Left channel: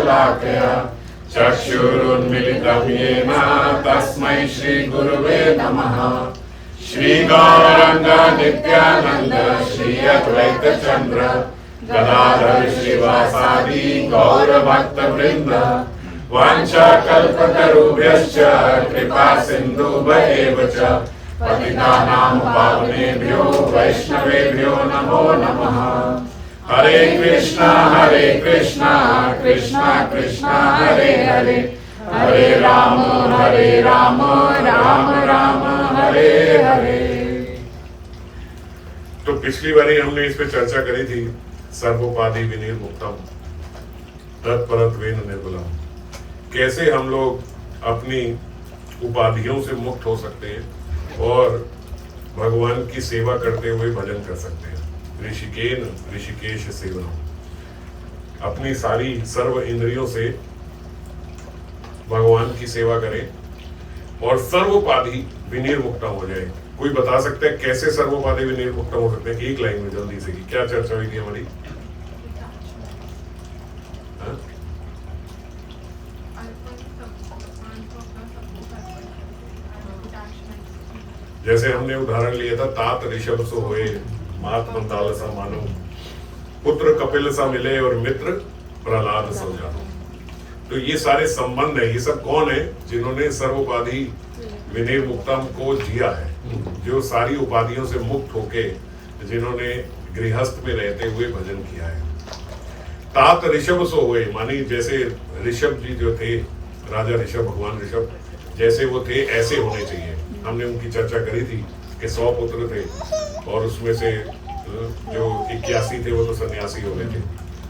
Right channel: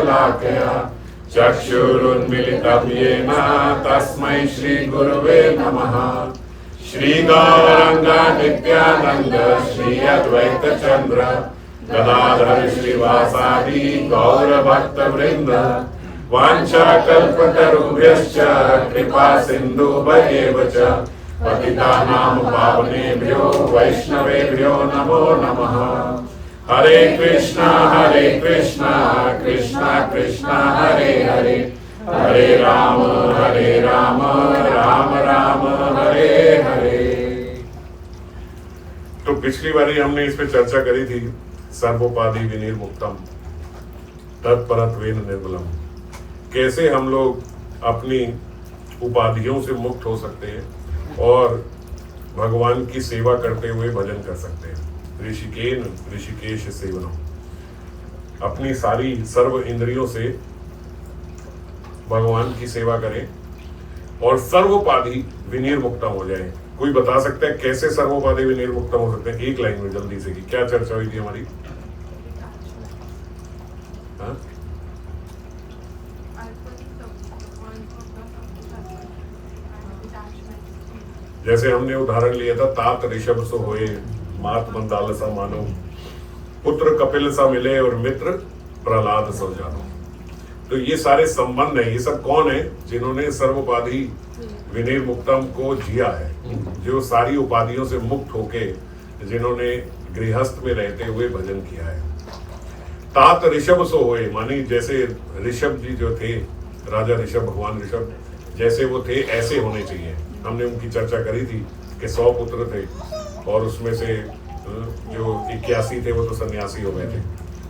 शलाकया चक्षुरुन्मिलितं येन तस्मै श्रीगुरुवे नमः। श्री गौरांग नित्यानंद श्री अद्वैत चंद्र गदाधर श्रीवासादि गौर भक्त वृंद वांछा कल्पतरुभ्यश्च कृपा सिन्धुभ्येव च पतितानां पावनेभ्यो वैष्णवेभ्यो नमो नमः। हरे कृष्णा कृष्णा कृष्णा हरे हरे, हरे राम राम राम हरे हरे। तो पिछली बारी हमने इस पे चर्चा करी थी, सर्वोपाधि विनिर्मुक्तम तत्परत्वेन निर्मलम। कैसे हम लोग अपनी उपाधियों से मुक्त हो सकते हैं और भगवान की सेवा करते हुए भजन कर सकते हैं। ऋषिकेन ऋषिकेश सेवनम, अपनी सारी सर्व इंद्रियों से भगवान की सेवा करें और सर्वोपाधि विनिर्मुक्तम हो जाए। कोई बता सकता है कैसे सर्वोपाधि विनिर्मुक्तम हो सकते हैं? एक लाइन में जल्दी से, कि क्या चर्चा हुई थी हमारी? जैसे हमने उदाहरण लिया था, तात ऋषभ सो होए मात मंदाल सा मानो, पुत्र कपिल सा मिले और मित्र प्रहलाद सो जानो। तो ये सारे संबंध है। ये सब कौन है? जिन्होंने सर्वोपाधि विनिर्मुक्तम को जिया है, जो सारी उपाधियों से मुक्त होके, जिन्होंने गृहस्थ में रहते हुए भजन किया है। तात ऋषभ सो होए, मानी जैसे ऋषभ जी जो थे, राजा ऋषभ, भगवान ऋषभ जैसे वो थे ऐसे होने चाहिए। हमने उनकी चर्चा करी थी कि 100 पुत्र थे और उसमें से जो 81 थे वो तो सन्यासी हो गए थे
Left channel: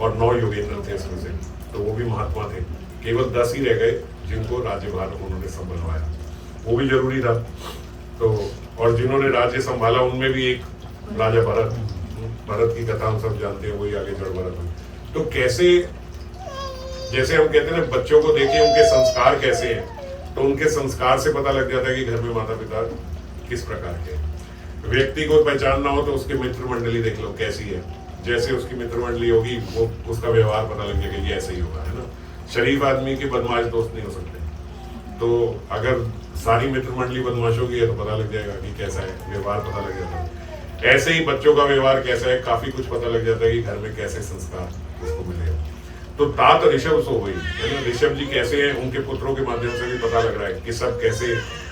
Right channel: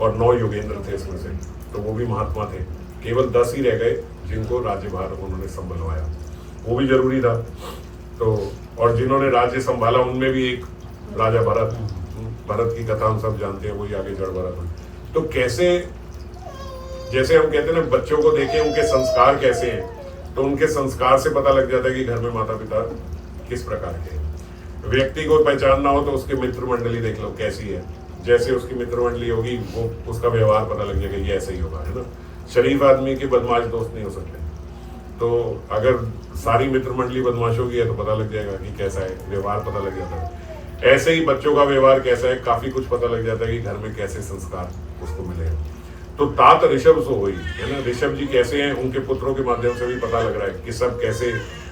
और 9 योगेंद्र थे इसमें से, तो वो भी महात्मा थे। केवल 10 ही रह गए जिनको राज्यभार उन्होंने संभलवाया, वो भी जरूरी था। तो और जिन्होंने राज्य संभाला उनमें भी एक राजा भरत की कथा हम सब जानते हैं, वही आगे जड़ भरत हुई। तो कैसे, जैसे हम कहते हैं ना, बच्चों को देखें उनके संस्कार कैसे हैं, तो उनके संस्कार से पता लग जाता है कि घर में माता पिता किस प्रकार के हैं। व्यक्ति को पहचानना हो तो उसकी मित्र मंडली देख लो कैसी है। जैसे उसकी मित्र मंडली होगी वो उसका व्यवहार पता लग जाएगा, ये ऐसे ही होगा, है ना। शरीफ आदमी के बदमाश दोस्त नहीं हो सकते। तो अगर सारी मित्र मंडली बदमाश होगी है तो पता लग जाएगा कि कैसा है, व्यवहार पता लग जाता है। ऐसे ही बच्चों का व्यवहार कैसा है, काफी कुछ पता लग जाता है कि घर में कैसे संस्कार उसको मिलेगा। तो तात ऋषभ सो हुई, है ना। ऋषभ जी कैसे हैं, उनके पुत्रों के माध्यम से भी पता लग रहा है कि सब कैसे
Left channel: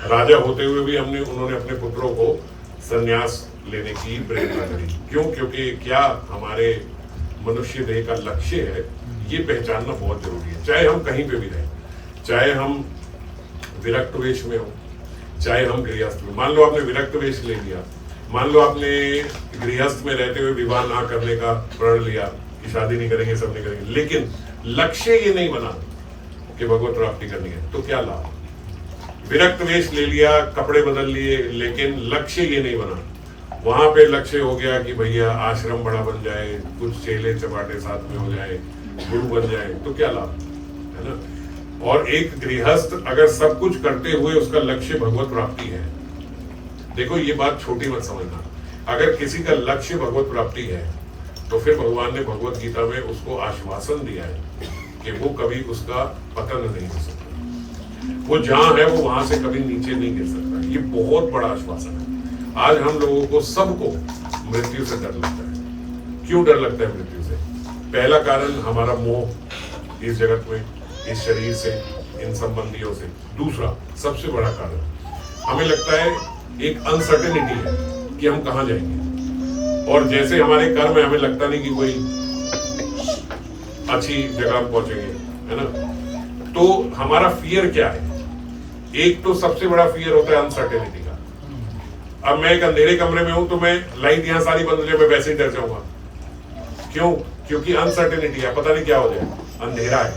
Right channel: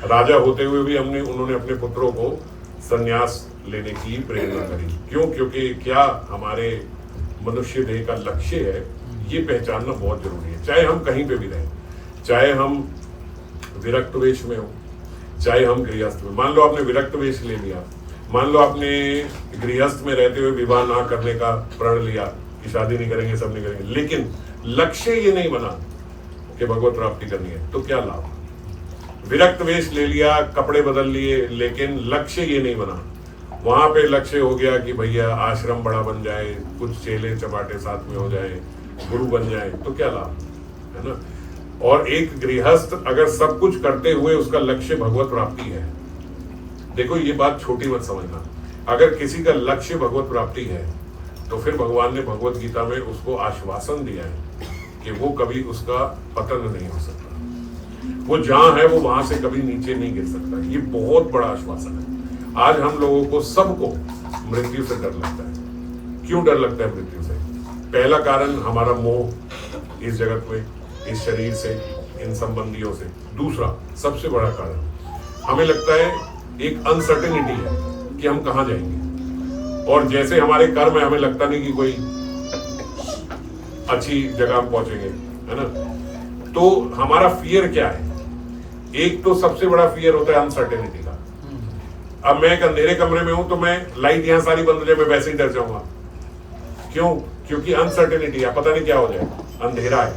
राजा होते हुए भी उन्होंने अपने पुत्रों को संन्यास लेने की प्रेरणा करी। क्यों? क्योंकि क्या हमारे मनुष्य देह का लक्ष्य है, ये पहचानना बहुत जरूरी है। चाहे हम कहीं पे भी रहें, चाहे हम विरक्त वेश में हो, चाहे हम गृहस्थ में। मान लो आपने विरक्त वेश ले लिया, मान लो आपने गृहस्थ में रहते हुए विवाह ना करने का प्रण लिया कि शादी नहीं करेंगे, सब नहीं करेंगे, लेकिन लक्ष्य ये नहीं बना कि भगवत प्राप्ति करनी है, तो क्या लाभ? विरक्त वेश ले लिया, कपड़े बदल लिए, लेकिन लक्ष्य ये नहीं बना। वहां पे लक्ष्य हो गया कि भैया आश्रम बड़ा बन जाए, कुछ चेले चपाटे साथ में हो जाए, गुरु बन जाए, तो क्या लाभ, है ना। और एक गृहस्थ अगर सब कुछ करते हुए उसका लक्ष्य भगवत प्राप्ति है, देखो ये बात छोटी मत समझना। अगर किसी का लक्ष्य भगवत प्राप्ति है तो फिर भगवान ने भगवत गीता में उसको आश्वासन दिया है कि वो कभी उसका पतन नहीं हो सकता, वो जहां है वो वहां से कभी नीचे नहीं गिर सकता। ये बहुत बड़ा आश्वासन है। आज हम लोगों को सबको मृत्यु से डर लगता है। क्यों डर लगता है मृत्यु से? पहला कारण हमारा मोह इस जगत में, इस शरीर से, इन संबंधियों से। दूसरा सबसे बड़ा कारण हमें लगता है एक अनसर्टेनिटी है कि हम कहां जाएंगे, और जैसे हमारे कर्म है हमें लगता नहीं कि कोई अच्छी जगह पहुंचेंगे, है ना। तो हमारा फियर क्या है? एक तो सबसे बड़ा फियर होता है अनसर्टेनिटी का। अब मैं एक अंधेरे कमरे में हूं तो मैं लाइट यहां सारी बंद हो जाए, मैं वैसे ही डर जाऊंगा। क्यों? क्योंकि अनसर्टेनिटी है, पता नहीं क्या हो जाए, अंधेरा है।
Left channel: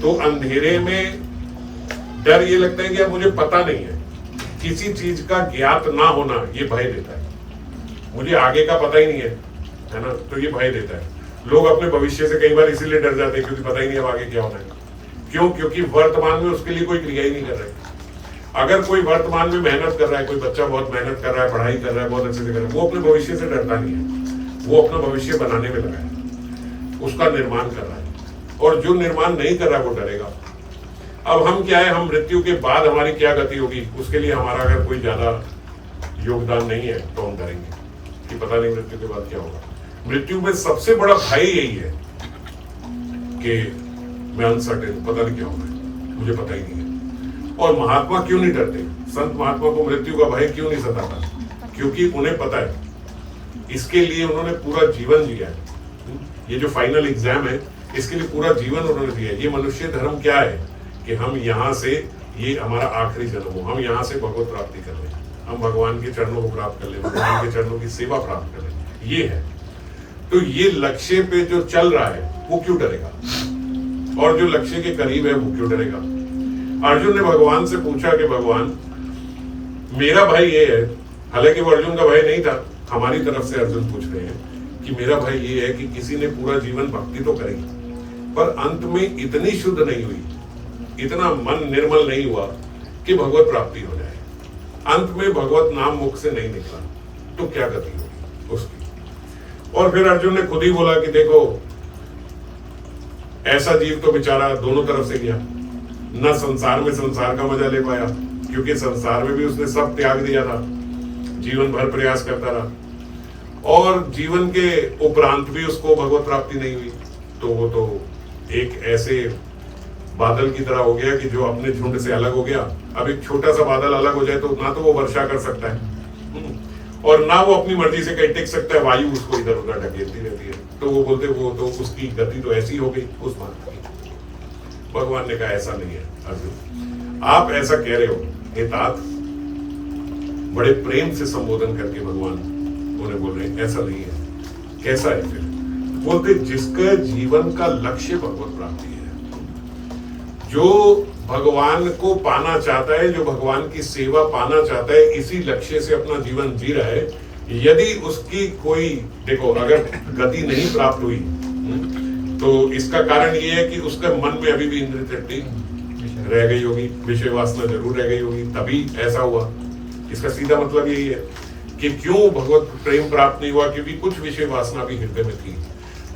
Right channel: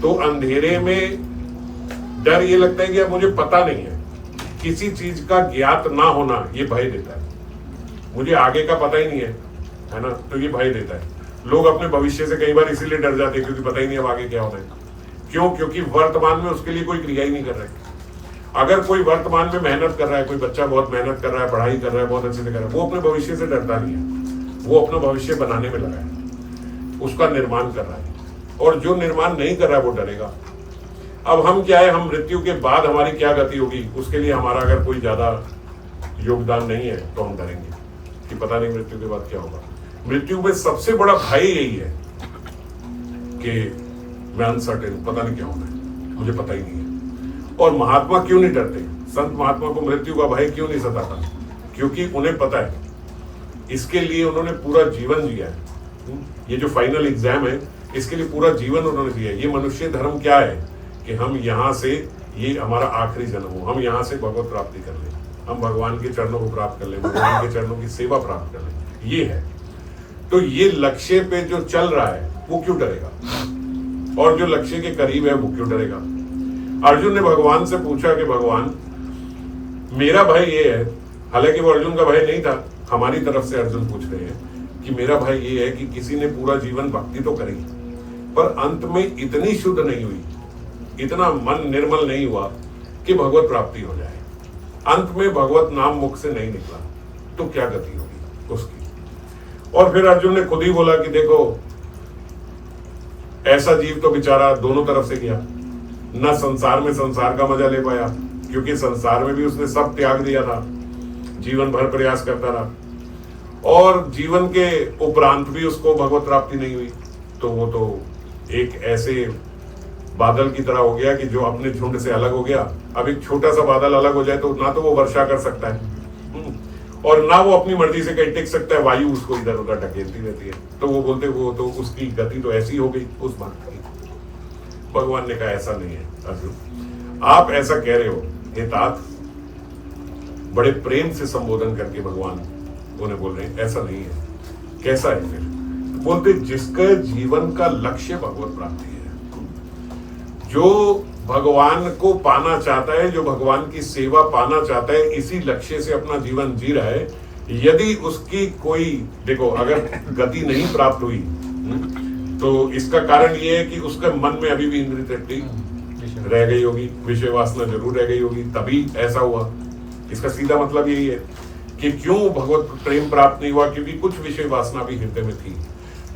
तो अंधेरे में डर ये लगता है कि अब मुझे पता नहीं है, किसी चीज का ज्ञात ना होना ये भय देता है। मुझे आगे का पता ही नहीं है ना, तो ये भय देता है। लोग अपने भविष्य से कई बार इसीलिए डर जाते हैं क्योंकि पता ही नहीं अब आगे क्या होना है। क्यों? क्योंकि वर्तमान में उसके लिए कोई क्रिया ही नहीं कर रहे। अगर कोई वर्तमान में मेहनत कर रहा है, कोई बच्चा बहुत मेहनत कर रहा है, पढ़ाई कर रहा है, बहुत अच्छे से कर रहा है, वो अपने भविष्य से डरता नहीं है, वो अपना भविष्य बनाने में लगा है, उसका निर्माण कर रहा है। और जो निर्माण नहीं कर रहा वो डरेगा। अब हम क्या है, हम मृत्यु के बाद हमारी क्या गति होगी, उसके लिए हमारा अगर कोई ज्यादा योगदान नहीं है तो हम डरेंगे कि पता नहीं मृत्यु के बाद क्या होगा। मृत्यु में सबसे बड़ा भय यही है कि मैं अनसर्टेन, पता नहीं क्या होगा, मुझे पता ही नहीं है। और महात्मा क्यों नहीं डरते, संत महात्मा को मृत्यु का भय क्यों नहीं सताता? क्योंकि उन्हें पता है, इसके लिए उन्होंने पूरा जीवन जिया है। ये जो फाइनल एग्जाम है इसके लिए पूरा जीवन उन्होंने दिया है। ये मनुष्य धर्म क्या है कि हम यहाँ से, ये हमारा आखिरी जन्म हो, हम यहाँ से भगवत प्राप्ति कर लें, हम भगवान के चरणों को प्राप्त कर लें, भगवान के चरणों की सेवा प्राप्त कर लें, ये है। तो ये लक्ष्य पे जो चल रहा है वो क्यों डरेगा, और जो लक्ष्य के करीब है वो क्यों डरेगा? अर्जुन ने भगवान से पूछा कि भगवान मेरा भय ये है, हालांकि वो अर्जुन का भय नहीं था, हमारी तरफ से अर्जुन पूछ रहे हैं कि मेरा भय ये है कि किसी ने पूरा जीवन भक्ति तो करी पर अंत में इतनी शुद्ध नहीं हुई, इतना मन निर्मल नहीं हुआ कि भगवत प्राप्ति हो जाए, अंत में भगवत नाम मुख से नहीं निकला, तो क्या गति होगी उसकी? और फिर अर्जुन ने खुद ही बोला कि देखो ऐसा जीव तो बेचारा दोनों तरफ से गया, न संसार में संसार का मजा ले पाया, क्योंकि संसार में भी उसने सब त्याग दिया था, जीवन भर प्रयास करता रहा, और जीवन के उपरांत भी उसको भगवत प्राप्ति नहीं हुई। तो वो तो एक ऐसे बादल की तरह हो गया कि जो अपने झुंड से अलग हो गया। अब एक छोटा सा बादल अलग हो जाए तो ना तो वो वर्षा कर सकता है और ना वो अपनी मर्जी से कहीं टिक सकता है, वायु उसको इधर उधर ढकेलती रहती है। तो वो बोलते वो तो उसकी गति तो ऐसी हो गई उस बात की। भगवान ने कहा ऐसा नहीं है अर्जुन, आप ऐसा कह रहे हो, हे तात, बड़े प्रेम से संबोधन करके भगवान उन्हें बोल रहे हैं ऐसा नहीं है। कैसा है फिर? बोलते जिसका जीवन का लक्ष्य भगवत प्राप्ति है, जो भगवान को पाना चाहता है, जो भगवान की सेवा पाना चाहता है, इसी लक्ष्य से अपना जीवन जी रहा है, यदि उसकी कोई, देखो अगर गति नहीं प्राप्त हुई तो इसका कारण ये है कि उसके मन में अभी भी इंद्रिय तृप्ति रह गई होगी, विषय वासना जरूर रह गई होगी, तभी ऐसा हुआ। इसका सीधा मतलब यही है कि क्यों भगवत प्रेम प्राप्त नहीं हुआ, क्योंकि कुछ विषय वासना भी हृदय में थी।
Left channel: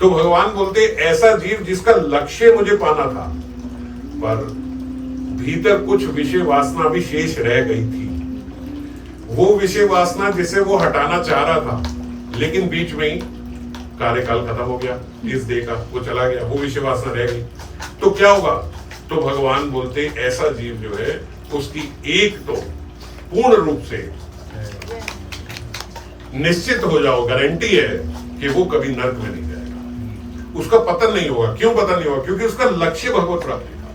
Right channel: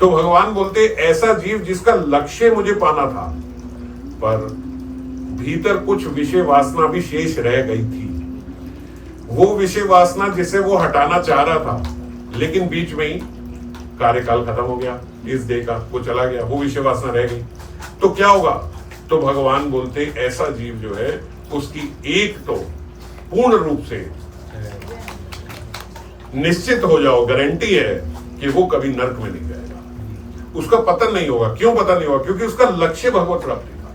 तो भगवान बोलते ऐसा जीव जिसका लक्ष्य मुझे पाना था पर भीतर कुछ विषय वासना भी शेष रह गई थी, वो विषय वासना जिसे वो हटाना चाह रहा था लेकिन बीच में ही कार्यकाल खत्म हो गया, इस देह का वो चला गया, वो विषय वासना रह गई, तो क्या होगा? तो भगवान बोलते ऐसा जीव जो है उसकी एक तो पूर्ण रूप से निश्चित हो जाओ, गारंटी है कि वो कभी नरक में नहीं जाएगा, उसका पतन नहीं होगा। क्यों पतन नहीं होगा? क्योंकि उसका लक्ष्य भगवत प्राप्ति था,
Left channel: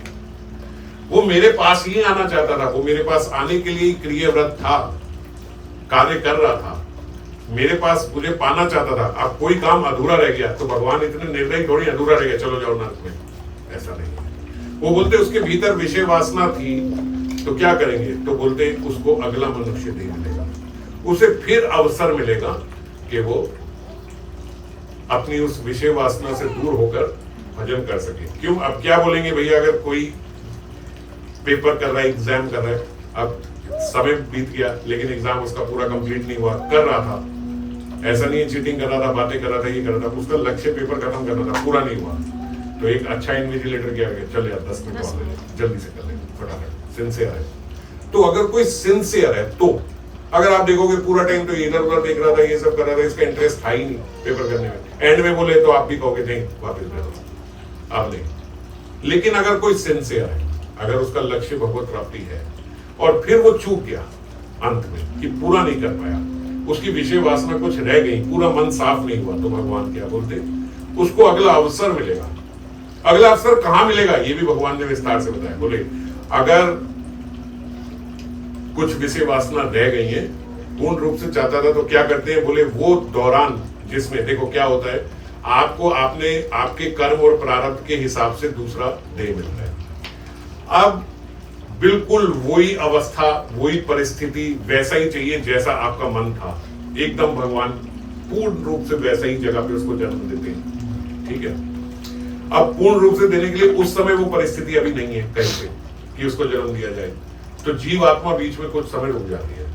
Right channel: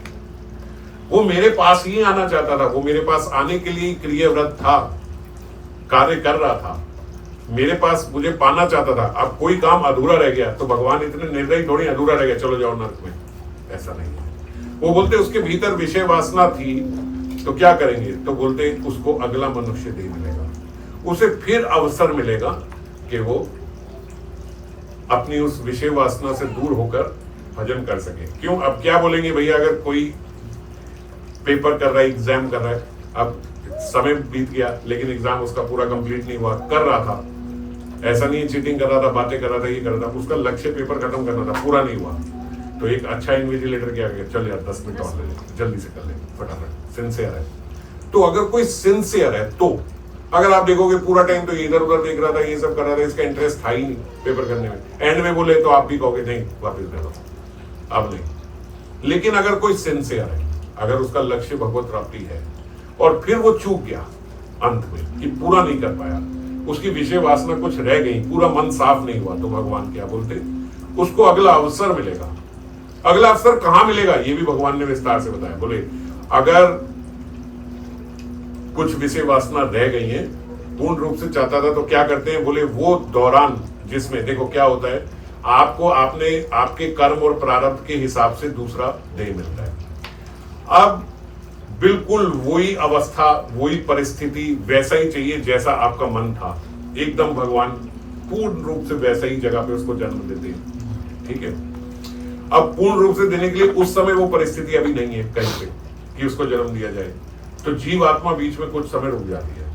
वो मेरे पास ही आना चाहता था, वो मेरे पास आने के लिए क्रियाव्रत था, कार्य कर रहा था, मेरे पास मुझे पाना चाहता था। अब कोई काम अधूरा रह गया तो भगवान इतने निर्दयी थोड़ी, अधूरा रह गया चलो जाओ नरक में, ऐसा नहीं है। वो बोलते उसके भीतर विषय वासना थी तो क्या करेंगे? तो बोलते उसको अगला मनुष्य देह मिलेगा, उसे फिर अवसर मिलेगा कि वो अपनी उस विषय वासना से दूर होकर भजन कर सके। क्यों? अब क्या बोलेंगे भैया, अगर कोई पेपर कर रहा है, एग्जाम कर रहा है, अब समय बीत गया लेकिन एग्जाम उसका पूरा कंप्लीट नहीं हुआ, कर रहा था, ऐसा नहीं है चीटिंग कर रहा था, बातें कर रहा था, ये कर रहा था, उसका लक्ष्य पेपर खत्म करना था, पूरा नहीं हुआ, तो एक अच्छा इन्विजिलेटर क्या गया, चल यार 10 मिनट और ले ले, जल्दी से कर ले फटाफट, सिंसियर है। तो अगर कोई सिंसियर है, तो अगर आप देखोगे पूरा टाइम तो इधर उधर देख रहा था, ये सब कर रहा था, इसका इंटरेस्ट था ही नहीं पेपर करने में, एंड में बोले तो आप भी कहोगे नहीं वापस ले लो, अब नहीं। लेकिन अगर कोई सिंसियर है, अगर उसका लक्ष्य भगवत प्राप्ति है और फिर वो चूक गया अंत में कि पूरा नहीं कर पाया, उसकी विषय वासना कुछ रह गई, पूरा मन साफ नहीं हुआ, तो भगवान क्या बोलते, उसको अगला अवसर मिलेगा। अगला अवसर कहां मिलेगा ये भी भगवान ने विस्तार से बताया। बोले अगर कुछ विषय वासना रह गई है, पूर्ण रूप से चाहता था तो क्या करते हैं? बोले वो दौरान जिसमें देखो क्या होता है, आपको आपके कर्म और प्रारब्ध के हिसाब से दूसरा देह मिलता है। अब बिल्कुल वही अवस्था, वही परिस्थिति, वैसा ही चाहिए जैसा आपका मन था, एकदम भगवान पूर्ण रूप से वैसा ही जगह पे उसको जन्म देते हैं। ठीक है, अब पूर्ण रूप से देने के लिए उस समय वो परिस्थिति अभी नहीं है कहीं पे कि उसको जन्म दिया जाए, तो जीव आत्मा बीच में कुछ समय रुक जाती है।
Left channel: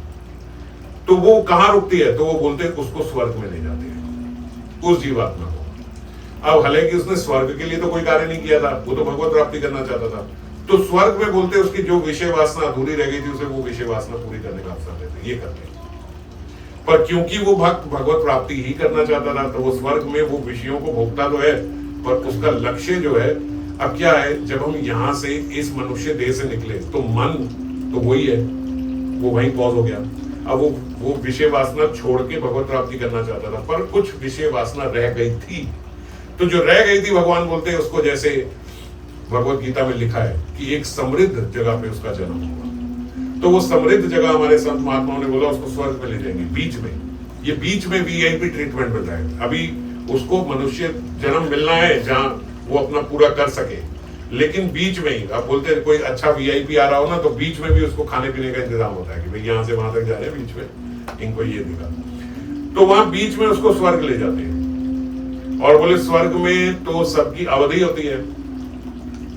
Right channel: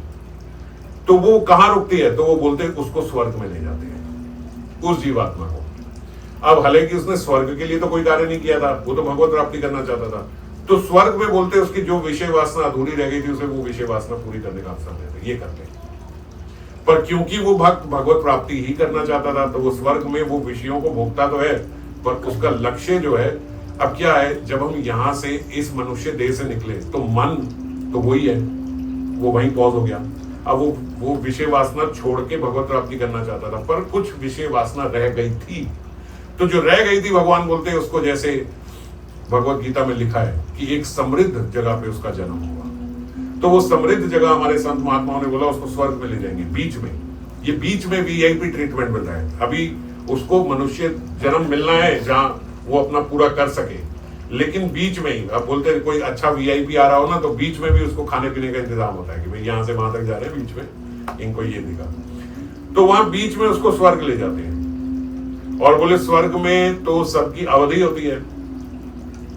तो वो कहां रुकती है? तो वो बोलते हैं उसको स्वर्ग में ले जाते हैं, उस जीवात्मा को। अब हालांकि उसने स्वर्ग के लिए तो कोई कार्य नहीं किया था, वो तो भगवत प्राप्ति करना चाहता था, तो स्वर्ग में बोलते उसकी जो विषय वासना अधूरी रह गई थी उसे वो विषय वासना पूरी करने का अवसर देते, ये करते। पर क्योंकि वो भक्त भगवत प्राप्ति ही करना चाहता था, तो वो स्वर्ग में वो विषयों को भोगता तो है, पर उसका लक्ष्य जो है अब क्या है, जब हम यहां से इस मनुष्य देह से निकले तो मन तो वही है, वो वहीं पॉज हो गया। अब वो विषय वासना छोड़ के भगवत प्राप्ति करना चाहता था, पर कुछ विषय वासना रह गई थी, तो जो रह गई थी भगवान बोलते हैं उसको, जैसे भगवत गीता में लिखा है कि एक समृद्ध जगह पे उसका जन्म होगा, तो वो समृद्ध जगह हमारे संत महात्माओं ने बोला उसको स्वर्ग में ले जाएंगे। बीच में, ये बीच में वीआईपी ट्रीटमेंट मिल रहा है, अभी उसको मनुष्य जन्म मिलना है जहां वो अपना पूरा कर सके, लेकिन बीच में ही, अब बोलते हैं कोई अच्छा वीआईपी आ रहा हो ना, तो बीच में भी उसको खाने पीने का इंतजाम होता है कि भाई यहाँ से वहां तक जा रहे हैं, बीच में इनको ये दिखा, तो वहां बीच में उसको स्वर्ग ले जाते हैं। और बोले स्वर्ग में तो सबकी अवधि होती है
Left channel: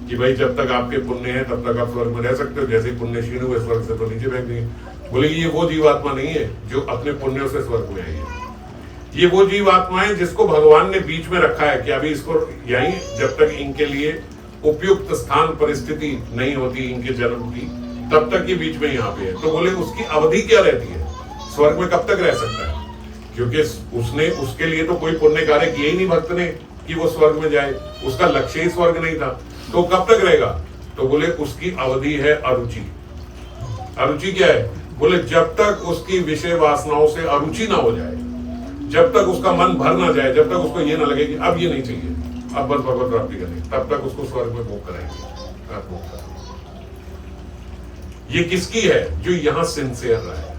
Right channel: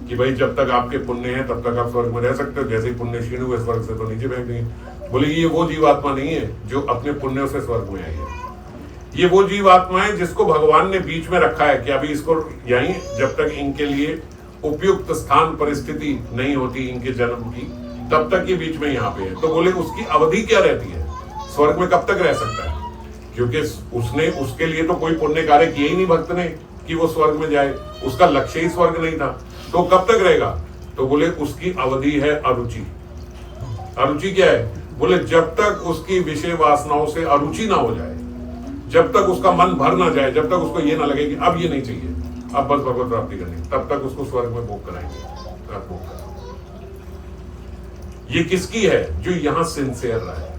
कि भाई जब तक आपके पुण्य है तब तक आप स्वर्ग में रह सकते हो, जैसे ही पुण्य क्षीण हुए स्वर्ग से तो नीचे फेंक देंगे। बोले ये वो जीवात्मा नहीं है जो अपने पुण्यों से स्वर्ग में आई है, ये वो जीवात्मा है जिसको भगवान ने बीच में रखा है कि अभी इसको यहीं, जब तक इनके लिए उपयुक्त स्थान परिस्थिति नहीं होती इनके जन्म की, तब तक ये बीच में यहाँ पे है। तो बोले उसकी अवधि क्या रहती है, स्वर्ग में कब तक रह सकता है, क्योंकि उसने उसके लिए तो कोई पुण्य कार्य किए ही नहीं भक्त ने कि वो स्वर्ग में जाए, उसका लक्ष्य ही स्वर्ग नहीं था, तो कब तक रहेगा। तो बोले उसकी अवधि है अरुचि। अरुचि क्या है, बोले जब तक उसकी विषय वासनाओं से अरुचि ना हो जाए, जब तक उसका मन भर ना जाए, जब तक उसको ये ना लगे कि अब ये नहीं चाहिए, अब बस भगवत प्राप्ति करनी, तब तक उसको स्वर्ग में भोग कराएंगे। ये किसकी है, जो यहां सिंसियर रहा है,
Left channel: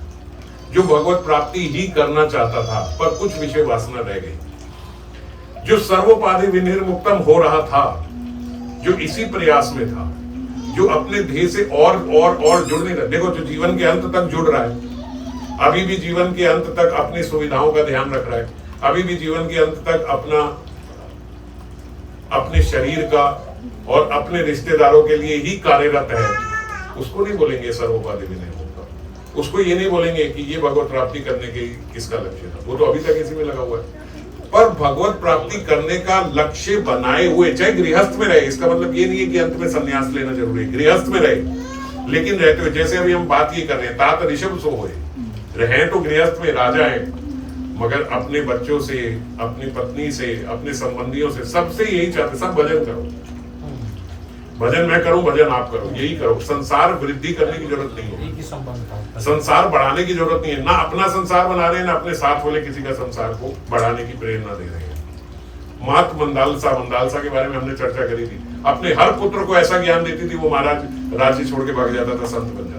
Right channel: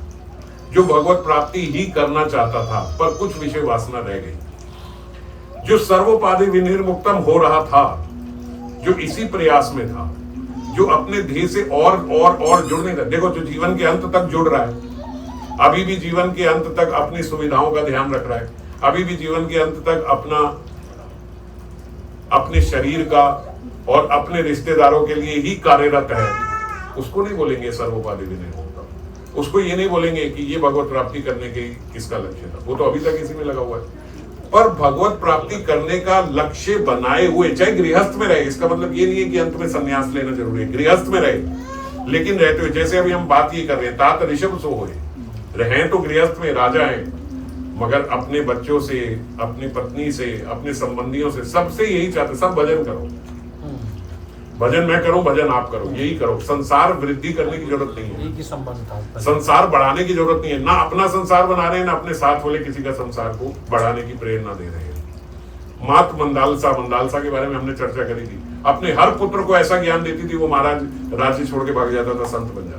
जो भगवत प्राप्ति ही करना चाहता था पर कुछ विषय वासना रह गई, जो सर्वोपाधि विनिर्मुक्तम हो रहा था, जो इसी प्रयास में था, जो अपने ध्येय से और जुड़ नहीं रहा। देखो जो जीवन के अंत तक जुड़ रहा है, अभी भी जीवन के अंत तक अपनी सुविधाओं का ध्यान रख रहा है, अभी भी जीवन के अंत तक अपने शरीर का और अपने रिश्तेदारों के लिए ही कार्यरत है, उसको नहीं बोलेंगे सर्वोपाधि विनिर्मुक्तम, उसको ये नहीं बोलेंगे कि ये भगवत प्राप्ति करने के किसका लक्ष्य था, वो तो अभी तक इसी में लगा हुआ है। पर भगवत प्राप्ति करने का लक्ष्य बनाए हुए, चाहे गृहस्थ में रहे, इसका मतलब ये नहीं है कि अंत में संन्यास लेना जरूरी है, गृहस्थ में रहे, लेकिन रहते हुए, जैसे अभी हम बात ये कर रहे हैं, तात ऋषभ सो हुए रहे तो गृहस्थ में राजा है, मगर अपने बच्चों से, अपनी पत्नी से, अपने संबंधियों से, सबसे यही चाहते, सब भजन करो, भजन मैं करूं, भजन आप करो, यही करो। संसार वृद्धि करने की जरूरत नहीं है, संसार बढ़ाने की जरूरत नहीं है, ना अपना संसार बना रहे हैं, ना अपने साथ वाले किसी का संसार को बढ़ाने की प्रेरणा दे रहे हैं। मात मंदालसा के बारे में हमने चर्चा करी थी, अपने हर पुत्र को ऐसा ज्ञान देती थी, वो महाराज राज्य छोड़ के भाग जाता था, संत बन जाता।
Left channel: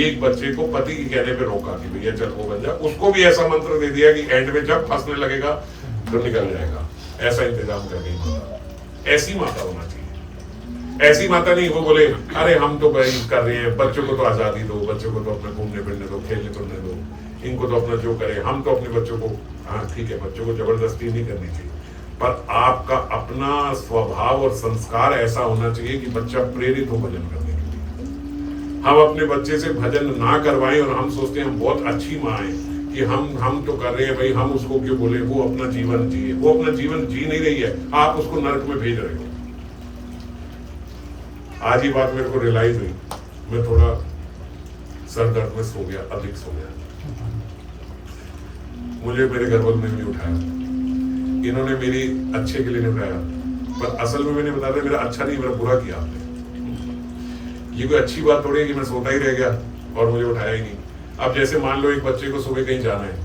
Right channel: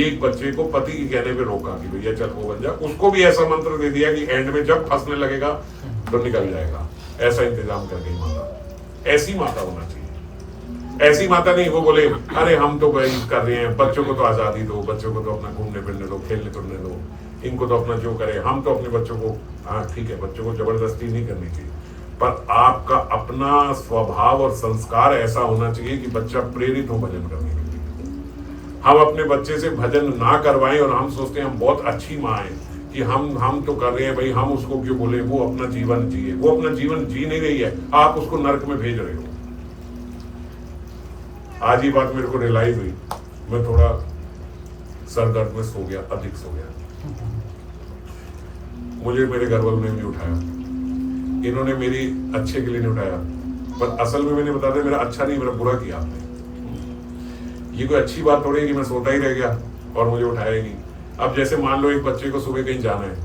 एक बच्चे को पति के कहने पे रोका कि भैया चल वो बन जा, उसको भी ऐसा मंत्र दे दिया कि एंड में जब फंसने लगेगा तो निकल जाएगा, ऐसा इंतजाम कर गई माता। ऐसी माता होना चाहिए, ऐसी माता नहीं वो बोले अरे हम तो भाई कर रहे हैं, बच्चों को तो आजादी दो, बच्चों को तो अपना घूमने फिरने दो, खेलने कूदने दो, इनको तो अपना जो करे, हम तो अपने बच्चों को, हाँ ठीक है बच्चों को जबरदस्ती नहीं करनी चाहिए, पर आपका अपना स्वभाव और संस्कार ऐसा होना चाहिए कि बच्चा प्रेरित हो भजन करने के लिए। हम अपने बच्चे से भजन ना करवाएं और हम सोचते हैं हम बहुत अच्छी माँ है कि हम तो कर रहे हैं भाई, हम उसको क्यों बोले, वो अपना जीवन जिए, वो अपना जीवन जी नहीं रही है, आप उसको नरक में भेज रहे हो। आज ये बात मेरे को रियलाइज हुई, मैं थोड़ा सर दर्द में सो गया, अधिक सो गया, मुझे मेरे घर वालों ने भी उठाया, इन्होंने मेरी अच्छे के लिए नहीं उठाया, पर असल में मैंने बताया मेरा अच्छा नहीं, मेरा बुरा किया आपने। ये कोई अच्छी बात थोड़ी है कि मैं सोता ही रह गया और मुझे उठाया ही नहीं। अब जैसे मान लो एक बच्चे को सुबह कहीं जाना है,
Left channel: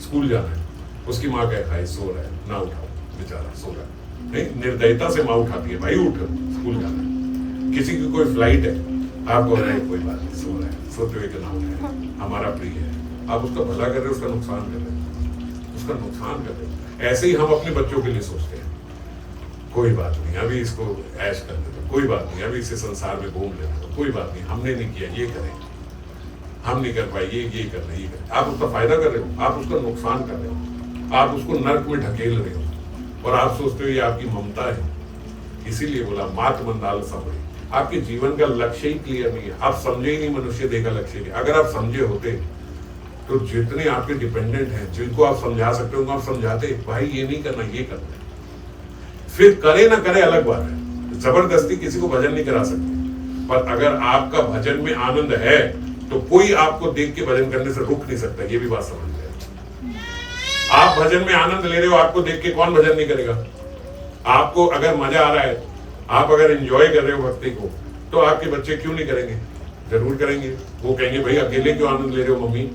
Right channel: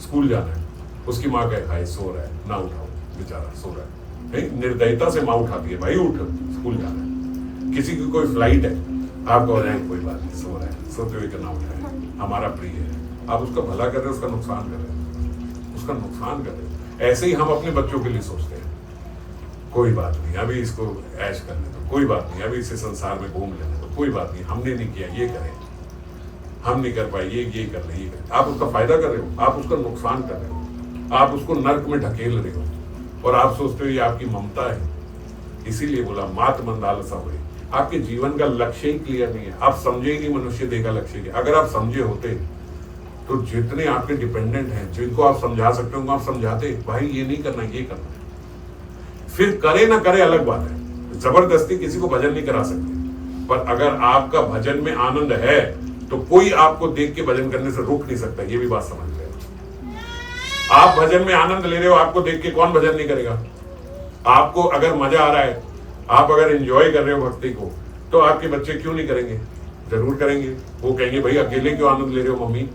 स्कूल जाना है, उसकी माँ कहे भाई सो रहा है, ना उठाओ बेचारा सो रहा है, नहीं निर्दयता से माँ उठाती है, भाई उठ स्कूल जाना है। किसी की कोई फ्लाइट है, आप कहो नहीं कोई बात नहीं, सो रहा है, सोते हुए का नाम उठाए, हमारा प्रिय है, आप उसका भला कर रहे हो, उसका नुकसान कर रहे हो, उसका नुकसान कर रहे हो। ऐसे ही हम अपने बच्चों के लिए सोचते हैं, कोई बात नहीं अभी इसको ऐश करने दो, कोई बात नहीं अभी इसे संसार में घूम लेने दो, कोई बात नहीं हमने नहीं किया ये करें, हम नहीं कर पाए ये कर रहे, ये करें। आप उसका फायदा कर रहे हो, आप उसका नुकसान कर रहे हो, आप उसको नर्क में ढकेल रहे हो, और आप सोचते हो ये आपकी ममता है। इसीलिए बोला मात मंदाल समझे, आपके जीवन का लक्ष्य ही क्लियर नहीं है, आप समझे ही नहीं मनुष्य देह का लक्ष्य क्या। अगर आप समझे होते तो जितने आपके डिपेंडेंट हैं, जिनको आप समझा सकते हो आप समझाते, भाई ये नहीं करना ये करना है। फिर करे ना करे अलग बात है, जबरदस्ती किसी को भजन नहीं करा सकते, पर अगर आपका भजन में आनंद है तो कोई आपको देख के भजन करने से रोक नहीं सकता, ये भी बात समझ लें। आप भजन में आनंद ले रहे हो, आपको देख के कौन भजन नहीं करेगा? आपको अगर मजा आ रहा है, आप अगर एंजॉय कर रहे हो भक्ति को, तो आपके बच्चे क्यों नहीं करेंगे? जरूर करेंगे। वो कहेंगे भाई अकेले क्यों आनंद ले रहे हो मम्मी,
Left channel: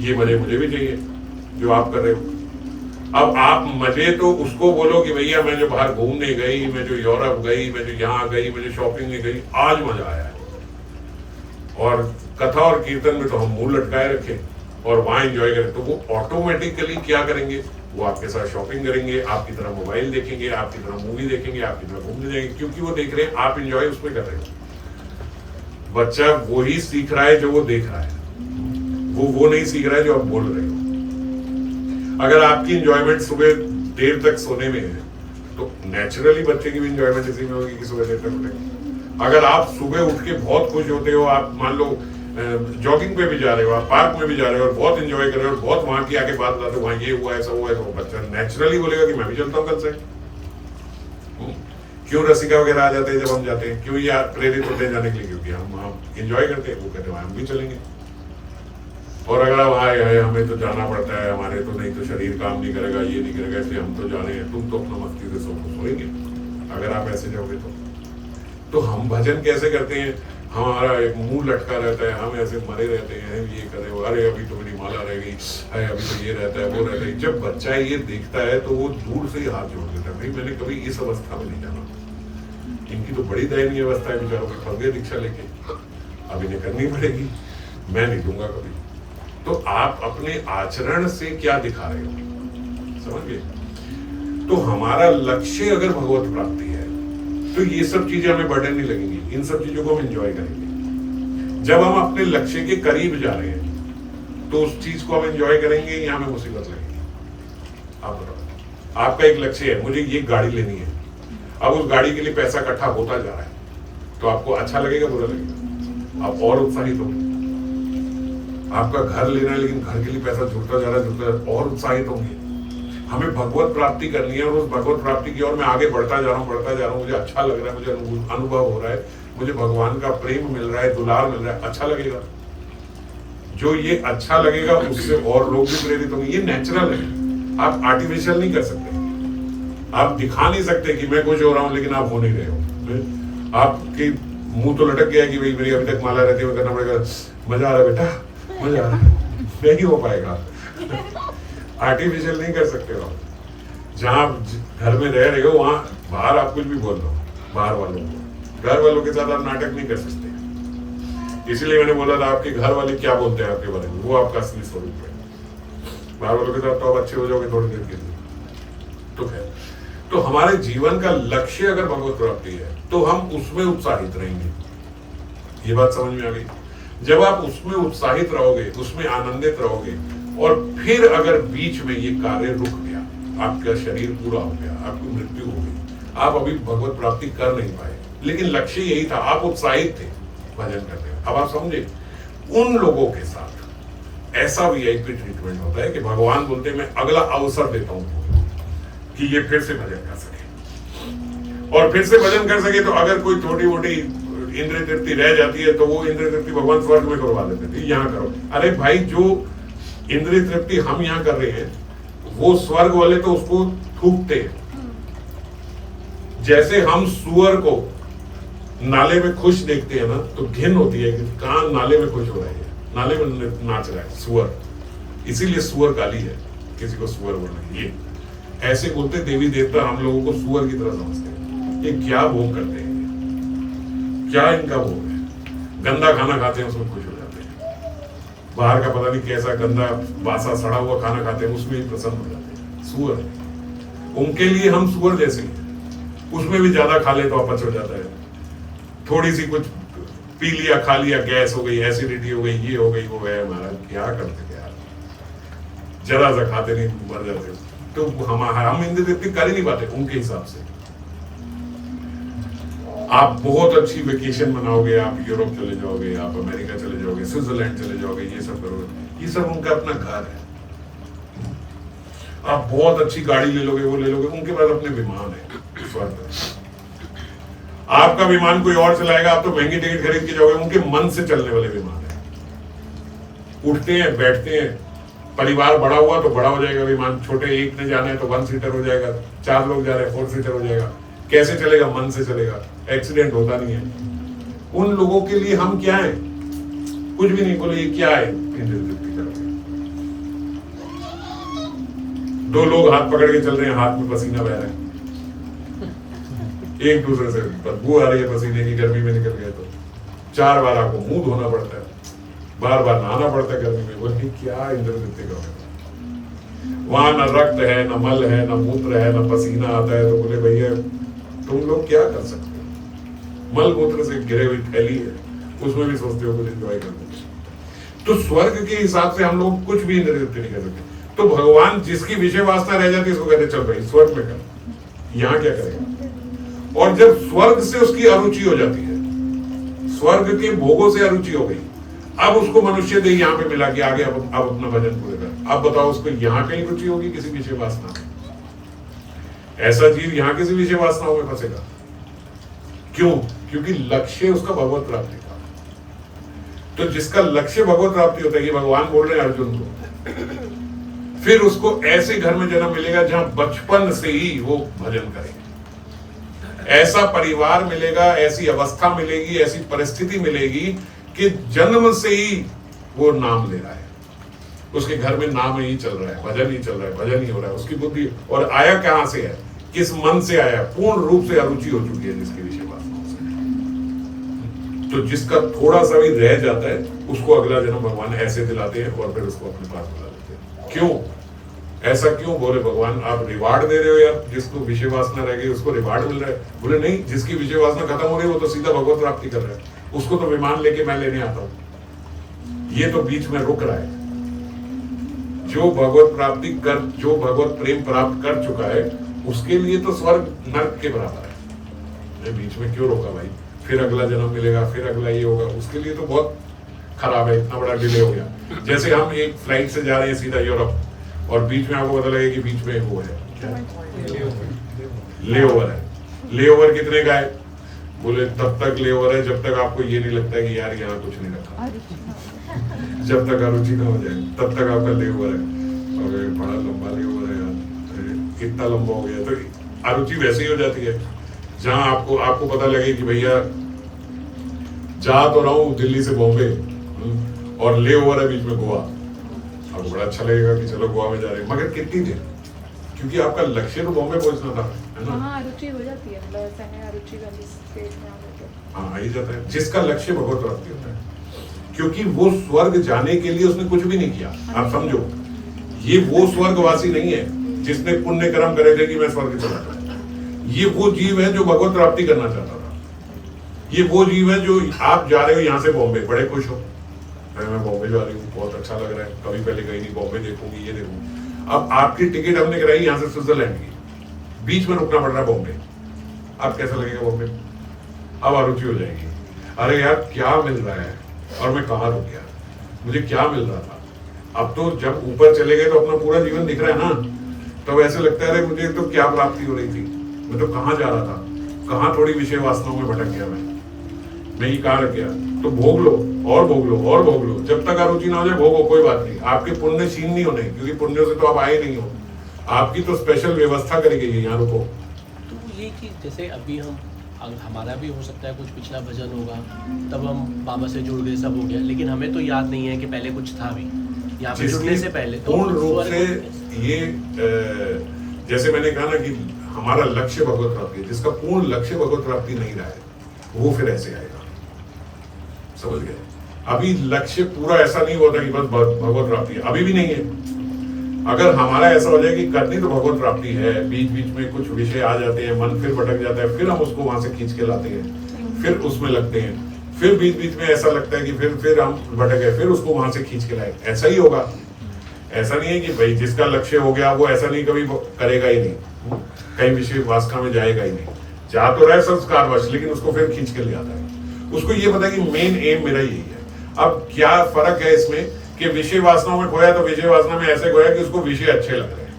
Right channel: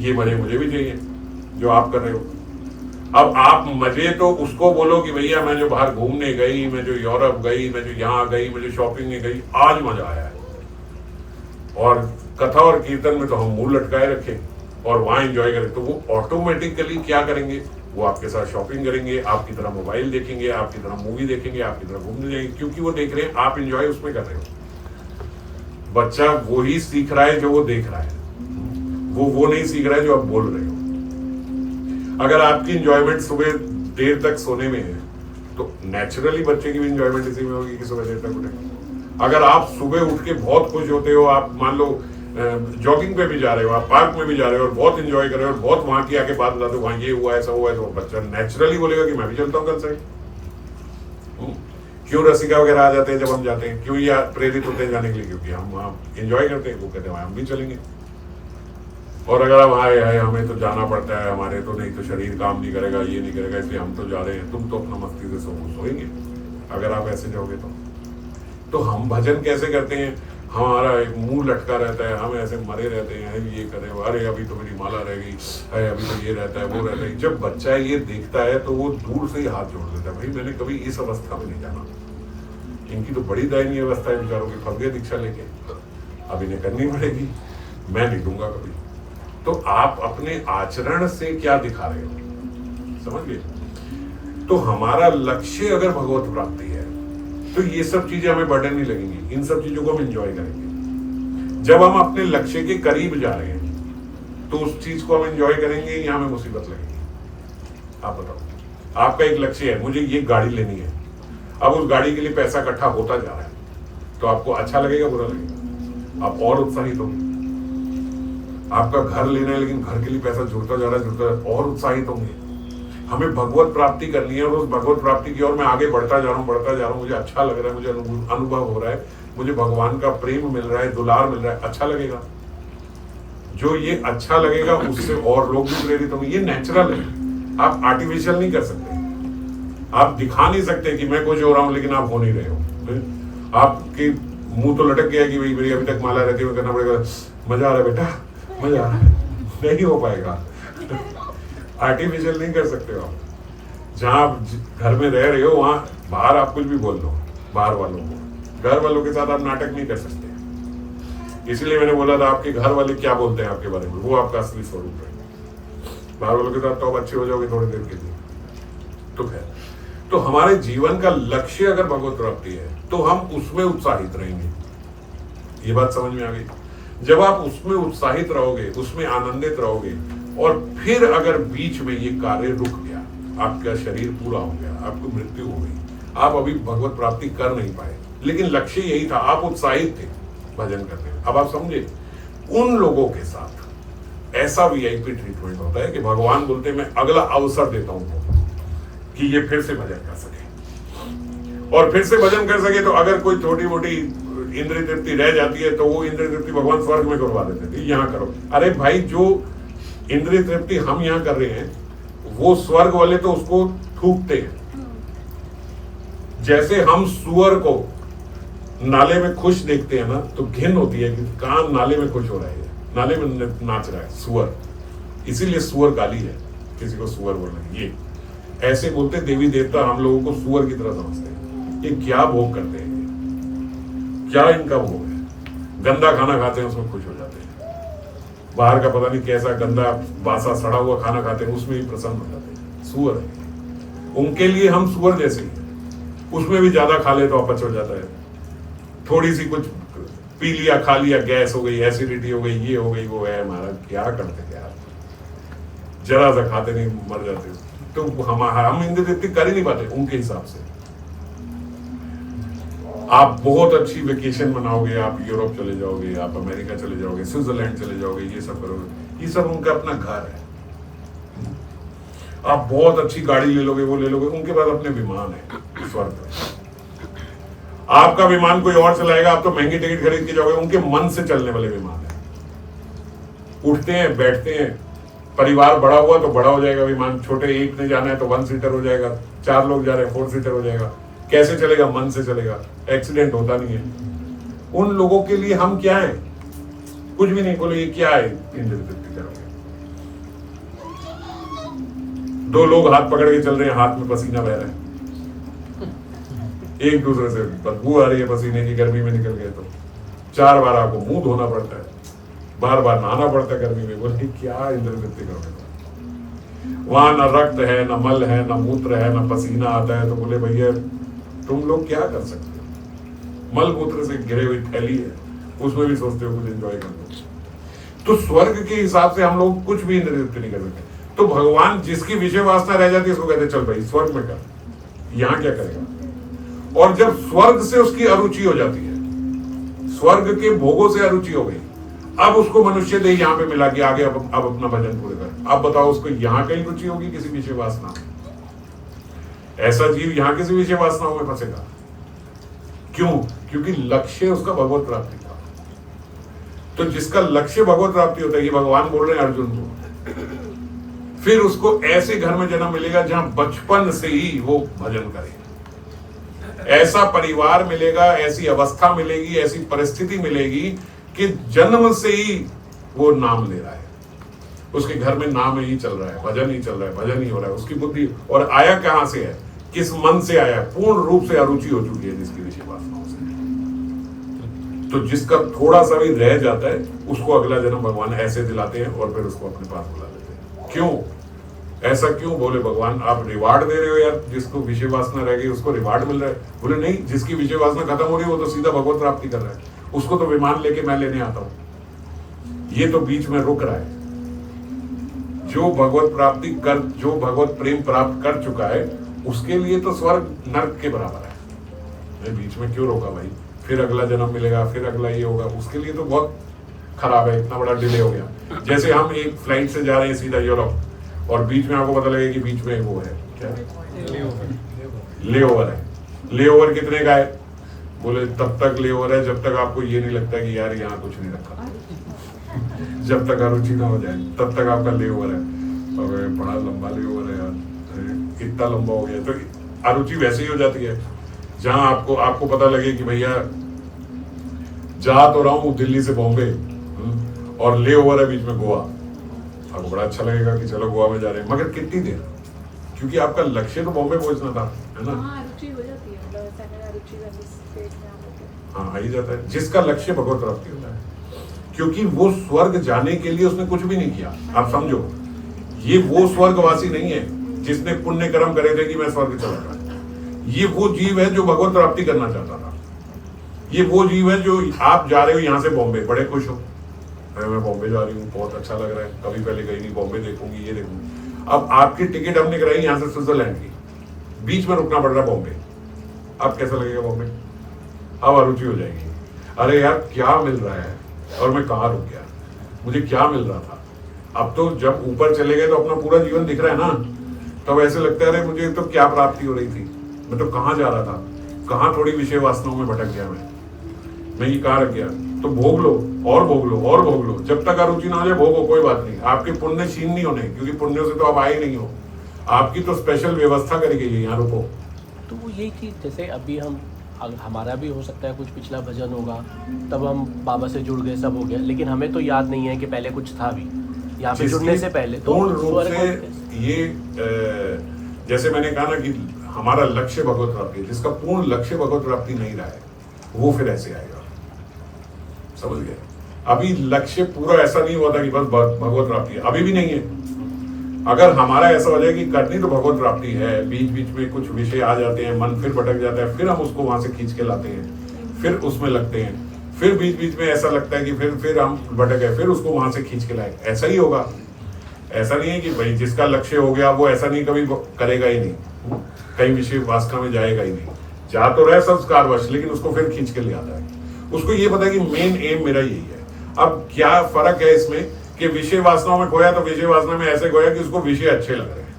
ये मजे मुझे भी चाहिए जो आप कर रहे हो। अब आप मजे तो उसको बोलो कि भैया मैं जो बाहर घूमने गई, मैं जो यूरोप गई, मैं जो यहाँ गई, मुझे शॉपिंग में गई, आज मजा आया है। और कथा और कीर्तन में तो हम मुंह लटकाए रखे और वहां एंजॉय करें, तो वो ऑटोमेटिकली क्या करेंगे? वो आपके साथ शॉपिंग करेंगे, आपकी तरह मोबाइल देखेंगे, आपकी तरह मूवी देखेंगे, आपकी तरह घूमने जाएंगे, क्योंकि वो देख रहे हैं आप एंजॉय उसमें कर रहे हो। बच्चा वही सीख रहा है जो वो देख रहा है, वो नहीं सीख रहा है जो आप बोल रहे हो। अगर आपकी एंजॉयमेंट सुबह देर तक सोने में है तो नेचुरली बच्चे की भी एंजॉयमेंट इसी में होगी कि सुबह देर तक उठेंगे। अगर आप सुबह उठ के बहुत खुश होते हो, आप मान लो जॉगिंग पे भी जा रहे हो, आप पार्क में भी जा रहे हो और बहुत एंजॉय कर रहे हो, बहुत वहां की आके बात लाते हो, वहां ये हुआ ऐसा हुआ, तो बच्चा नेचुरली बोलेगा कि मैं भी चलता हूँ कल से। क्यों रसिका वगैरह आ जाते हैं जब हम जाते हैं, क्यों ये प्रेरित होते हैं जाने के लिए? क्योंकि हम एंजॉय करते हैं, वो कहते हैं हम भी चलेंगे। और अगर हम आए हैं हमें तो जाना पड़ता है, हमारे तो नहीं तो शरीर काम नहीं करेगा, ये नहीं करेगा, इसलिए हम तो जा रहे हैं, तुम तो अपना मस्ती से सोएंगे अगर आप ऐसे जाओगे तो हम भजन कैसे करते हैं? हमारा एक मुंह लटका रहता है, हम ऐसे मरे रहते हैं, ये कर रहे हो, अरे अभी तो मेरी माला रह गई, अरे अभी तो ये रहता है, वो रहता है। जब बच्चा ये देखता है तो वो दूर से ही हाथ जोड़ देता है, भाई मैंने कभी इस अवस्था में नहीं जाना, इनकी तो बड़ी दयनीय अवस्था है बेचारों की, फंस गए दीक्षा लेके, अब इन्हें करनी पड़ेगी, मैं नहीं दूंगा कभी। तो आप अपने आचरण से क्या दिखा रहे हो, समझ गए? तो हमारा लक्ष्य अगर भगवत प्राप्ति है तो ये सब चीजें हमें बर्डन नहीं लगेंगी, इन सब चीजों को हम एंजॉय करेंगे। जब हम अपने लक्ष्य के करीब जा रहे हैं तो उस चीज को हम एंजॉय करेंगे या हमें मुसीबत लगेगी? आप बताओ। आपका एक लक्ष्य है, मुझे ये गाड़ी लेनी है, अब उस गाड़ी के लिए पैसा इकट्ठा होता जा रहा है, तो आपको अच्छा लगेगा बुरा लगेगा? आप और उत्साहित होंगे। आपका घर लेना है लेकिन घर के लिए पैसा जुड़ता जा रहा है, और उत्साहित होंगे। हमें भगवत प्राप्ति करनी है और उस भगवत प्राप्ति की ओर मैं आगे बढ़ता जा रहा हूँ, मुझे अच्छा लग रहा है, मुझे अनुभव हो रहा है, मुझे भगवान का प्रेम मिल रहा है, दुलार मिल रहा है, अच्छा लगेगा। जो ये अच्छा लगेगा उससे और लोग भी प्रेरित होंगे, ये नेचुरल है, आप आर्टिफिशियल नहीं कर सकते। आप दिखा नहीं सकते कि मैं खुश हो रहा हूं लेकिन आप हो नहीं रहे हो। आपकी मुंह तो लटक गया कि भाई मेरी अभी तक माला रहती है, करना पड़ेगा, मजा आ रहा है बेटा, मजा आ रहा है, नहीं हो पाएगा। आर्टिफिशियल नहीं कर सकते हो आप। जहां आप घर में रह रहे हो वहां बाहर आप कुछ भी बोल दो, बाहर वालों को, घर वालों के साथ आप नाटक नहीं कर सकते। इसलिए मैंने बोला था आपके घर वाले क्या बोलते हैं आपके बारे में, वो आपका असली स्वरूप है। बाहर वालों के साथ तो आप अच्छे हो जाओगे थोड़ी देर के लिए। तो खैर, तो हमारे जीवन का लक्ष्य अगर भगवत प्राप्ति है तो हम उसमें उत्साहित रहेंगे। ये बात समझ में आ गई? जब आप उसमें उत्साहित रहोगे, उसमें आनंदित रहोगे, और फिर अगर बीच में ये कार्य रुक गया, आपका शरीर पूरा हो गया, आपकी मृत्यु हो गई, आप अभी भगवत प्राप्ति कर नहीं पाए, लेकिन लक्ष्य यही था, आप उत्साहित थे भजन करने। अब आप समझे, उन लोगों के साथ ऐसा वीआईपी ट्रीटमेंट होता है कि भगवान बोलते मैं अगला अवसर देता हूं कि ये फिर से भजन कर सके, और फिर से भजन कर सके। तो अगर कोई छोटी मोटी इंद्रिय तृप्ति रह जाती है तो वो इंद्रिय तृप्ति भगवान स्वर्ग में करवा देते थे, यहाँ करो। अरे भाई, जो इंद्रिय तृप्ति हम यहाँ कर रहे हैं वो स्वर्ग वाले तो उसको थूकते हैं। जैसे हम सुअर को नाले में खुश देखते हैं ना, तो घिन होती है कि कहाँ नाले में खुश हो रहा है, नाले में नाच रहा है सुअर, इसीलिए सुअर गाली है, किसी को सुअर बोलना। ये ऐसे बोलते देवी देवता हम लोगों को सुअर की तरह समझते हैं। ये क्या भोग करते हैं, क्या इनका भोग है? गंदा खाना खाते हैं उसमें खुश हो जाते हैं, बाहर का पता नहीं कैसा गंदा बासा सड़ा हुआ खाना खाते हैं उसमें ही प्रसन्न हो जाते हैं। सुअर, उनके लिए हम सुअर जैसे ही, उसमें भी ज्यादा खा ले तो अपच हो जाता है, थोड़ी सी कुछ पी लिया खा लिया गैस हो गई, एसिडिटी हो गई, ये हो गई, वो है। महाराज क्या करते यार, जरा सा खाते नहीं मर जाते हो। तो हम इंद्रिय तृप्ति कर ही नहीं पाते उनके हिसाब से। आप बहुत अच्छी वेकेशन मनाओगे, आप यूरोप चले जाओगे, आप अमेरिका चले जाओगे, स्विट्जरलैंड चले जाओगे, ये सब करोगे, ये सब उनका अपना घर है। आप बहुत अच्छी गाड़ी ले लोगे, वो ले लोगे, उनके पास अपने विमान है स्वर्ग में। आपका विमान कोई और चलाएगा, आप तो महंगी टिकट खरीद के जाओगे, उनके मन से चलने वाले विमान है। उठते हैं, बैठते हैं, परिवार बड़ा हुआ तो बड़ा हो जाएगा विमान, छोटे एक ने जाना है तो 1 सीटर हो जाएगा, 4 लोग जा रहे हैं 4 सीटर हो जाएगा। कैसे चलेगा? मन से चलेगा, एक्सीडेंट होता नहीं है। उन लोगों के लिए हम क्या है? कुछ भी नहीं। बोले ये क्या है? इंद्र तृप्ति करोगे। 2 लोग हाथ पकड़ के चल रहे हैं, हाथ में पसीना बह रहा है, एक दूसरे से बदबू आ रही है पसीने की, गर्मी में निकल गए तो 4 बार आपको मुंह धोना पड़ता है, बार बार नहाना पड़ता है गर्मी में। बोले क्या इंद्र तृप्ति करोगे? वहां न रक्त है, न मल है, न मूत्र है, न पसीना आता है। तो बोले भैया तुम लोग क्या कर सकते हो? मल मूत्र से घिरे हुई थैली है, उसमें भी सोचते हो कुछ एंजॉय करते हो। तो स्वर्ग के हिसाब से हम लोग कुछ भी इंद्र तृप्ति नहीं कर सकते। तो भगवान जिसकी विषय वासना रह जाती है उसको कहते चल भाई स्वर्ग में कर, यहाँ क्या करेगा। और जब स्वर्ग से उसकी अरुचि हो जाती है, स्वर्ग के भोगों से अरुचि हो गई, अब उसको मनुष्य देह यहाँ पे मिला कि आगे अब अपना भजन पूरे कर। अब बताओ उसको यहाँ कहीं रुचि होगी किसी विषय वासना में? ऐसा जीव यहाँ किसी विषय वासनाओं में फंसेगा। क्यों? क्योंकि लक्ष्य उसका भगवत प्राप्ति का। तो जिसका लक्ष्य भगवत प्राप्ति होता है, ये भगवान बोल रहे हैं अर्जुन को, फिर उसको ऐसे घर में जन्म मिलेगा जहां बचपन से ही वो भजन करे। ऐसा परिवार मिलेगा, ऐसी अवस्था मिलेगी, ऐसी परिस्थिति मिलेगी कि जन्म से ही वो नाम ले रहा है, उसके घर में नाम ही चल रहा है, भजन ही चल रहा है, भजन ही हो रहा है। उसकी बुद्धि और आया कहां से है? किस मन से आया? पूर्ण रूप से अरुचि हो चुकी है जिसकी विषय वासनाओं से। तो जिसका थोड़ा सा भी रह जाता है उसको अगला जन्म भगवान ऐसे दिलाते हैं और फिर उसको अपने पास बुला लेते हैं। क्यों? ऐसा क्यों? बोले भगवान आप रिवार्ड दे रहे हो यार, जिसको विषय वासना रह गई उसको रिवार्ड मिल रहा है। बोले नहीं, जिसकी विषय वासना खत्म हो रही है वो तो सीधा भगवत प्राप्ति कर रहा है, उसको तो विमान लेके मैं लेने आता हूं, ये तो बीच में रुक रहा है। जो भगवत प्राप्ति कर, जो भगवत प्रेम प्राप्त कर चुका है उसके लिए तो स्वर्ग नर्क के बराबर है। ये बीच में क्यों रोका भाई? फिर अगला जन्म मिलेगा, फिर अगला ये होगा, उसके लिए तो बहुत खराब है, इतना बड़ा डिले हो गया। जैसे हम एक फ्लाइट से जा रहे हैं सीधा यूरोप और बीच में आपको पता लगे कि बीच में वो है क्या, लेओवर है। लेओवर कितने का है? बोले तब तक लेओवर है जब तक आपको ये नहीं लगता कि यार यहाँ कुछ नहीं रखा, जब तक अरुचि ना हो जाए तब तक आपका लेओवर है। और बड़ा लंबा लेओवर है यार, कितना लंबा हो गया। तो अरुचि वैसे ही हो जाती है जहां आपको पता लगे कि भैया जा तो रहा हूं दिल्ली से बॉम्बे और लेओवर है बीच में गोवा, आपको बड़ा अच्छा लगेगा कि चलो गोवा में जा रहे हैं, मगर कितनी देर? क्योंकि आपका लक्ष्य तो बॉम्बे पहुंचना था, है ना? अरुचि हो जाती है, हाँ, आ ही जाता है जिसका लक्ष्य भगवत प्राप्ति होता है। क्योंकि वो स्वर्ग जाने के लिए उसने कुछ भी नहीं किया। आप समझो, ये वो स्वर्गवासी नहीं है जिसने पुण्य कर्म करे थे कि मैं स्वर्ग चला जाऊं। ये वो जीव है जो भगवत प्राप्ति करना चाहता था। ये वो जीव है जो आप जा रहे हो यहाँ से बॉम्बे, बड़े खुश हो, मैं बॉम्बे जा रही हूँ, बहुत अच्छा लग रहा है, कभी पहले गई नहीं, बॉम्बे देखूंगी, ये देखूंगी। अब आपकी टिकट हमने कराई यहाँ से स्विट्जरलैंड की, बीच में रुकना पड़ रहा है बॉम्बे। अब कैसा लगेगा बॉम्बे? अब अरुचि हो जाएगी, अरे यार क्या मिल रहा है और मैं कहाँ रुक गया, मुझे क्या मिल रहा था। अब तो जब ऊपर चले गए तो अपना पूरा जीवन दिख रहा है ना, तब ऐसे लगता है अरे मुझे तो क्या प्राप्ति हो रही थी, मैं तो कहाँ जा रहा था, कहाँ थोड़ी विषय वासनाओं में भटक गया मैं ये कहाँ रख गया। तो भोग लो और भोग लो और भोग लो, जब तक अरुचि ना हो जाए भोगो, कोई बात नहीं। आपके पुण्य क्षीण नहीं होने, क्योंकि पुण्यों से तो आप आए नहीं हो, आपकी तो स्पेशल व्यवस्था करी गई है यहाँ रुको। तो ये कि जैसे अभी हमारा भी हो सकता है कुछ पिछला भजन होगा, तब हम बाबा से जुड़ गए, सब हो गया, लेकिन हमें तो याद नहीं है कि पहले कुछ था भी यहाँ पे जुड़ने से पहले। तो पूर्ण रूप से ये जैसे मैंने कहा ना कि हमारा लक्ष्य भगवत प्राप्ति, जिसका पूर्ण लक्ष्य भगवत प्राप्ति नहीं रहा है वो फिर ऐसे आएगा, समझ गए? अभी लक्ष्य पूरा ऐसा नहीं हुआ था कि बस भगवत प्राप्ति है, अभी भी नहीं है। अगर हमारा ऐसा हो जाए कि करनी तो भगवत प्राप्ति है, बीच बीच में कुछ विषय आ जाते हैं, मन फिर भटक जाता है, फिर हम उसको वहां से खींच के लाते हैं, फिर उसमें लगते हैं, फिर बीच बीच में ऐसा लगता है कि फिर हम भटक गए, फिर उसको वहां से खींच के लाए, ऐसा ही होगा। ऐसा नहीं है कि भाई जिसका लक्ष्य हो गया वो ऐसा नहीं कभी करेगा ही नहीं, कहीं विषय वासना में जाएगा ही नहीं, जा तो रहे संस्कारवश, लेकिन उसको फिर खींच के ले आता है। उसको ये पता है कि मेन एम मेरा यही है। अब क्या फर्क है इसमें कि विषय वासनाओं में खोया तो विषय वासना में ऐसे खोया कि उसको विषय अच्छे लग रहे हैं,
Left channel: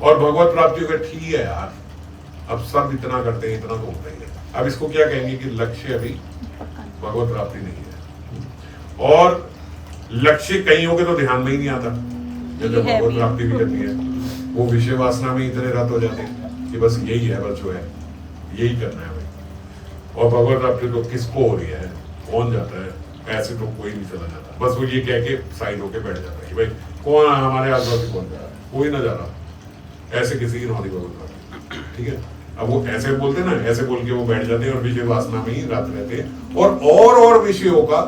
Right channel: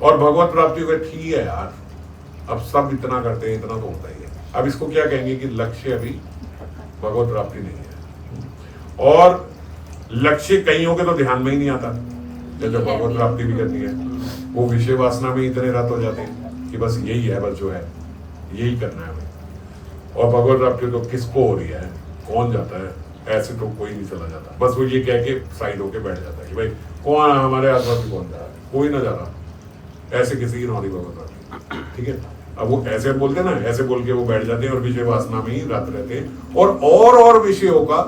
और भगवत प्राप्ति का ठीक है यार, अब सब इतना करते हैं, इतना तो होता ही है। अब इसको क्या कहेंगे कि लक्ष्य अभी भगवत प्राप्ति नहीं है। और लक्ष्य कईयों के तो ध्यान में ही नहीं आता, जब भगवत प्राप्ति भी करनी है वो विषय वासना में इतने रत हो जाते हैं कि बस यही है, बस जो है यही करना है भाई। और भगवत प्राप्ति तो किसको हो रही है, कौन जाता है, ऐसे तो कोई नहीं चला जाता, बस वो ये कह के साइड होके बैठ जाता है कि भाई कौन हमारे आसपास से कौन जा रहा है, कोई ना जा रहा, ऐसे किसी की नहीं होती भगवत प्राप्ति, ठीक है। अब वो ऐसे बोलते ना, ऐसे बोल के वो बैठ जाते हैं और विषय वासना में ही रत रहते हैं और विषयों का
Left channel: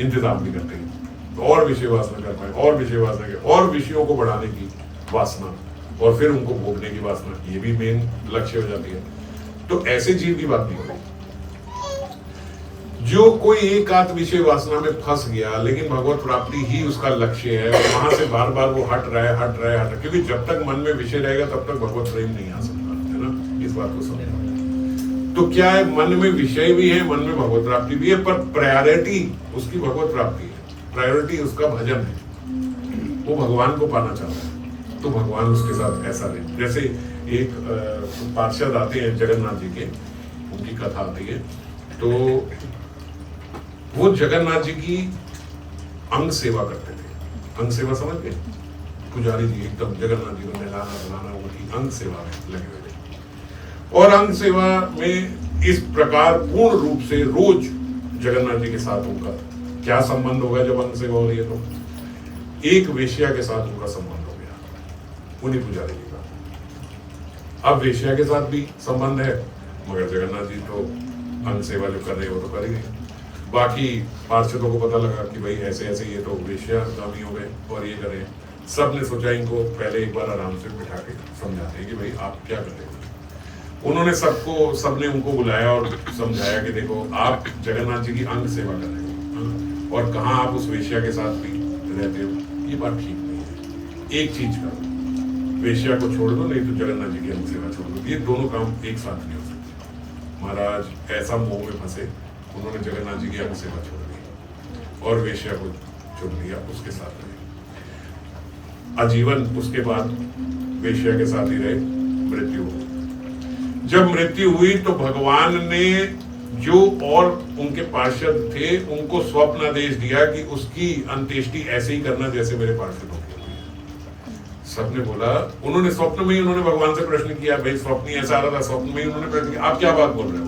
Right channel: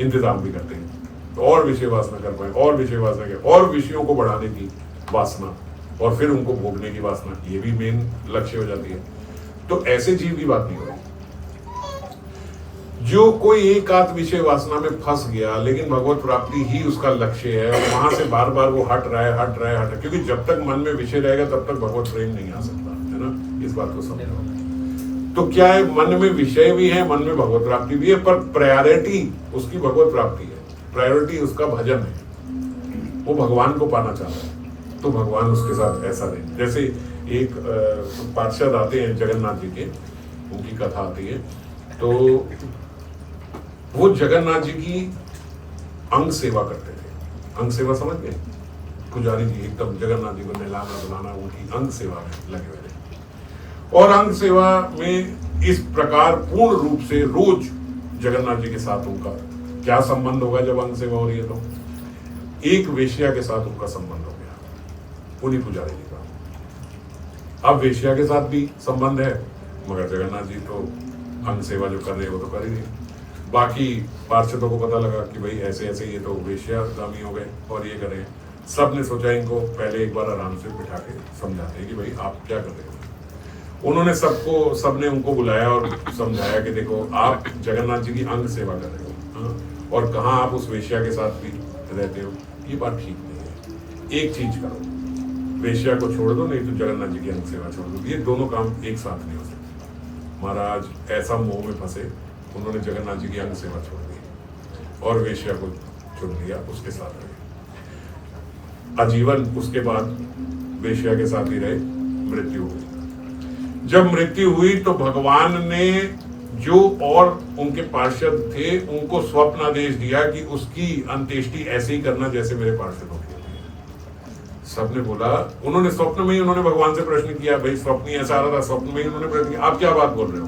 इंतजाम भी करते हैं, तो और विषय वासना कर पाए, और विषय वासना के और विषयों को बढ़ाने की वासना और फिर उनको भोगने की वासना, ये भी मेन लक्ष्य हो जाती है। तो ऐसे जीव की बात नहीं हो रही। जो कोई एक आध विषय वासना में फंस गया लेकिन भगवत प्राप्ति ही उसका लक्ष्य है और वहां से बार बार वो हट रहा है, क्योंकि जब तक मन में विषय रहेगा तब तक भगवत प्रेम नहीं आ सकता, है ना, इस बात को समझो। तो क्या है, मन में विषय भी है, मन में भगवत प्राप्ति भी है, पर प्रायोरिटी उसकी भगवत प्राप्ति है, प्रायोरिटी उसका भजन है, वो भगवान को पाना चाहता है, तो भगवान उसके साथ ऐसा रहे। जैसे एक पार्षद आते हैं जगन्नाथ जी के, उनकी कथा आती है, तो वो जगन्नाथ जी की अंग सेवा करते थे। अंग सेवा समझ गए, पुजारी जी एकदम जगन्नाथ जी को नहलाना धुलाना, उनकी अंग सेवा में लगे हुए थे। और अंग सेवा में इस प्रकार पूर्ण रूप से रोज जगन्नाथ जी के साथ उनका क्या संबंध होगा जब अंग सेवा हो रही है, तो एक वेश्या के साथ उनका संबंध हो गया उन्हीं पुजारी जी का। अब वेश्या के साथ भी संबंध है, मगर जगन्नाथ जी तो अंग सेवा जो कर रहे हैं वो तो कर ही नहीं। बाकी पार्षदों को पता लगा कि भाई ऐसे ऐसे ये तो वेश्यागामी हो गए और ये कर रहे हैं। सब ने सोचा इनको पहले एक बार आराम से बिठा के समझाते हैं कि भाई आप क्या कर रहे हो। उन्होंने सबने उनको बुलाया और समझाया कि देखो आप जगन्नाथ जी की अंग सेवा कर रहे हो और कहाँ आप उस वेश्या के साथ भी रहते हो, ये बात ठीक नहीं है। एक चीज करो, वेश्या को छोड़ दो, नहीं तो जगन्नाथ जी की अंग सेवा छोड़ दो। ये दोनों काम एक साथ नहीं हो सकते। महाराज ऐसा मोह में फंसे, उन्होंने जगन्नाथ जी की अंग सेवा छोड़ दी और वेश्या को चुन लिया, उसके साथ रहे आजीवन। उसके बाद वेश्या के साथ ही रहे, मृत्यु हुई। जब मृत्यु हुई तो भगवान ने जो और उनके पार्षद थे उनको स्वप्न आदेश दिया कि उसकी अंत्येष्टि ऐसे ही करना जैसे मेरे पार्षदों की। सबने बोला, उन्होंने स्वप्न में ही उन्होंने भगवान से प्रश्न किया, भाई स्वप्न ही ऐसा आ रहा था, स्वप्न में ही उन्होंने प्रश्न किया, आप क्या बात बोल रहे हो,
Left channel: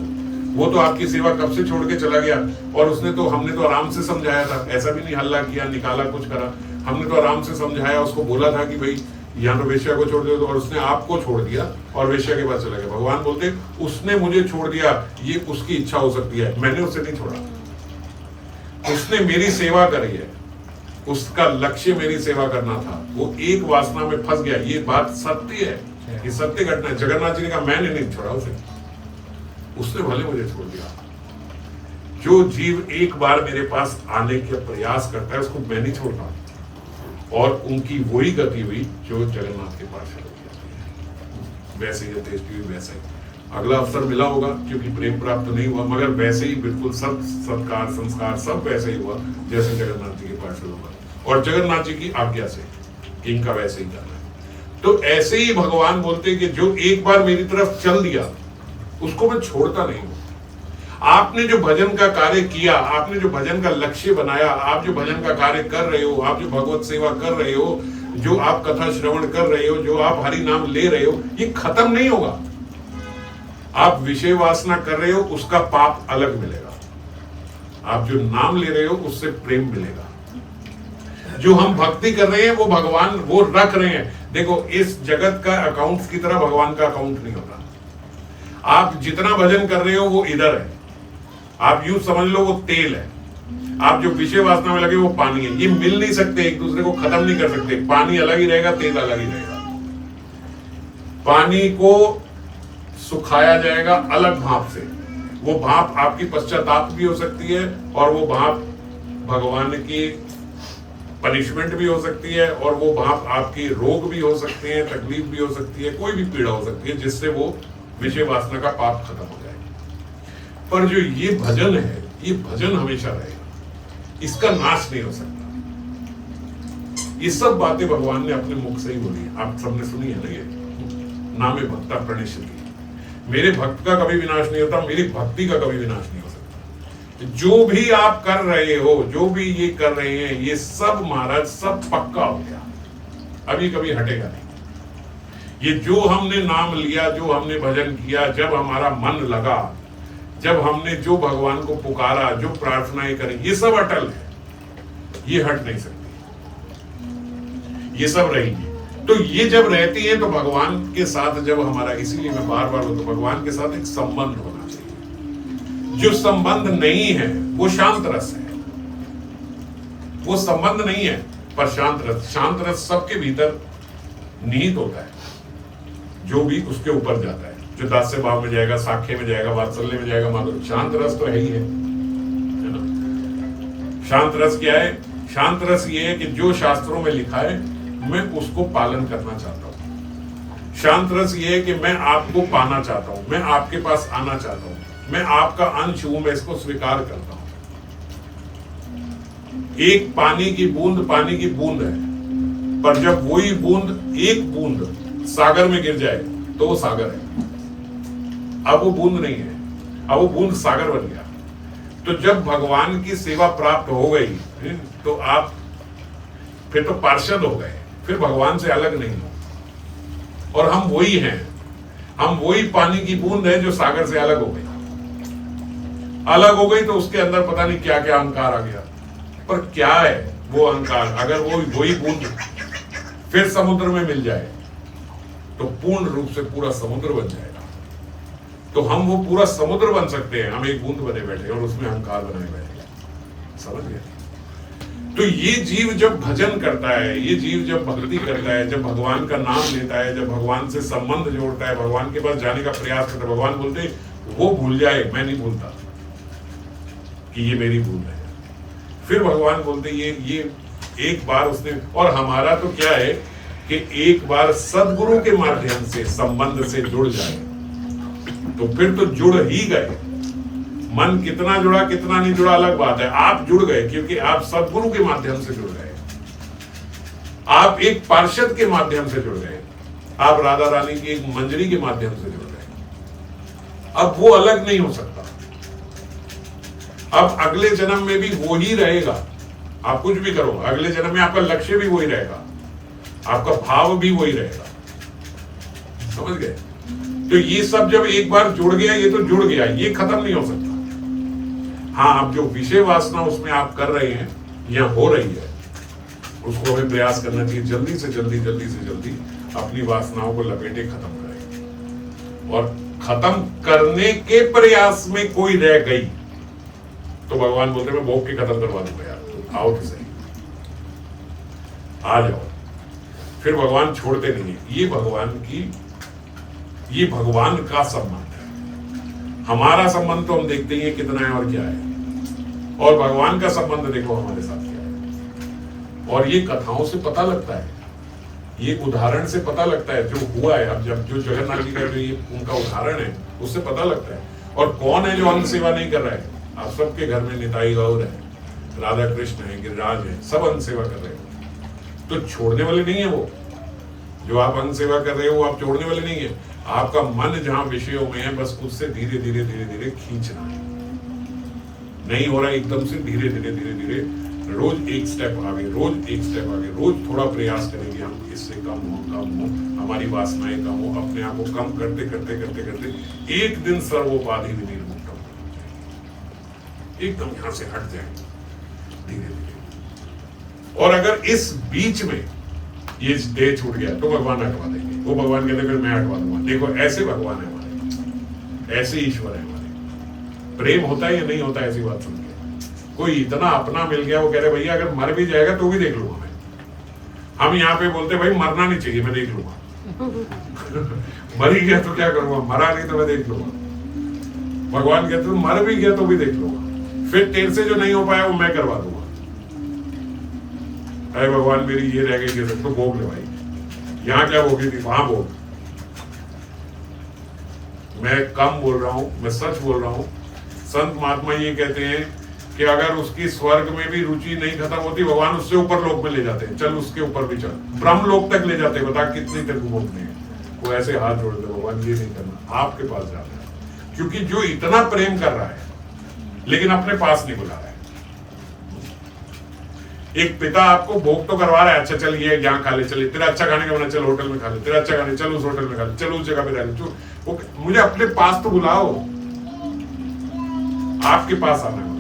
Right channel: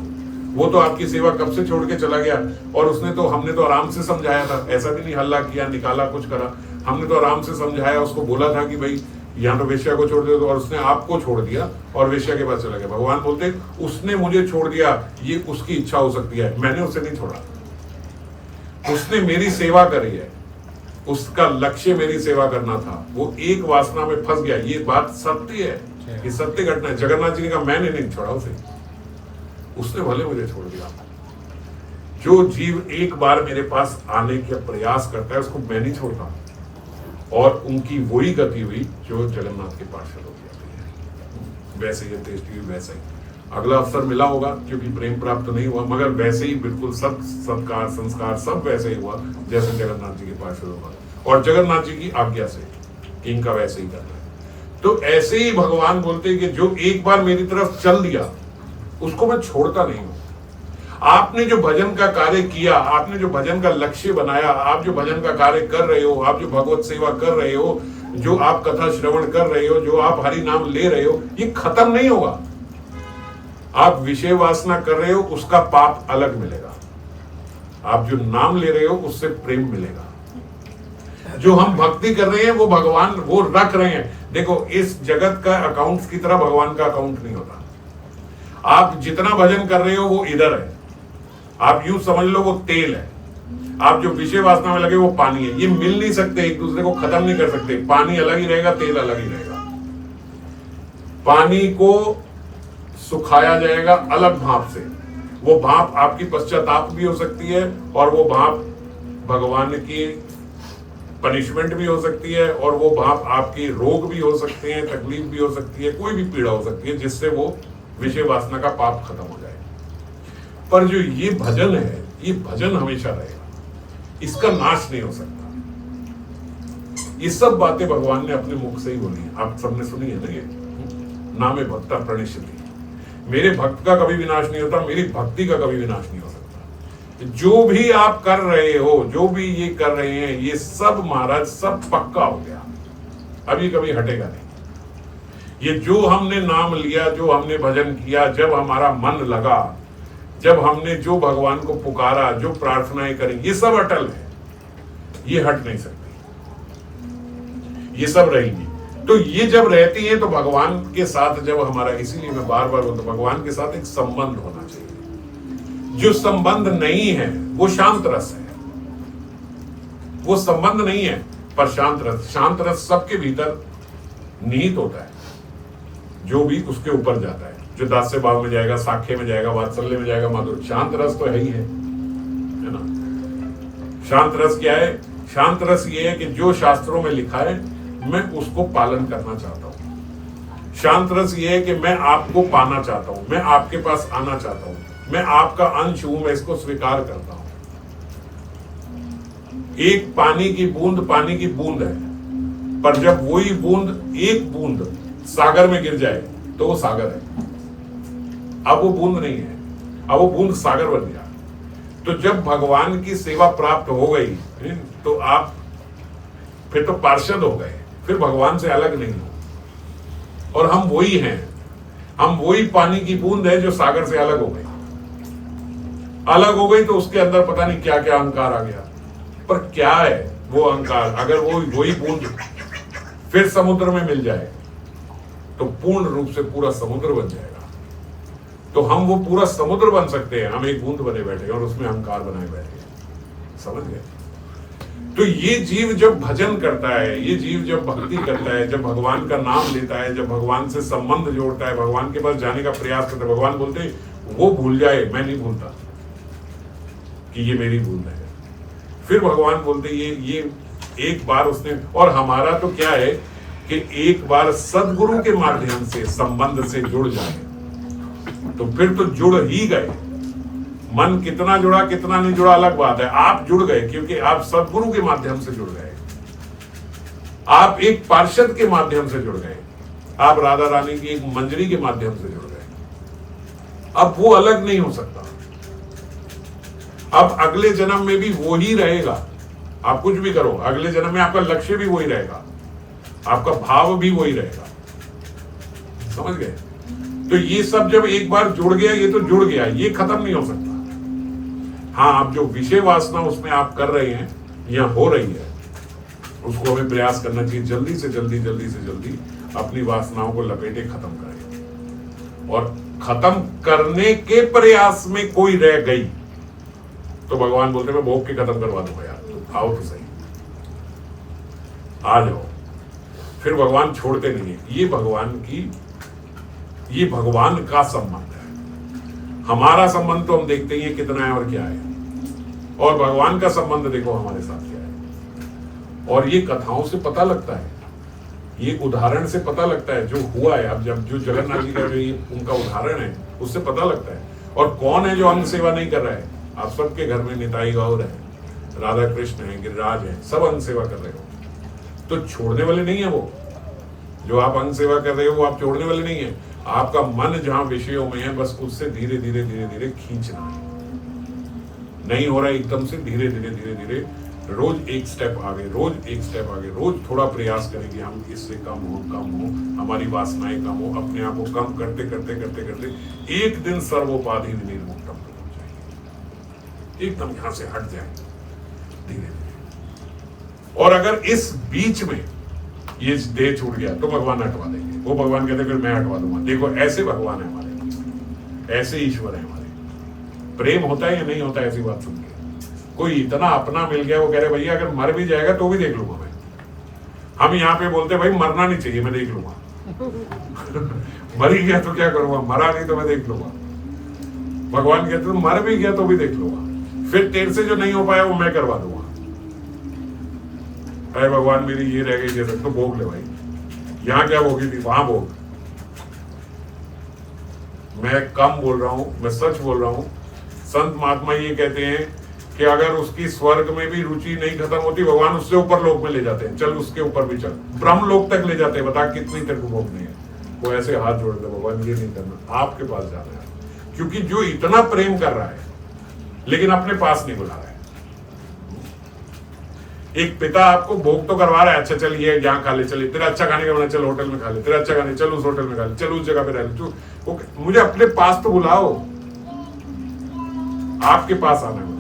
वो तो आपकी सेवा कब से छोड़ के चला गया और हमने तो आराम से समझाया था, ऐसा भी नहीं हल्ला किया, निकाला, कुछ करा, हमने तो आराम से समझाया, उसको बोला था कि भाई यहाँ तो वेश्या को छोड़ दो, और उसने आपको छोड़ दिया और वेश्या के पास चला गया। भगवान बोलते उसने मुझे छोड़ दिया, ये उसकी इच्छा हो सकती है, मैंने उसे नहीं छोड़ा, उसने मेरी सेवा करी है, उसका लक्ष्य मेरी सेवा करना था, वो एक वासना में फंस गया। ये बात सत्य है, ये सत्य घटना है। जगन्नाथ जी ने कहा मैंने नहीं छोड़ा उसे, उसने भले मुझे छोड़ दिया। जो जीव एक बार मेरे पास आने का प्रयास करता है उसको मैं नहीं छोड़ता, और उनकी वही गति हुई जो जगन्नाथ के पार्षद हो गया। वैसे ही अंत्येष्टि हुई, वैसे ही अगला अवसर मिला होगा, क्योंकि प्रेम प्राप्त नहीं हुआ, मगर वैसे ही बिल्कुल सब सत्कार संस्कार सब वैसे ही हुआ जैसे जगन्नाथ जी के पार्षद होगा, और जगन्नाथ जी की आज्ञा से कि इनका वैसे ही करना है। तो ऐसे ही भगवान बोलते हैं कि जो एक बार मेरी तरफ चल दिया उसको मैं छोड़ता नहीं हूं। आपने जो भजन का कार्य किया, आपने जो भजन का लक्ष्य बनाया, आप जो भजन का कार्य कर रहे हो, आप जो भगवत सेवा कर रहे हो, जो आप कथा श्रवण कर रहे हो, जो आप हरि नाम ले रहे हो, ये खत्म नहीं होगा। आप विषय वासना कर रहे हो, उसका पाप अलग मिलेगा। आप जो नाम ले रहे हो उससे प्रेम मिलेगा। जो हम भक्ति कर रहे हैं वो भगवान वो रख रहे हैं। देखो, इस जगत का अकाउंट की तरह भगवान का अकाउंट नहीं होता। आप जितना भजन कर रहे हो वो इधर है, आप यूं समझ लो वो तेल है, आप जो विषय वासना में लगे वो पानी है। ये मिल नहीं सकते, एक दूसरे को खत्म नहीं कर सकते। पानी अलग ही रहेगा, तेल अलग ही रहेगा। पानी को सुखाया जाएगा अलग भाप से, वो भाप आपकी पश्चाताप भी हो सकती है, और वो भाप भगवान की पनिशमेंट भी हो सकती है, और वो भाप आपकी रोग भी हो सकते हैं, तकलीफ भी हो सकती है, कोई भी पीड़ा हो सकती है, जिससे वो विषय वासना का पाप खत्म हो जाए। पर जो ये भजन है, ये भजन हमेशा रहेगा, इसका नाश नहीं हो सकता। ये सब बातें भगवान ने अपने मुख से ही बोली है, आप सबने सुनी है ना। ये नामे भक्ता प्रणश्यति, मेरे भक्त का कभी विनाश नहीं होता, मेरी भक्ति का कभी विनाश नहीं हो सकता। जो भी आप कर रहे हो, जो भी ये कर रहे हैं, ये सब महाराज सब पक्का हो गया, अभी कभी हटेगा नहीं। ये जो हमने नाम लिया, जो हमने भजन किया, जब हमारा मन लगा, जब हमने जो भगवान को पुकारा, जो प्रार्थनाएं करी, ये सब अटल है, ये हट नहीं सकती, ये सब रहेंगी। तो ये जब रहती है तो भगवान के साथ जब हमारा, इसीलिए मैं बार बार बोलता हूं, भगवान के साथ एक संबंध होना चाहिए। जो संबंध नहीं है वो शांत रस है, वो संबंध नहीं है पर शांत रस। शांत रस सबके भीतर निहित होता है, जो भी उसके ऊपर जाता है, जो दास्य भाव में जाएगा, साख्य में जाएगा, वात्सल्य में जाएगा, माधुर्य। शांत रस तो है ही है ना। शांत रस क्या है? शांत रस ये है कि जो शास्त्रों में लिखा है मैं उसको पालन करना चाहता हूं। शांत रस ये है कि मैं आपको पाना चाहता हूं, मैं आपके पास आना चाहता हूं, मैं आपका अंश हूं, मैं इसको स्वीकार करता हूं। एक पानी की बूंद है, पर जब वही बूंद, एक बूंद सागर में गिर जाए तो वो सागर है। अब वो बूंद नहीं है, अब वो बूंद सागर बन गया। तो जब भगवान की सेवा प्राप्त हो गई तो आप फिर तो पार्षद हो गए, फिर भगवान से अलग नहीं हो। और हम वही हैं, हम वही पानी की बूंद है जो सागर से अलग हो गई। अलग हो गई तो उसके अंदर पता नहीं क्या क्या अहंकार आ गया, पर क्या है वो अहंकार? अगर वो वही बूंद फिर समुद्र में मिल जाए तो पूर्ण रूप से पूरा समुद्र बन जाएगा। तो हम वो पूरा समुद्र बन सकते हैं, हम एक बूंद बने बैठे और उसमें अहंकार बनाए बैठे। समझ गए? तो ये जीव जब भजन करता है, ये जीव जब भक्ति करता है, जब भगवान का नाम लेता है, जब भगवान से संबंध जोड़ता है, भगवान के पास जाने का प्रयास करता है, भगवान बोलते वो भूल जाए, मैं नहीं भूलता कि ये मेरी भूल है। फिर भगवान बोलते ये एक बार उसने, और हमारा तो क्या है कि एक बार सदगुरु के माध्यम से संबंध से जुड़ जाए तो फिर तो जुड़ ही गए। मन कितना जुड़ा कितना नहीं जुड़ा अलग बात है, आप जुड़ गए क्योंकि आप सदगुरु के माध्यम से जुड़ गए, आप एक पार्षद के माध्यम से जुड़ गए, आप राधा रानी की एक मंजरी के माध्यम से जुड़ गए। अब वो अलग नहीं हो सकता। अब अगले जन्म में भी वो ही रहेगा, आप कुछ भी करो, अगले जन्म में आपका लक्ष्य भी वही रहेगा, आपका भाव भी वही रहेगा। समझ गए? तो ये सब जब एक बार जुड़ गया, ये तो जुड़ गया, ये खत्म नहीं हो सकता। हाँ, अब जो विषय वासना उसमें आप कर रहे हैं या हो रही है, उसको हमें प्रयास करना चाहिए जल्दी से जल्दी अपनी वासनाओं को लपेटे खत्म करें। और खत्म करने के प्रयास में कोई रह गई तो भगवान बोलते मैं भोग के खत्म करवा दूंगा यार, आओ तो सही, आ जाओ। फिर भगवान छोड़ते नहीं है। ये भगवान का संबंध है। हमारा संबंध तो हम देखते ही हैं कितना है और क्या है, और भगवान का संबंध देखो हमारे साथ क्या है। और ये कथाओं से पता लगता है, ये उदाहरण से पता लगता है जो हुआ है। अब जब जो जगन्नाथ जी का जो ये उनका उदाहरण है उससे पता लगता है। और कौन है जो अंग सेवा नहीं कर रहा है? आप सबके घर में निताई गौर है, राधा कृष्ण है, गिरिराज है, सब अंग सेवा कर रहे हो। तो छोड़ने वाले नहीं है वो जो आप अंग सेवा कर रहे हो, वो आप छोड़ने वाले नहीं है। आपका मन जहां विषयों में है, बस उससे धीरे धीरे खींचना है। नहीं हो रहा है एकदम से, धीरे धीरे रोज एक स्टेप आगे, रोज थोड़ा प्रयास करेंगे हम, इससे कम हो, हमारी वासनाएं कम हो, अपने आप को कम करते एक दिन सर्वोपाधि निर्मुक्त हो जाए, एकदम यहां से हट जाए धीरे धीरे। और अगर इस बीच में ये देह छूट गया तो भगवान हटवा देंगे। वो भगवान कहते फिर मैं हटवा दूंगा। देखो ऐसे भगवान है हमारे, ऐसे ईश्वर है हमारे। प्रेम होता है या नहीं होता है ऐसी बात सुन के? कोई इतना अपना मिल गया, वो कह रहे भैया अगर मर भी जाएगा तो भी देख लूंगा मैं। हम यहाँ पे बोलते भाई मरना नहीं चाहिए, मैं देख लूंगा। मर ही गया तो क्या करूंगा, मरा नहीं तो मैं देख लूंगा। भगवान कहते मर भी गया तो भी देख लूंगा, फिर तेरे से जो नहीं हो पाया वो मैं करवा दूंगा। अरे भगवान मेरी ये रह गई, तो भोग ले भाई, यहां क्या भोगी थी वहां भोग। मैं कम बोल रहा हूं, मैं सच बोल रहा हूं। संत महात्मा ये कहते हैं कि अगर उसकी स्वर्ग में भी रुचि नहीं खत्म होती, भगवान उससे ऊपर लोक में ले जाते हैं, चल उसके ऊपर भी चल, ब्रह्म लोक तक ले जाते हैं। बता कितनी तेरे को भोगनी है। वो ऐसे हाथ जोड़ दे, भगवान ये नहीं करना, आपके पास जा रहा है। क्योंकि जो इतना प्रेम कर रहा है लेकिन अपने पास नहीं बुला रहा है। एक पिता आपको भोग तो करवा रहा है, अच्छा चल ये यहाँ खा ले, चले तेरा अच्छा खाने का बना, चल होटल में खा ले, तेरा अच्छा खाने, चल उस होटल में खा ले, चल उस जगह पे रह ले, तू मुझे अपने पास तो बुलाओ, आपके पास आना है।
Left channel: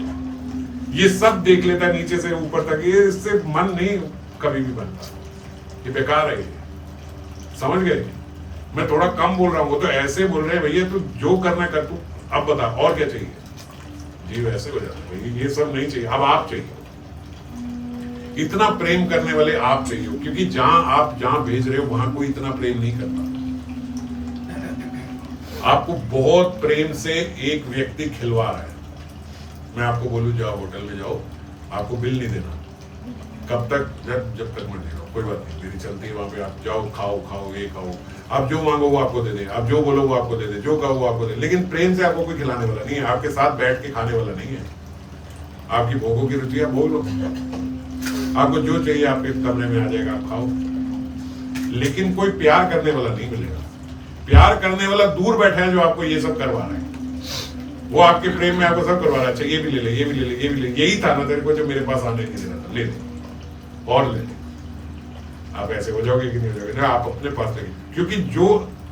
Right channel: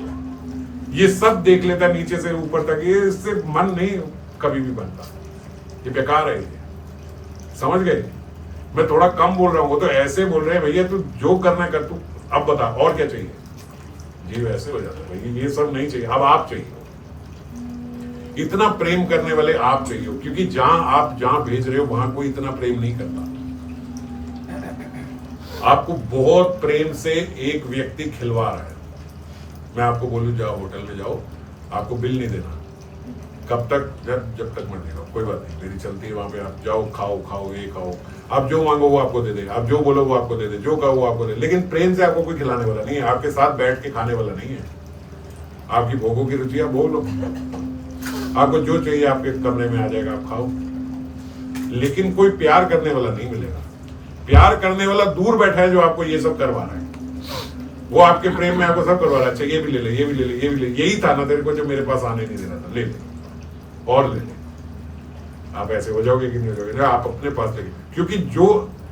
ये सब देख लेता नीचे से ऊपर तक, ये इससे मन नहीं कभी भी बनता, ये बेकार है। ये समझ गए? मैं थोड़ा कम बोल रहा हूं, वो तो ऐसे बोल रहे हैं भैया तू जो करना कर, तू अब बता और क्या चाहिए। जीव ऐसे हो जाता है भैया, ये सब नहीं चाहिए, अब आप चाहिए। इतना प्रेम करने वाले आप चाहिए, क्योंकि जहां भेज रहे हो वहां कोई इतना प्रेम नहीं करता। आपको बहुत प्रेम से एक व्यक्ति खिलवा रहा है। मैं आपको बोलूं जाओ होटल में जाओ, आपको बिल नहीं देना, कब तक? जब तक मर्जी करो, कोई बात नहीं, मेरी चलती है। वहां पे आप जाओ, खाओ ये खाओ, आप जो मांगो वो आपको दे दे, आप जो बोलो वो आपको दे दे, जो कहो वो आपको दे। लेकिन प्रेम से आपको कोई खिलाने वाला नहीं है, आपके साथ बैठ के खाने वाला नहीं है। आपकी भोगों की रुचि आप भोग लो, आपको जो चाहिए आपके कमरे में आ जाएगा, आप खाओ। लेकिन कोई प्यार करने वाला नहीं मिलेगा। प्यार करने वाला दूर बैठा है जो आपको ये सब करवा रहा है, वो आपके प्रेम में आपको सब करवा रहा है। अच्छा ये भी ले ले, ये भी ले ले, ये भी ले, यही था ना तेरे को जो मेरे पास आने नहीं देना था, ले ले और ले ले। आप ऐसे हो जाओगे कि नहीं हो जाओगे ना, आप अपने पास लेंगे। क्योंकि जो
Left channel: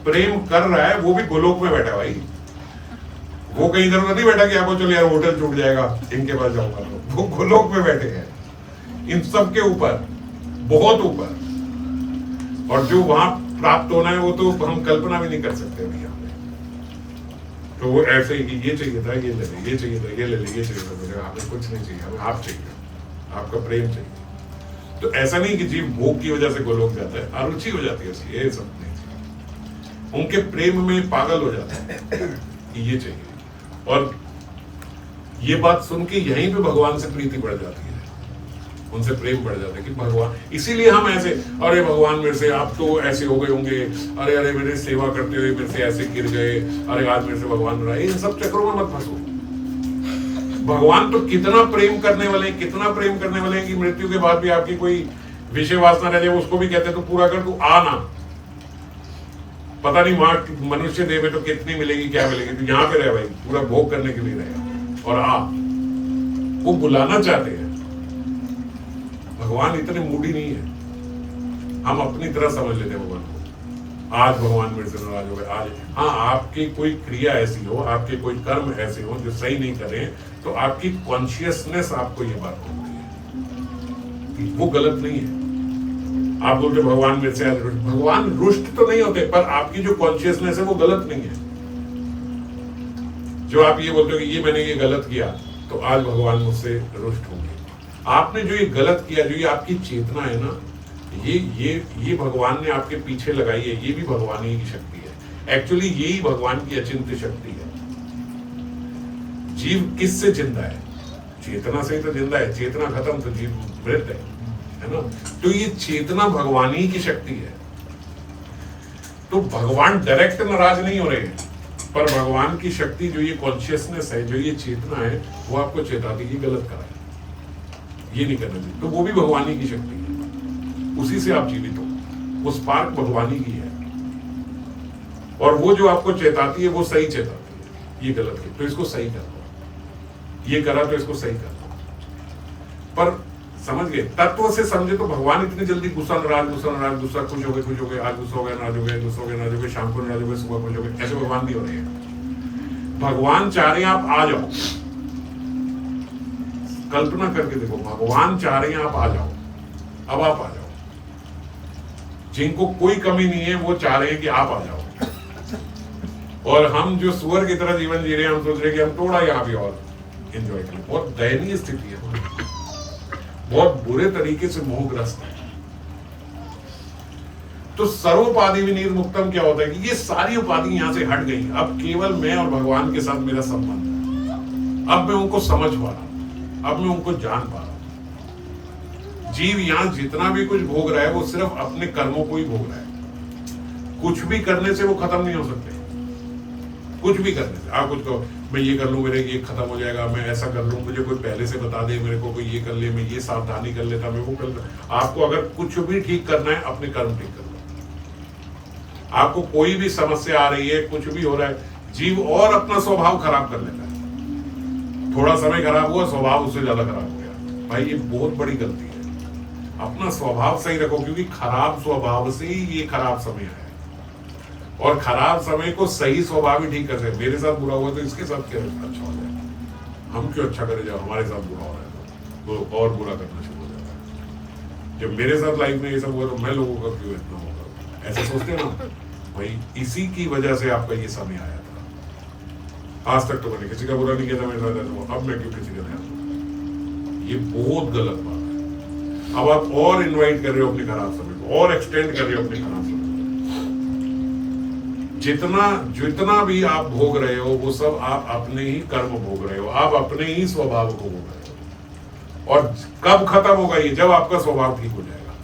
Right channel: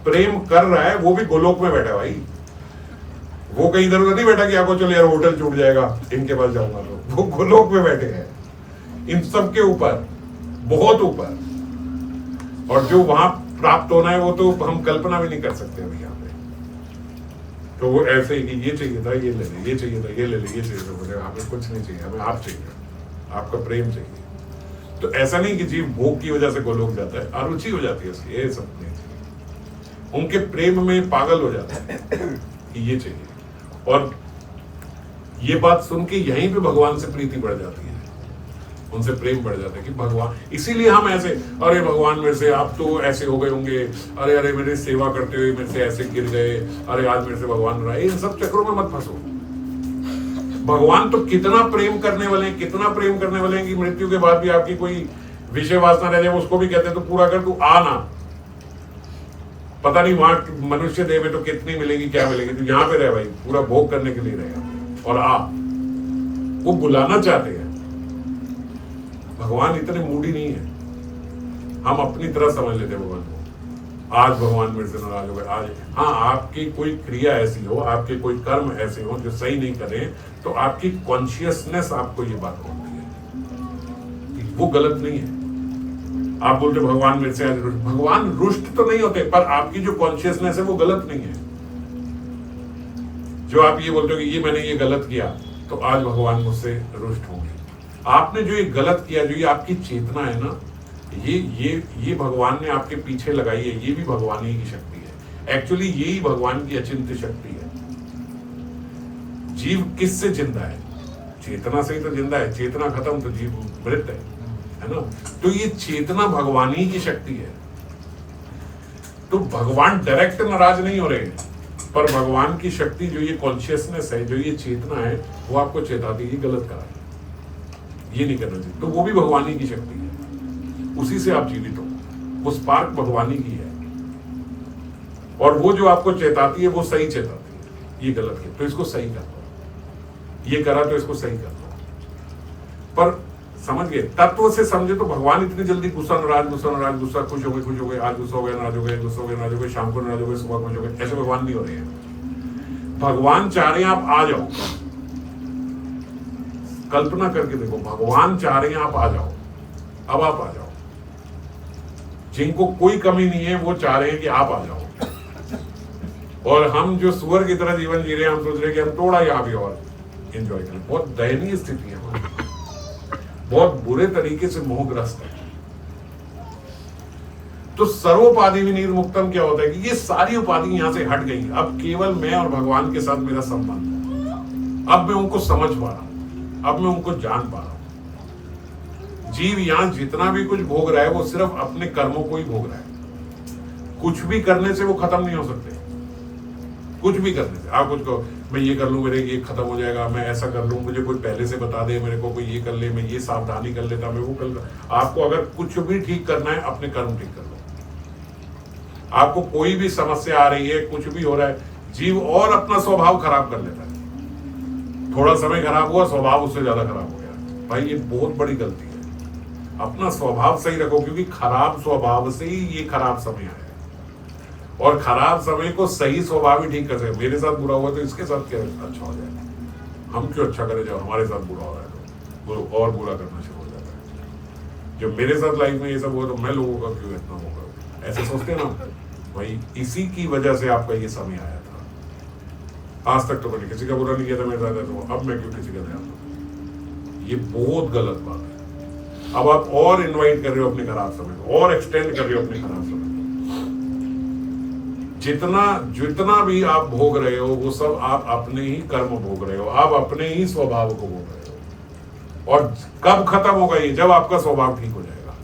प्रेम कर रहा है वो भी गोलोक में बैठा है भाई, वो कहीं इधर उधर नहीं बैठा कि आपको चलो यार होटल छूट जाएगा इनके पास जाऊंगा, तो वो गोलोक में बैठे हैं, इन सब के ऊपर, बहुत ऊपर। और जो वहां प्राप्त होना है वो तो हम कल्पना भी नहीं कर सकते अभी यहाँ पे। तो वो ऐसे ही ये चाहिए था ये ले ले, ये चाहिए था ये ले ले, ये चाहिए था, मुझे हमें कुछ नहीं चाहिए, हमें आप चाहिए, आपका प्रेम चाहिए। तो ऐसा नहीं कि जीव भोग की वजह से गोलोक जाता है, अरुचि हो जाती है उसकी, ये सब नहीं चाहिए। उनके प्रेम में पागल हो जाता है कि ये चाहिए। और ये बात सुन के यहीं पे भगवान से प्रीति बढ़ जाती है, उनसे प्रेम बढ़ जाता है कि भगवान, इसीलिए हम ऐसे, अरे भगवान मेरे से आप तो ऐसे हो गए होंगे, अरे अरे मेरी सेवा करते हुए मेरे से ऐसे गिर गए, अरे आज मेरे से भगवान रहा है, इन सब चक्रों में मत फंसो। भगवान तो कितना प्रेम करने वाले हैं, कितना प्रेम करने वाले हैं कि मृत्यु के बाद भी आपकी कोई विषय वासना रह जाए, उसको भी कहते हैं तो पूरा कर, तू आना। पता नहीं वहां मनुष्य देह में तो कितनी मिलेगी, क्या मिलेगी, तू यहाँ पे रहे भाई, पूरा भोग करने के लिए रहेगा। और आप वो बुलाना चाहते हैं। भगवान इतने मूडी नहीं है, हम अपनी तरह समझ लेते हैं भगवान को। आज भगवान मेरे से नाराज हो गए, आज हाँ, आपकी कोई क्रिया ऐसी हो, आपके कोई कर्म ऐसे हो जो सही नहीं करें, तो आपकी कॉन्शियसनेस आपको ये बात बोलती है, वो गलत नहीं है। आप बोलते भगवान मेरे से आज रुष्ट, भगवान रुष्ट तो नहीं होते, पर आपकी जो कॉन्शियसनेस है वो गलत नहीं है। जो आप ये बोलते हो कि ये मैंने ये गलत किया तो आज भगवान मुझसे रुष्ट होंगे। आपने जो ये गलत किया, जो ये आपकी चेतना है ना, ये भगवान ने आपके पीछे लगाई है, ये भी भगवान ही की शक्ति है। एक्चुअली यही भगवान की अचिंत्य शक्ति है। जीव किससे जिंदा है? चेतना से ही तो जिंदा है, चेतना खत्म तो जीव मृत है ना। तो ये चेतना भगवान ही की शक्ति है। तो भगवान डायरेक्ट नाराज नहीं हो रहे, पर भगवान की शक्ति जो ये कॉन्शियसनेस है, जो ये चेतना है, वो आपको चेताती है गलत करा है, ये नहीं करना चाहिए। तो वो भी भगवान ही की शक्ति है, उसी से आप जीवित हो, वो स्पार्क भगवान ही की है। और वो जो आपको चेताती है वो सही चेताती है, ये गलत है तो इसको सही करना, ये करा तो इसको सही करना। पर समझ गए, तत्व से समझे तो भगवान इतनी जल्दी गुस्सा नाराज, गुस्सा खुश हो गए, आज गुस्सा हो गए, नाराज हो गए, गुस्सा हो गए, नाराज हो गए, शाम को नाराज हो गए, सुबह खुश हो गए, ऐसे भगवान नहीं हो रहे हैं। भगवान चाह रहे हैं आप आ जाओ। कल्पना करके देखो, भगवान चाह रहे हैं आप आ जाओ, अब आप आ जाओ। जिनको कोई कमी नहीं है वो चाह रहे हैं कि आप आ जाओ। और हम जो सुअर की तरह जीवन जी रहे हैं, हम सोच रहे हैं कि हम थोड़ा यहाँ भी और एंजॉय करें। बहुत दयनीय स्थिति है, बहुत बुरे तरीके से मोहग्रस्त है। तो सर्वोपाधि विनिर्मुक्तम क्या होता है कि ये सारी उपाधि यहां से हट गई, अब केवल मैं और भगवान के साथ मेरा संबंध है। अब मैं उनको समझ पा रहा हूं, अब मैं उनको जान पा रहा हूं। जीव यहां जितना भी कुछ भोग रहा है वो सिर्फ अपने कर्मों को ही भोग रहा है। कुछ भी करने से वो खत्म नहीं हो सकते, कुछ भी करने से। आप कुछ कहो मैं ये कर लूँ, मेरे ये खत्म हो जाएगा, मैं ऐसा कर लूँ, मुझे कोई पहले से बता दे, मेरे को कोई ये कर ले, मैं ये सावधानी कर लेता, मैं वो कर लेता। आपको अगर कुछ भी ठीक करना है, अपने कर्म ठीक कर लो। आपको कोई भी समस्या आ रही है, कुछ भी हो रहा है, जीव और अपना स्वभाव खराब कर लेता है। थोड़ा समय खराब हुआ, स्वभाव उससे ज्यादा खराब हो गया। भाई ये बहुत बड़ी गलती है। अपना स्वभाव सही रखो, क्योंकि खराब स्वभाव से ही ये खराब समय आया है। और खराब समय को सही स्वभाव ही ठीक कर सकते। मेरे साथ बुरा हुआ तो इसके साथ क्या अच्छा हो जाएगा? हम क्यों अच्छा करें जब हमारे साथ बुरा हो रहा है तो और बुरा करना शुरू हो जाएगा। जब मेरे साथ लाइफ में ये सब हुआ तो मैं लोगों का क्यों इतना होगा? ऐसे सोचते हैं ना भाई। इसी की वजह से आपका ये समय आया था। आज तक तो मैंने किसी का बुरा नहीं किया था मेरे साथ, तो अब मैं क्यों किसी का ध्यान दूं? ये बहुत गलत बात है। अब आप और इन्वाइट कर रहे हो अपने खराब समय को, और एक्सटेंड कर रहे हो अपने खराब समय। जितना भी आप भोग रहे हो वो सब आप अपने ही कर्म भोग रहे हो, आप अपने ही स्वभाव को भोग रहे हो। और कब खत्म होगा ये? जब आपका स्वभाव ठीक हो जाएगा।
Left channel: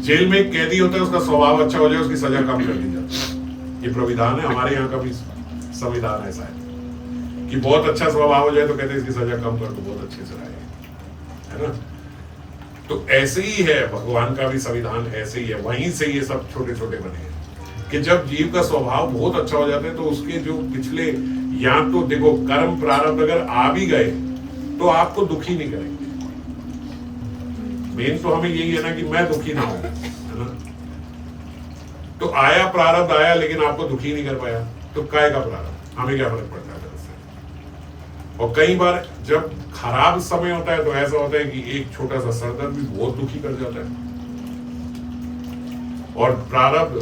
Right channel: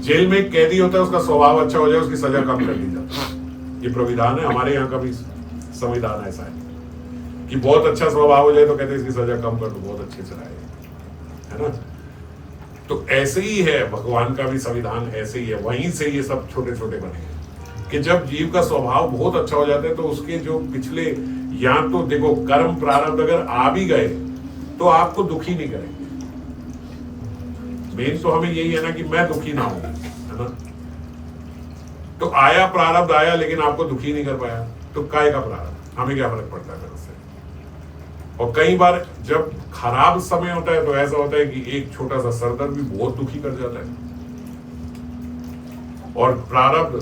जेल में एक कैदी होता है, उसका स्वभाव अच्छा हो जाए, उसकी सजा कम कर दी जाती है। ये प्रविधान है, हमारे यहाँ का भी संविधान ऐसा है कि बहुत अच्छा स्वभाव हो जाए तो कहते हैं इसकी सजा कम कर दो, बहुत अच्छे से रहे, है ना। तो ऐसे ही है भगवान का भी संविधान, ऐसे ही है। वहीं से ये सब छोटे छोटे बने हैं कि जब जीव का स्वभाव बहुत अच्छा हो जाता है तो उसके जो पिछले, या तो देखो कर्म प्रारब्ध अगर आ भी गए तो आपको दुखी नहीं करेंगे। मेन तो हमें यही है ना कि मैं दुखी ना हूं, है ना। तो आया प्रारब्ध आया, लेकिन आपको दुखी नहीं कर पाया, तो काय का प्रारब्ध, हमें क्या फर्क पड़ता है फिर उससे। और कई बार जब खराब समय होता है तो ऐसा होता है कि एक छोटा सा सरदर्द भी बहुत दुखी कर जाता है। और प्रारब्ध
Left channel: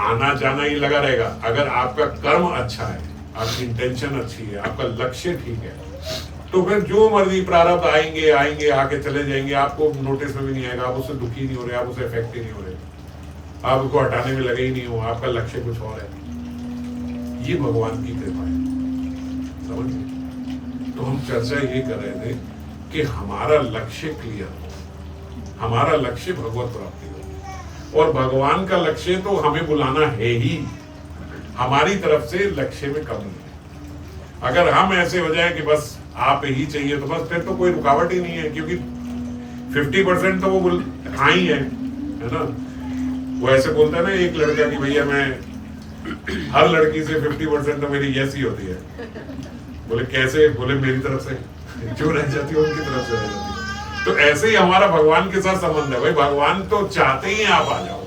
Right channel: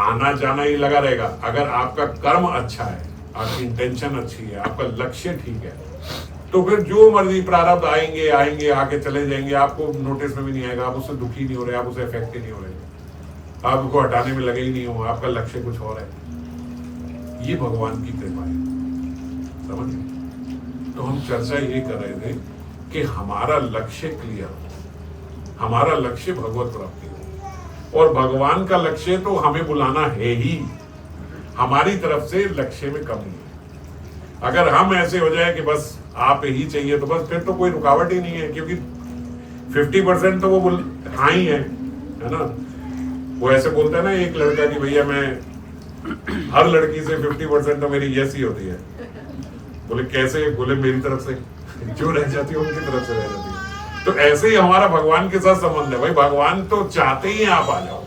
आना जाना ही लगा रहेगा। अगर आपका कर्म अच्छा है, आपकी इंटेंशन अच्छी है, आपका लक्ष्य ठीक है, तो फिर जो मर्जी प्रारब्ध आएंगे आएंगे, आके चले जाएंगे, आपको नोटिस में भी नहीं आएगा, आप उससे दुखी नहीं हो रहे, आप उससे इफेक्ट ही नहीं हो रहे, आप उसको हटाने में लगे ही नहीं हो, आपका लक्ष्य कुछ और है। ये भगवान की कृपा है, समझ गए। तो हम चर्चा यही कर रहे थे कि हमारा लक्ष्य क्लियर हो, हमारा लक्ष्य भगवत प्राप्ति हो। और भगवान का लक्ष्य तो हमें बुलाना है ही, हमारी तरफ से लक्ष्य में कमी है। अगर हम ऐसे हो जाए कि बस आप ही चाहिए तो बस, फिर तो कोई रुकावट ही नहीं है, क्योंकि 50% तो वो हाँ ही है ना। वो ऐसे बोलता है ना एक लड़का कि भैया मैं हर लड़की से 50% तो मेरी यस ही होती है। बोले कैसे? बोले मेरी तरफ से जो रह जाती है उनकी तरफ से रह जाती है। तो ऐसे ही हमारा भगवान के साथ संबंध है। भाई भगवान तो चाहते ही आप आ जाओ,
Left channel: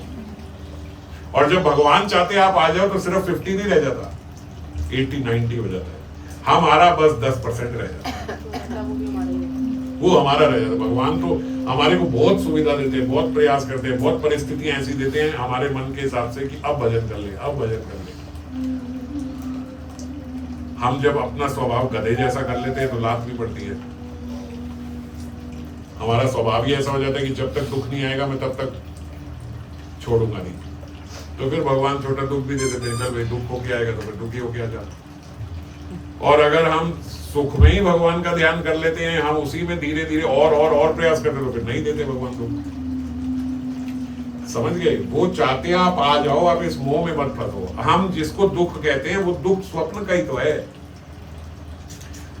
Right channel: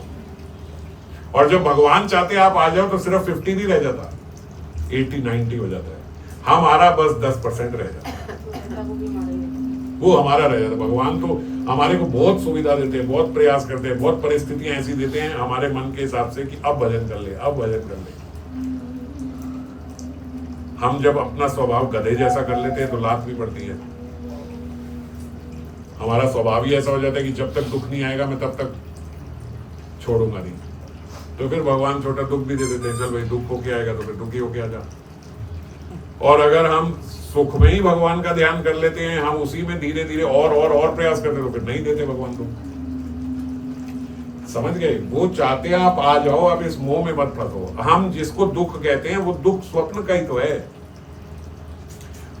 और जब भगवान चाहते आप आ जाओ तो सिर्फ 50 नहीं रह जाता, 80-90 हो जाता है। हमारा बस 10% रह जाता है, वो हमारा रह जाता है। भगवान तो हमारे को बहुत सुविधा देते हैं, बहुत प्रयास करते हैं, बहुत परिस्थितियां ऐसी देते हैं हमारे मन के हिसाब से कि अब भजन कर ले, अब भजन कर ले। हम जब अपना स्वभाव गधे जैसा कर लेते हैं तो लात भी पड़ती है। हमारा स्वभाव ही ऐसा हो जाता है कि जब तक दुख नहीं आएगा मैं तब तक छोड़ूंगा नहीं। तो फिर भगवान छोटा दुख भी दे देते हैं, चल भाई दुख होके आएगा तो फिर दुखी होके आ जा। और अगर हम सुख में ही भगवान का ध्यान कर लेते हैं, हम उसी में धीरे धीरे और प्रयास करते तो फिर नहीं देते भगवान दुख। समझ गए? वो चाहते हैं आप आ जाओ, आप इस मोह में मत फंसो। हम जिसको दुख कहते हैं वो दुख स्वप्न का ही तो है।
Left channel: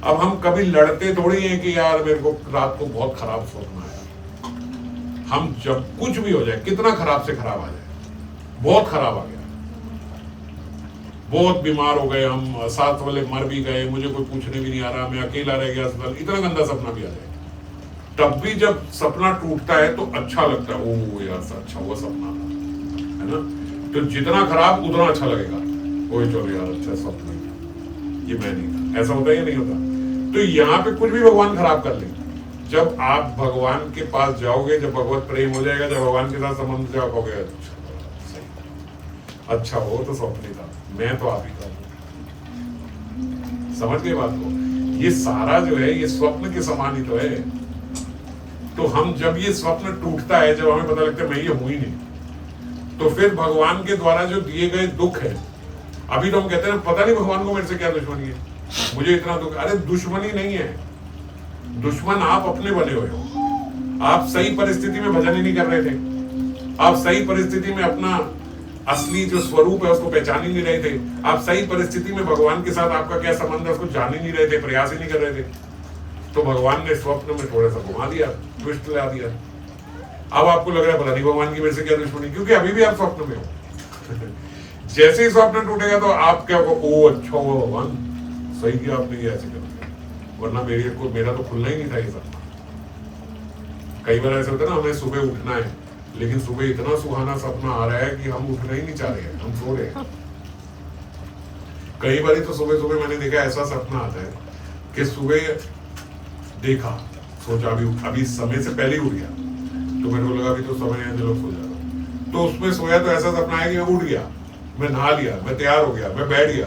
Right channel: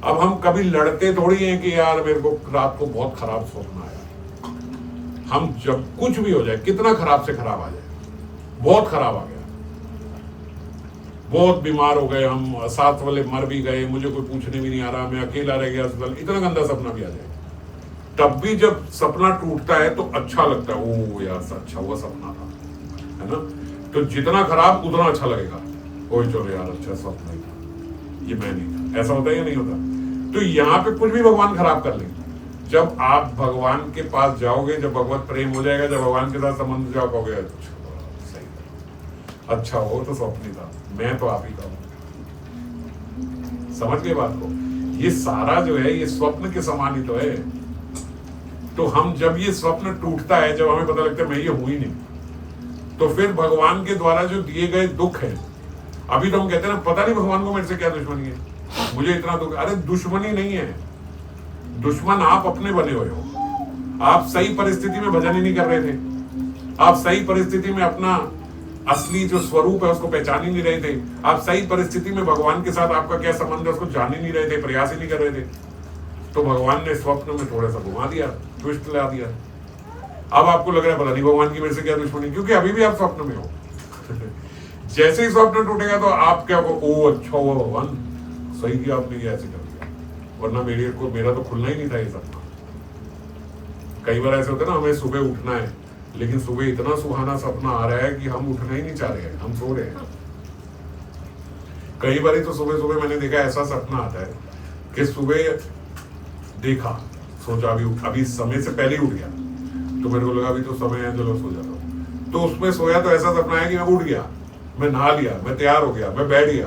अब हम कभी लड़ते थोड़ी हैं कि यार मेरे को रात को बहुत खराब स्वप्न आया। हम जब कुछ भी हो जाए, कितना खराब से खराब आ जाए, बहुत खराब आ गया, बहुत बीमार हो गए, हम साथ वाले मर भी गए, मुझे कोई पूछने भी नहीं आ रहा, मैं अकेला रह गया अस्पताल, इतना गंदा सपना भी आ जाए, तब भी जब सपना टूटता है तो अच्छा लगता है, ओ यार अच्छा हुआ सपना था, है ना। तो जितना खराब उतना अच्छा लगेगा, कोई चलो यार अच्छा सपना ही था, ये मैं नहीं था। ऐसा होता है या नहीं होता? तो यहाँ पे कुछ भी भगवान खराब कर लेंगे। जब आप भगवान के पास जाओगे, जब भगवत प्रेम हो जाएगा, जब भगवान के साथ संबंध जाओ, कहोगे सही, अच्छा हो तो स्वप्न था, मैं तो आप ही था। समझ गए बात को? ये सारा जो है ये स्वप्न के समान ही तो है। तो हम जब ये स्वप्न टूटता है, जब हमें पता लगता है मैं ये हूं ही नहीं, तो फिर भगवान के द्वारा जो दिए गए दुख है, अभी तो हम कहते हैं ना पता नहीं भगवान को मेरे से क्या दुश्मनी है, मुझे इतना दुख। अरे दुश्मनी नहीं है, दुश्मन आप अपने बने हुए हो। आप सही परिस्थिति में भजन ही नहीं कर रहे थे, आप सही परिस्थिति में अपना असली जो स्वरूप है उसको पहचान ही नहीं रहे थे, आप सही परिस्थिति में भगवान के साथ आपका क्या संबंध है उसको जान ही नहीं रहे थे, प्रयास ही नहीं कर रहे थे, तो भगवान ने स्वप्न में थोड़ा सा घुमा दिया, ट्विस्ट ला दिया। अब आपको लग रहा है पता नहीं भगवान की मेरे से क्या दुश्मनी, क्योंकि अभी भी आप स्वप्न में हो। जैसे ही स्वप्न टूटेगा तो आप क्या हो, ओ अच्छा हुआ भगवान सही किया आपने, ये ऐसे कर दिया, वरना मेरा तो खुलना ही नहीं था ये सपना। कई बार ऐसा होता है ना, हमें सुबह उठना है लेकिन सुबह इतना सुहाना सपना आ रहा है कि हम उठना ही नहीं चाह रहे हैं, हम सो रहे हैं। कई बार तो सुबह सुबह मैंने देखा ऐसा सपना आता है कि सुबह देखा, सोचा अभी समय से पहले ही उठ गया, तो मेरे को लगा अभी तो समय है चलो सो जा, तो उसमें सोया तो ऐसा सपना है कि मैं उठ गया, मैं नहा लिया, मैं तैयार हो गया, मैं बैठ गया,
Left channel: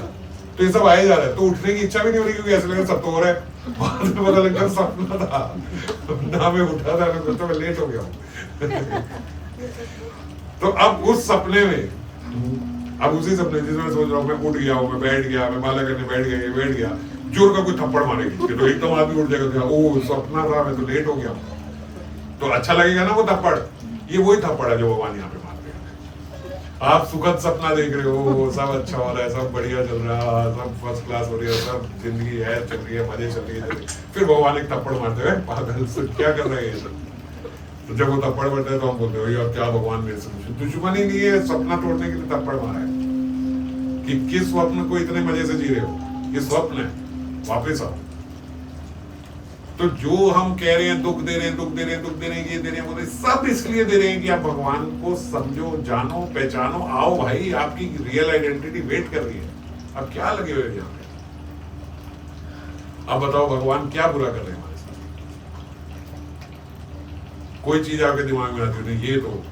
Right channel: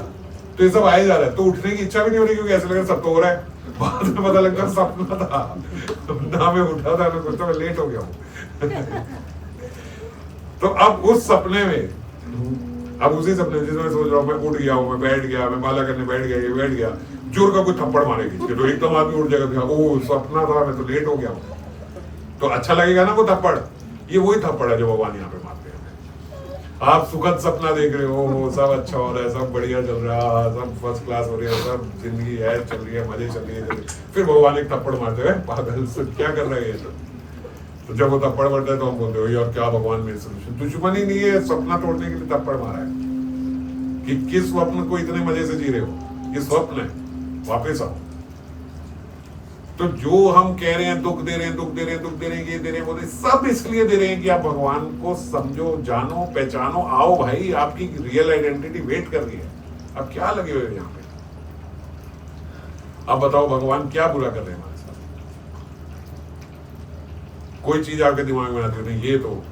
तो ये सब आए जा रहा है, तो उठने की इच्छा भी नहीं हो रही क्योंकि ऐसा लगा सब तो हो रहा है। बाद में पता लगता सपना था ना, मैं उठा था तो मैं लेट हो गया हूँ। तो अब उस सपने में, अब उसी सपने जिसमें सोच रहा हूँ मैं उठ गया हूँ, मैं बैठ गया, मैं माला करने बैठ गया, ये बैठ गया, जोर का कोई थप्पड़ मारेगी तो एकदम आदमी उठ जाएगा, ओ सपना था मैं तो लेट हो गया हूँ, तो अच्छा लगेगा ना वो थप्पड़। ये वही थप्पड़ है जो भगवान यहाँ पे मारते हैं। आप सुखद सपना देख रहे हो, वो सब अच्छा हो रहा है, सब बढ़िया चल रहा है, सब फर्स्ट क्लास हो रही है, सब जिंदगी है चल रही है, मजे चल रही है, फिर भगवान एक थप्पड़ मारते हुए पागल से क्या कर रहे हैं। तो जब वो थप्पड़ मारते हैं तो हम बोलते हो यार क्या भगवान मेरे से दुश्मन ही नहीं है, सपना तोड़ने के लिए थप्पड़ मारा है कि किस स्वप्न को इतने मजे से जी रहे हो, ये स्वप्न है, वापस आओ। तो जो हम कह रहे हैं दुख दे रहे हैं, दुख दे रहे हैं, दुख दे रहे हैं, ये दे रहे हैं, वो दे, सब इसलिए दे रहे हैं कि आप भगवान को समझो, जानो, पहचानो, आओ भाई, आपकी रियल आइडेंटिटी वेट कर रही है। अब क्या लगे हुए यहाँ पे, अब बताओ भगवान क्या बुरा कर रहे हैं हमारे साथ। कोई चीज आपके दिमाग में आती है नहीं, ये तो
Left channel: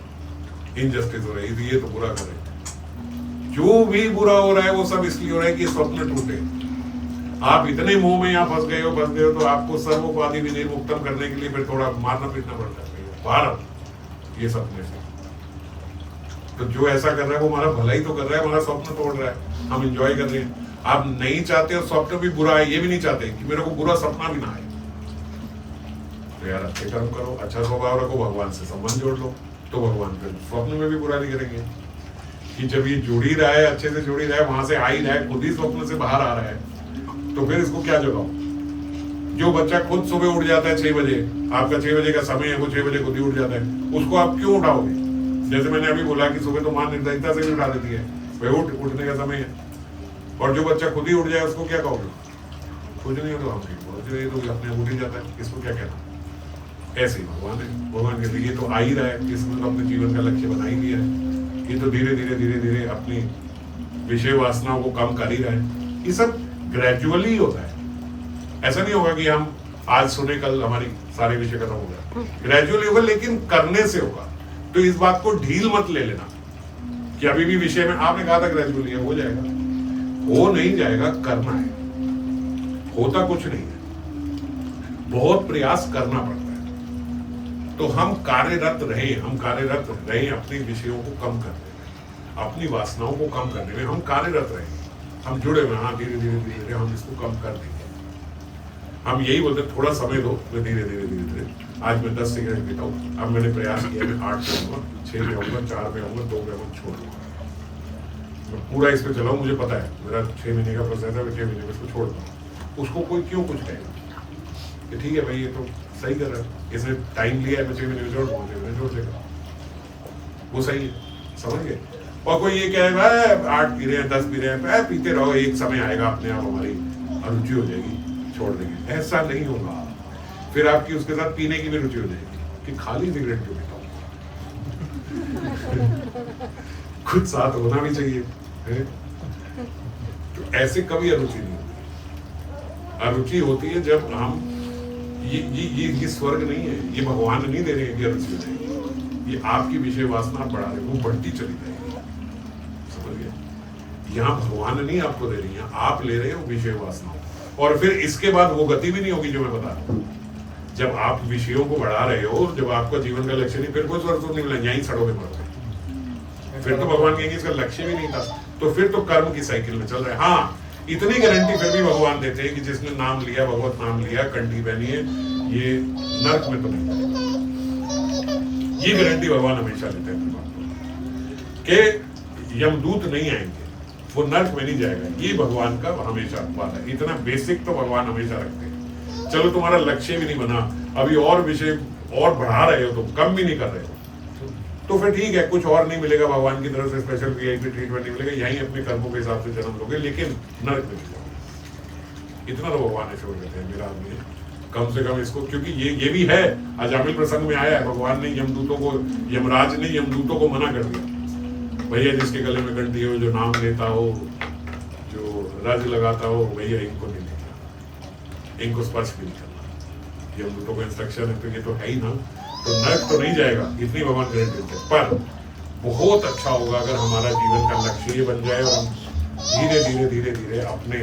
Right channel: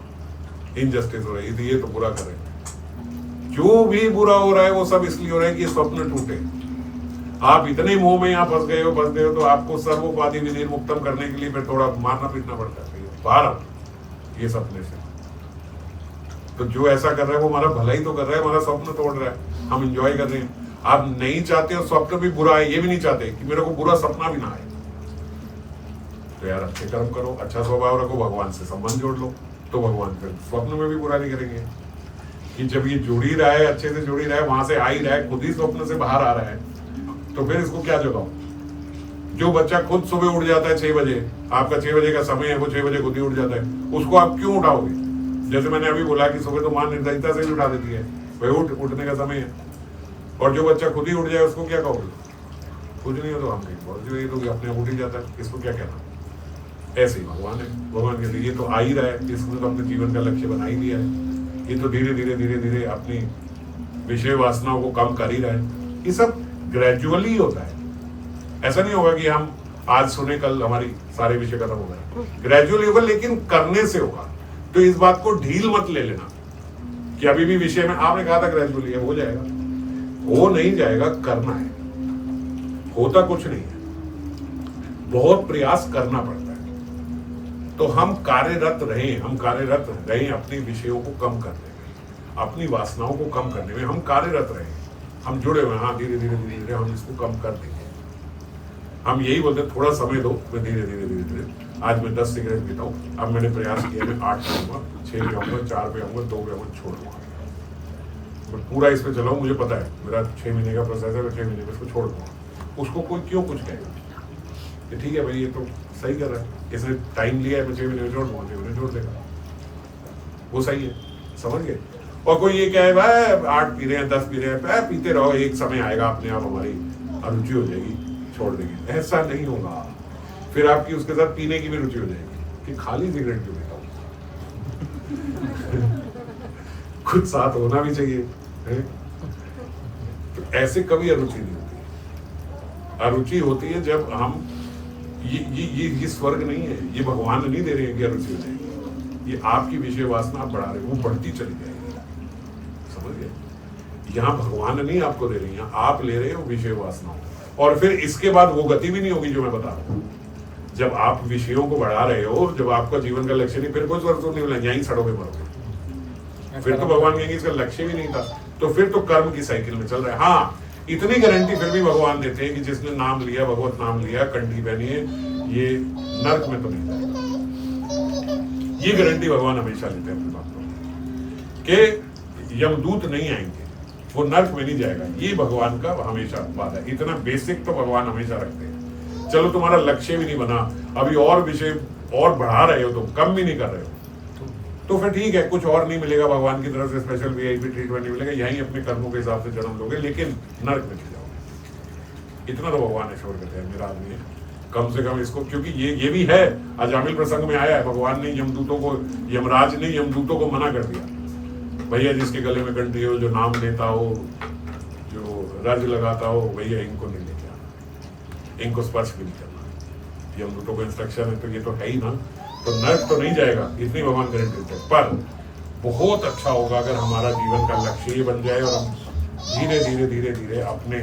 इनजस्टिस हो रही है, ये तो बुरा कर रहे हैं। जो भी बुरा हो रहा है वो सब इसलिए हो रहा है कि स्वप्न टूटे। आप इतने मोह में यहाँ फंस गए हो, तो आपको सर्वोपाधि विनिर्मुक्तम करने के लिए फिर थोड़ा मारना पीटना पड़ता है बाहर ये सपने से। तो जो ऐसा कर रहा है वो हमारा भला ही तो कर रहा है, हमारा स्वप्न तोड़ रहा है, हम एंजॉय कर रहे हैं। आप नहीं चाहते हो स्वप्न भी बुरा है, ये भी नहीं चाहते कि मेरे को बुरा सपना भी ना आए, तो यार अच्छे कर्म करो, अच्छा स्वभाव रखो, भगवान से संबंध जोड़ लो, तो भगवान फिर स्वप्न में भी बुरा नहीं करेंगे। कि जब ये जुड़ ही रहा है, अच्छे से जुड़ ही रहा है, वहां से आ ही रहा है, खुद ही स्वप्न से बाहर आ रहा है, तो फिर इसको क्या जगाओ। जो बच्चा खुद सुबह उठ जाता है 6 बजे, आपका 6 बजे का समय है, वो 6 बजे खुद ही उठ जाता है, उसको आप क्यों उठाओगे। जैसे मैंने अभी बोला कि सुबह तो मां निर्दयता से ही उठा देती है, भाई उठने का समय है। और जो बच्चा खुद ही उठ जाए उसको क्या कहोगे, कुछ नहीं हो तो हम नहीं, तो अपने उठ ही जाता है, इसको क्या कहना। ऐसे ही भगवान है, भगवान कहते ये तो आ ही रहा है, इसने तो अपने जीवन का लक्ष्य बना ही लिया है, ये तो धीरे धीरे धीरे धीरे अपनी विषय वासनाओं को कम कर ही रहा है। ये सब ग्रेजुअली होता है, ऐसा नहीं होगा कि हम आज सुने कल हमारी सारे विषय खत्म हो गए, ग्रेजुअली होगा, लेकिन करने से होगा। तो इस बात को ढील मत ले लेना कि अभी भी विषय में आपने कहा था ग्रेजुअली है, हो जाएगा, हो नहीं जाएगा, करना है, होता कुछ नहीं है, बहुत प्रयास करना पड़ता है। तो हम कार्यरत रहें अपने विषयों को कम करने में, अपनी वासनाओं को कम करने में हम कार्यरत रहें, हम जुड़े हुए, हाँ धीरे धीरे हम इसको कम कर देंगे। हम यही बोलते थोड़ा समय दो, मैं धीरे धीरे आज मैं 10 सिगरेट पीता हूँ, अब मैंने प्रयास किया मैं 8 पे आऊंगा, 6 पे आऊंगा, 4 पे आऊंगा, 2 पे आऊंगा, छोड़ दूंगा। मैं पूरा इस पे चलाऊँ, मुझे पता है मेरा 6 महीने का प्रोसेस है, मैं 6 महीने में इसको छोड़ दूंगा। उसको कोई क्यों कुछ कहेगा कि ठीक है भाई ये तो सही कर रहा है, इसने टाइम लिया है, मैं 6 महीने में छोड़ दूंगा, 6 महीने छोड़ देगा, वो सही है, समझ गए। और कोई ये कहे भाई 8 पी रहे हैं, 10 पी रहे हैं, पीते रहो, एक समय आएगा अपने आप हमारी अरुचि हो जाएगी, छोड़ देंगे। ऐसा नहीं होगा, फिर आपकी उसके साथ पीने की भी रुचि हो जाएगी कि खाली सिगरेट क्यों पीता हूँ। कुछ साथ होना भी चाहिए है? तो ऐसे कभी अरुचि नहीं होती। अरुचि होती है जब हम ये स्वर्ग नहीं है, ये भगवान नहीं दे रहे हैं कि अरुचि हो जाएगी, ये आपकी विषय वासना बढ़ा रहे, वो बढ़ती चली जाएगी, समझ गए। यहाँ भगवान नहीं आपको दे रही है, आप ले रहे हो विषय वासनाओं, और फिर इसके बाद वो गति भी नहीं होगी जो मैं बता रहा हूँ। जब आप विषयों को बढ़ा रहे हो, जब आपका जीवन का लक्ष्य नहीं, फिर कोई स्वर्ग तो नहीं मिला, यहीं सड़ोगे मरोगे। फिर तो भगवान कहेंगे इसका लक्ष्य भी नहीं था, तो फिर तो कर्म की साइकिल में चल रहा है। हाँ, इतनी गारंटी फिर भी भगवान देते हैं कि जिसने नाम लिया, भगवत नाम लिया, कंठी पहनी है, ये नरक में तो नहीं जाएगा। ये गारंटी भगवान हमेशा लेते हैं अपनी बातों कि यमदूत नहीं आएंगे, वो नर्क में नहीं जाएगा। ये भगवान का हमेशा वादा है। इतना बेसिक तो भगवान हमेशा रखते हैं। चलो तुम्हारा लक्ष्य भी नहीं बना, अभी और विषय और बढ़ा रहे हो, तुम कम भी नहीं कर रहे हो, तो फिर ठीक है, कुछ और नहीं मिलेगा भगवान की तरफ से, स्पेशल वीआईपी ट्रीटमेंट नहीं मिलेगा, यहीं अपने कर्मों के हिसाब से जन्म लोगे, लेकिन नर्क में नहीं जाओगे। इतना तो भगवान एश्योर देते हैं, मेरा आदमी है कम से कम इसको, क्योंकि ये भी है, अजामिल प्रसंग में आया है, भगवान ने यमदूतों को, यमराज ने यमदूतों को मना कर दिया, भैया जिसके गले में घंटी हो, जो नाम लेता हो, जो रज लगाता हो, भैया इनको नहीं लेके आना, इनको स्पर्श भी नहीं करना। यमदूतों को इंस्ट्रक्शन है, तो ये तो है ही ना, तो नर्क तो नहीं जाएगा, इतनी भगवान गारंटी देते हैं। पर बहुत अच्छा होगा अगर हमारा जीवन का लक्ष्य ये बन जाए और हम धीरे धीरे धीरे धीरे अपने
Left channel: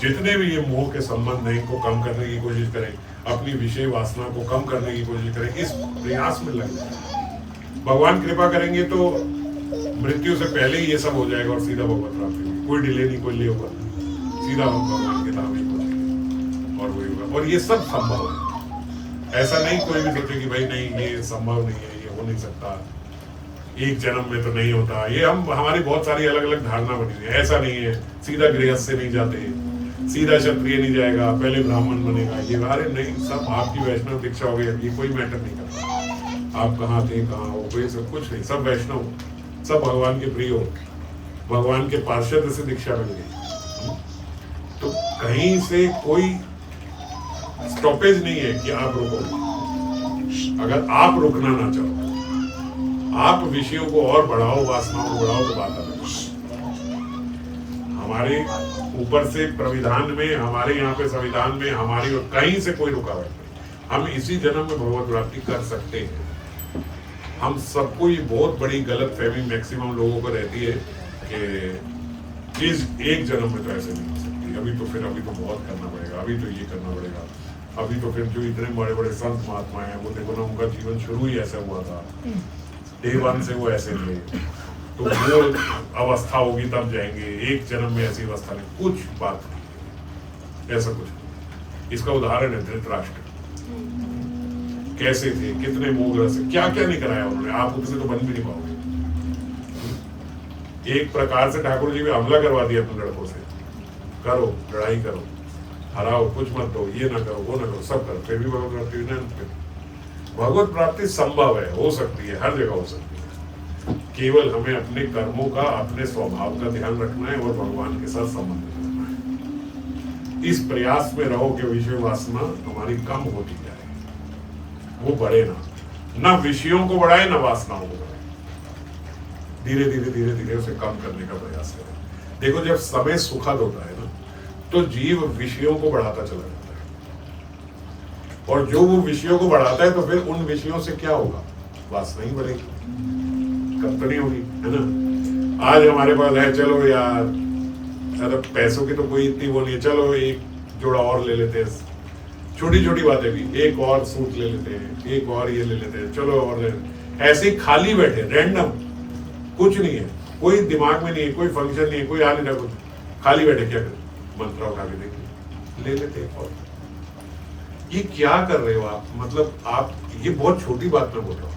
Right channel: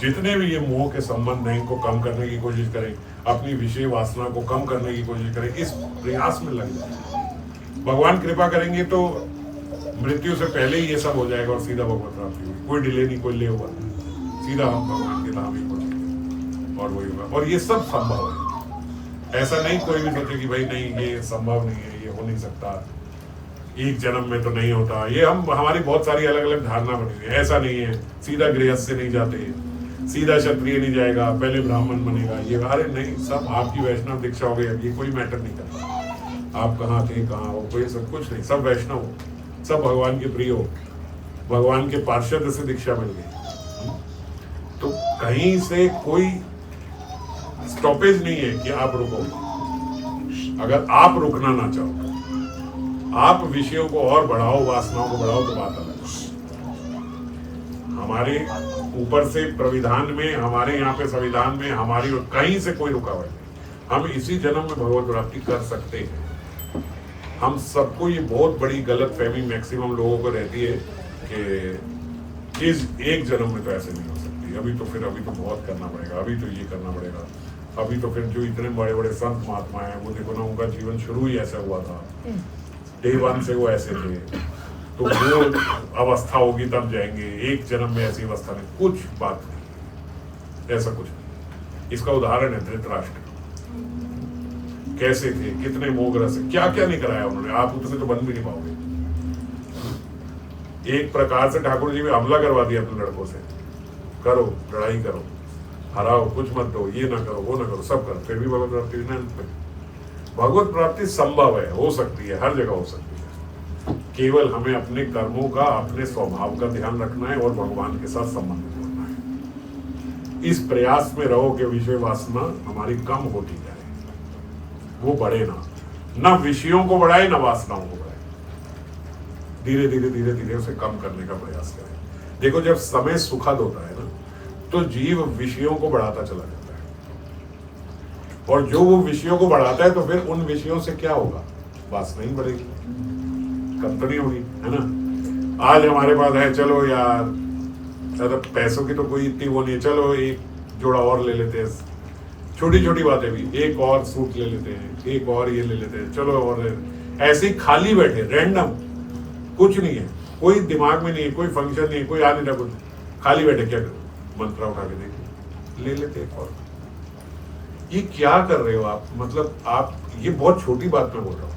जितने भी ये मोह के संबंध हैं इनको कम करने की कोशिश करें, अपनी विषय वासना को कम करने की कोशिश करें, इस प्रयास में लग जाए। भगवान कृपा करेंगे तो मृत्यु से पहले ही ये सब हो जाएगा और सीधा भगवत प्राप्ति होगी, कोई डिले नहीं, कोई ले हुआ, सीधा हम भगवान के धाम ही पहुंचेंगे और वही होगा। और ये सब संभव है, ऐसा नहीं कोई भी सोचे कि भाई नहीं ये संभव नहीं है, ये हो नहीं सकता, एक जन्म में तो नहीं होता, ये हमारी बहुत सारी अलग अलग धारणा बनी हुई है। ऐसा नहीं है, सीधा गृहस्थ से नहीं जाते, सीधा क्षत्रिय नहीं जाएगा, पहले ब्राह्मण बनेगा, ये अरे नहीं, सब आपकी वैष्णव दीक्षा हो गई, ये कोई मैटर नहीं करता, आप कहाँ थे कहाँ हो, कोई सब कुछ नहीं, सब वैष्णव, सब भगवान के प्रिय हो, भगवान के पार्षद से दीक्षा मिल गई, तो कहीं से कोई स्टॉपेज नहीं है कि आप रुकोगे। अगर आप रुकना ना चाहो, आप विषयों को और बढ़ाओ, वासनाओं को बढ़ाओ, तो बात अलग है। हमारे ऊपर से प्रविधान में, हमारे यहाँ पे संविधान में, हमारी कहीं से कोई रुकावट नहीं, हम इसी जन्म में भगवत प्राप्ति कर सकते हैं। हम सबको ये बहुत बड़ी गलत फहमी मैक्सिमम लोगों को रहती है कि चीज एक जन्म में तो ऐसे नहीं हो सकती, अभी तो बहुत करना पड़ेगा, अभी तो ये करना पड़ेगा, अभी तो फिर जो इतने बड़े बड़े संत महात्मा हैं वो देखो ना, उनका जीवन शुरू ही ऐसा हुआ था, डे वन से वो ऐसे थे, तो वो अवस्था होगी तब जाएंगे, एक जन्म में ऐसी अवस्था नहीं, कुछ बात नहीं, ऐसा कुछ नहीं। इसका उदाहरण है धृतराष्ट्र, कैसे थे, कितने मोहग्रस्त, क्या क्या नहीं कराया उन्होंने, आप उतने तो बन भी नहीं पाओगे। एक प्रकार से ठाकुर जी भी हमला करवा दिया अपने लड़कों से, करो लड़ाई करो, हराओ, कुछ मत दो, ये ना करो, वो ना करो, सब करो, फिर भी भगवत प्राप्ति ना। भगवत प्राप्ति संभव है, हो सकती है, हर जगह हो सकती है, केवल हमें अपने कर्मों का, अपने स्वभाव का ध्यान रखना है और भगवान के साथ संबंध जोड़ना है। इस प्रयास में रहो कि विषय वासना हमारी कम होती जाए, वो बढ़े ना विषयों को बढ़ाए ना वासनाओं को बढ़ाए, धीरे धीरे धीरे धीरे उसे कम करने का प्रयास करें। देखो जब समय सुखद होता है ना, तो जीव विषयों को बढ़ाता चला जाता है, और जो वो विषयों को बढ़ाता है तो फिर उन विषयों से क्या होगा, वासना ही बढ़ेगी, कम तो नहीं होगी, है ना। आज हमारे पास है, चलो यार पैसों की तो कोई इतनी वो नहीं है, चलो एक जोड़ा और ले लेते हैं, छोटी छोटी बातें भी, एक और सूट ले लेते हैं, एक और ये ले लेते हैं, चलो और ले लेते हैं। ऐसे ही खाली बैठे रैंडम, कुछ नहीं है, कोई दिमाग में नहीं है, कोई फंक्शन नहीं है, कोई आ नहीं रहा, कुछ खाली बैठे, क्या करें, मंत्र उठा के देखिए, ले लेते हैं। और ये क्या कर रहे हो आप, मतलब आप, ये बहुत छोटी बात में बोल रहा हूँ,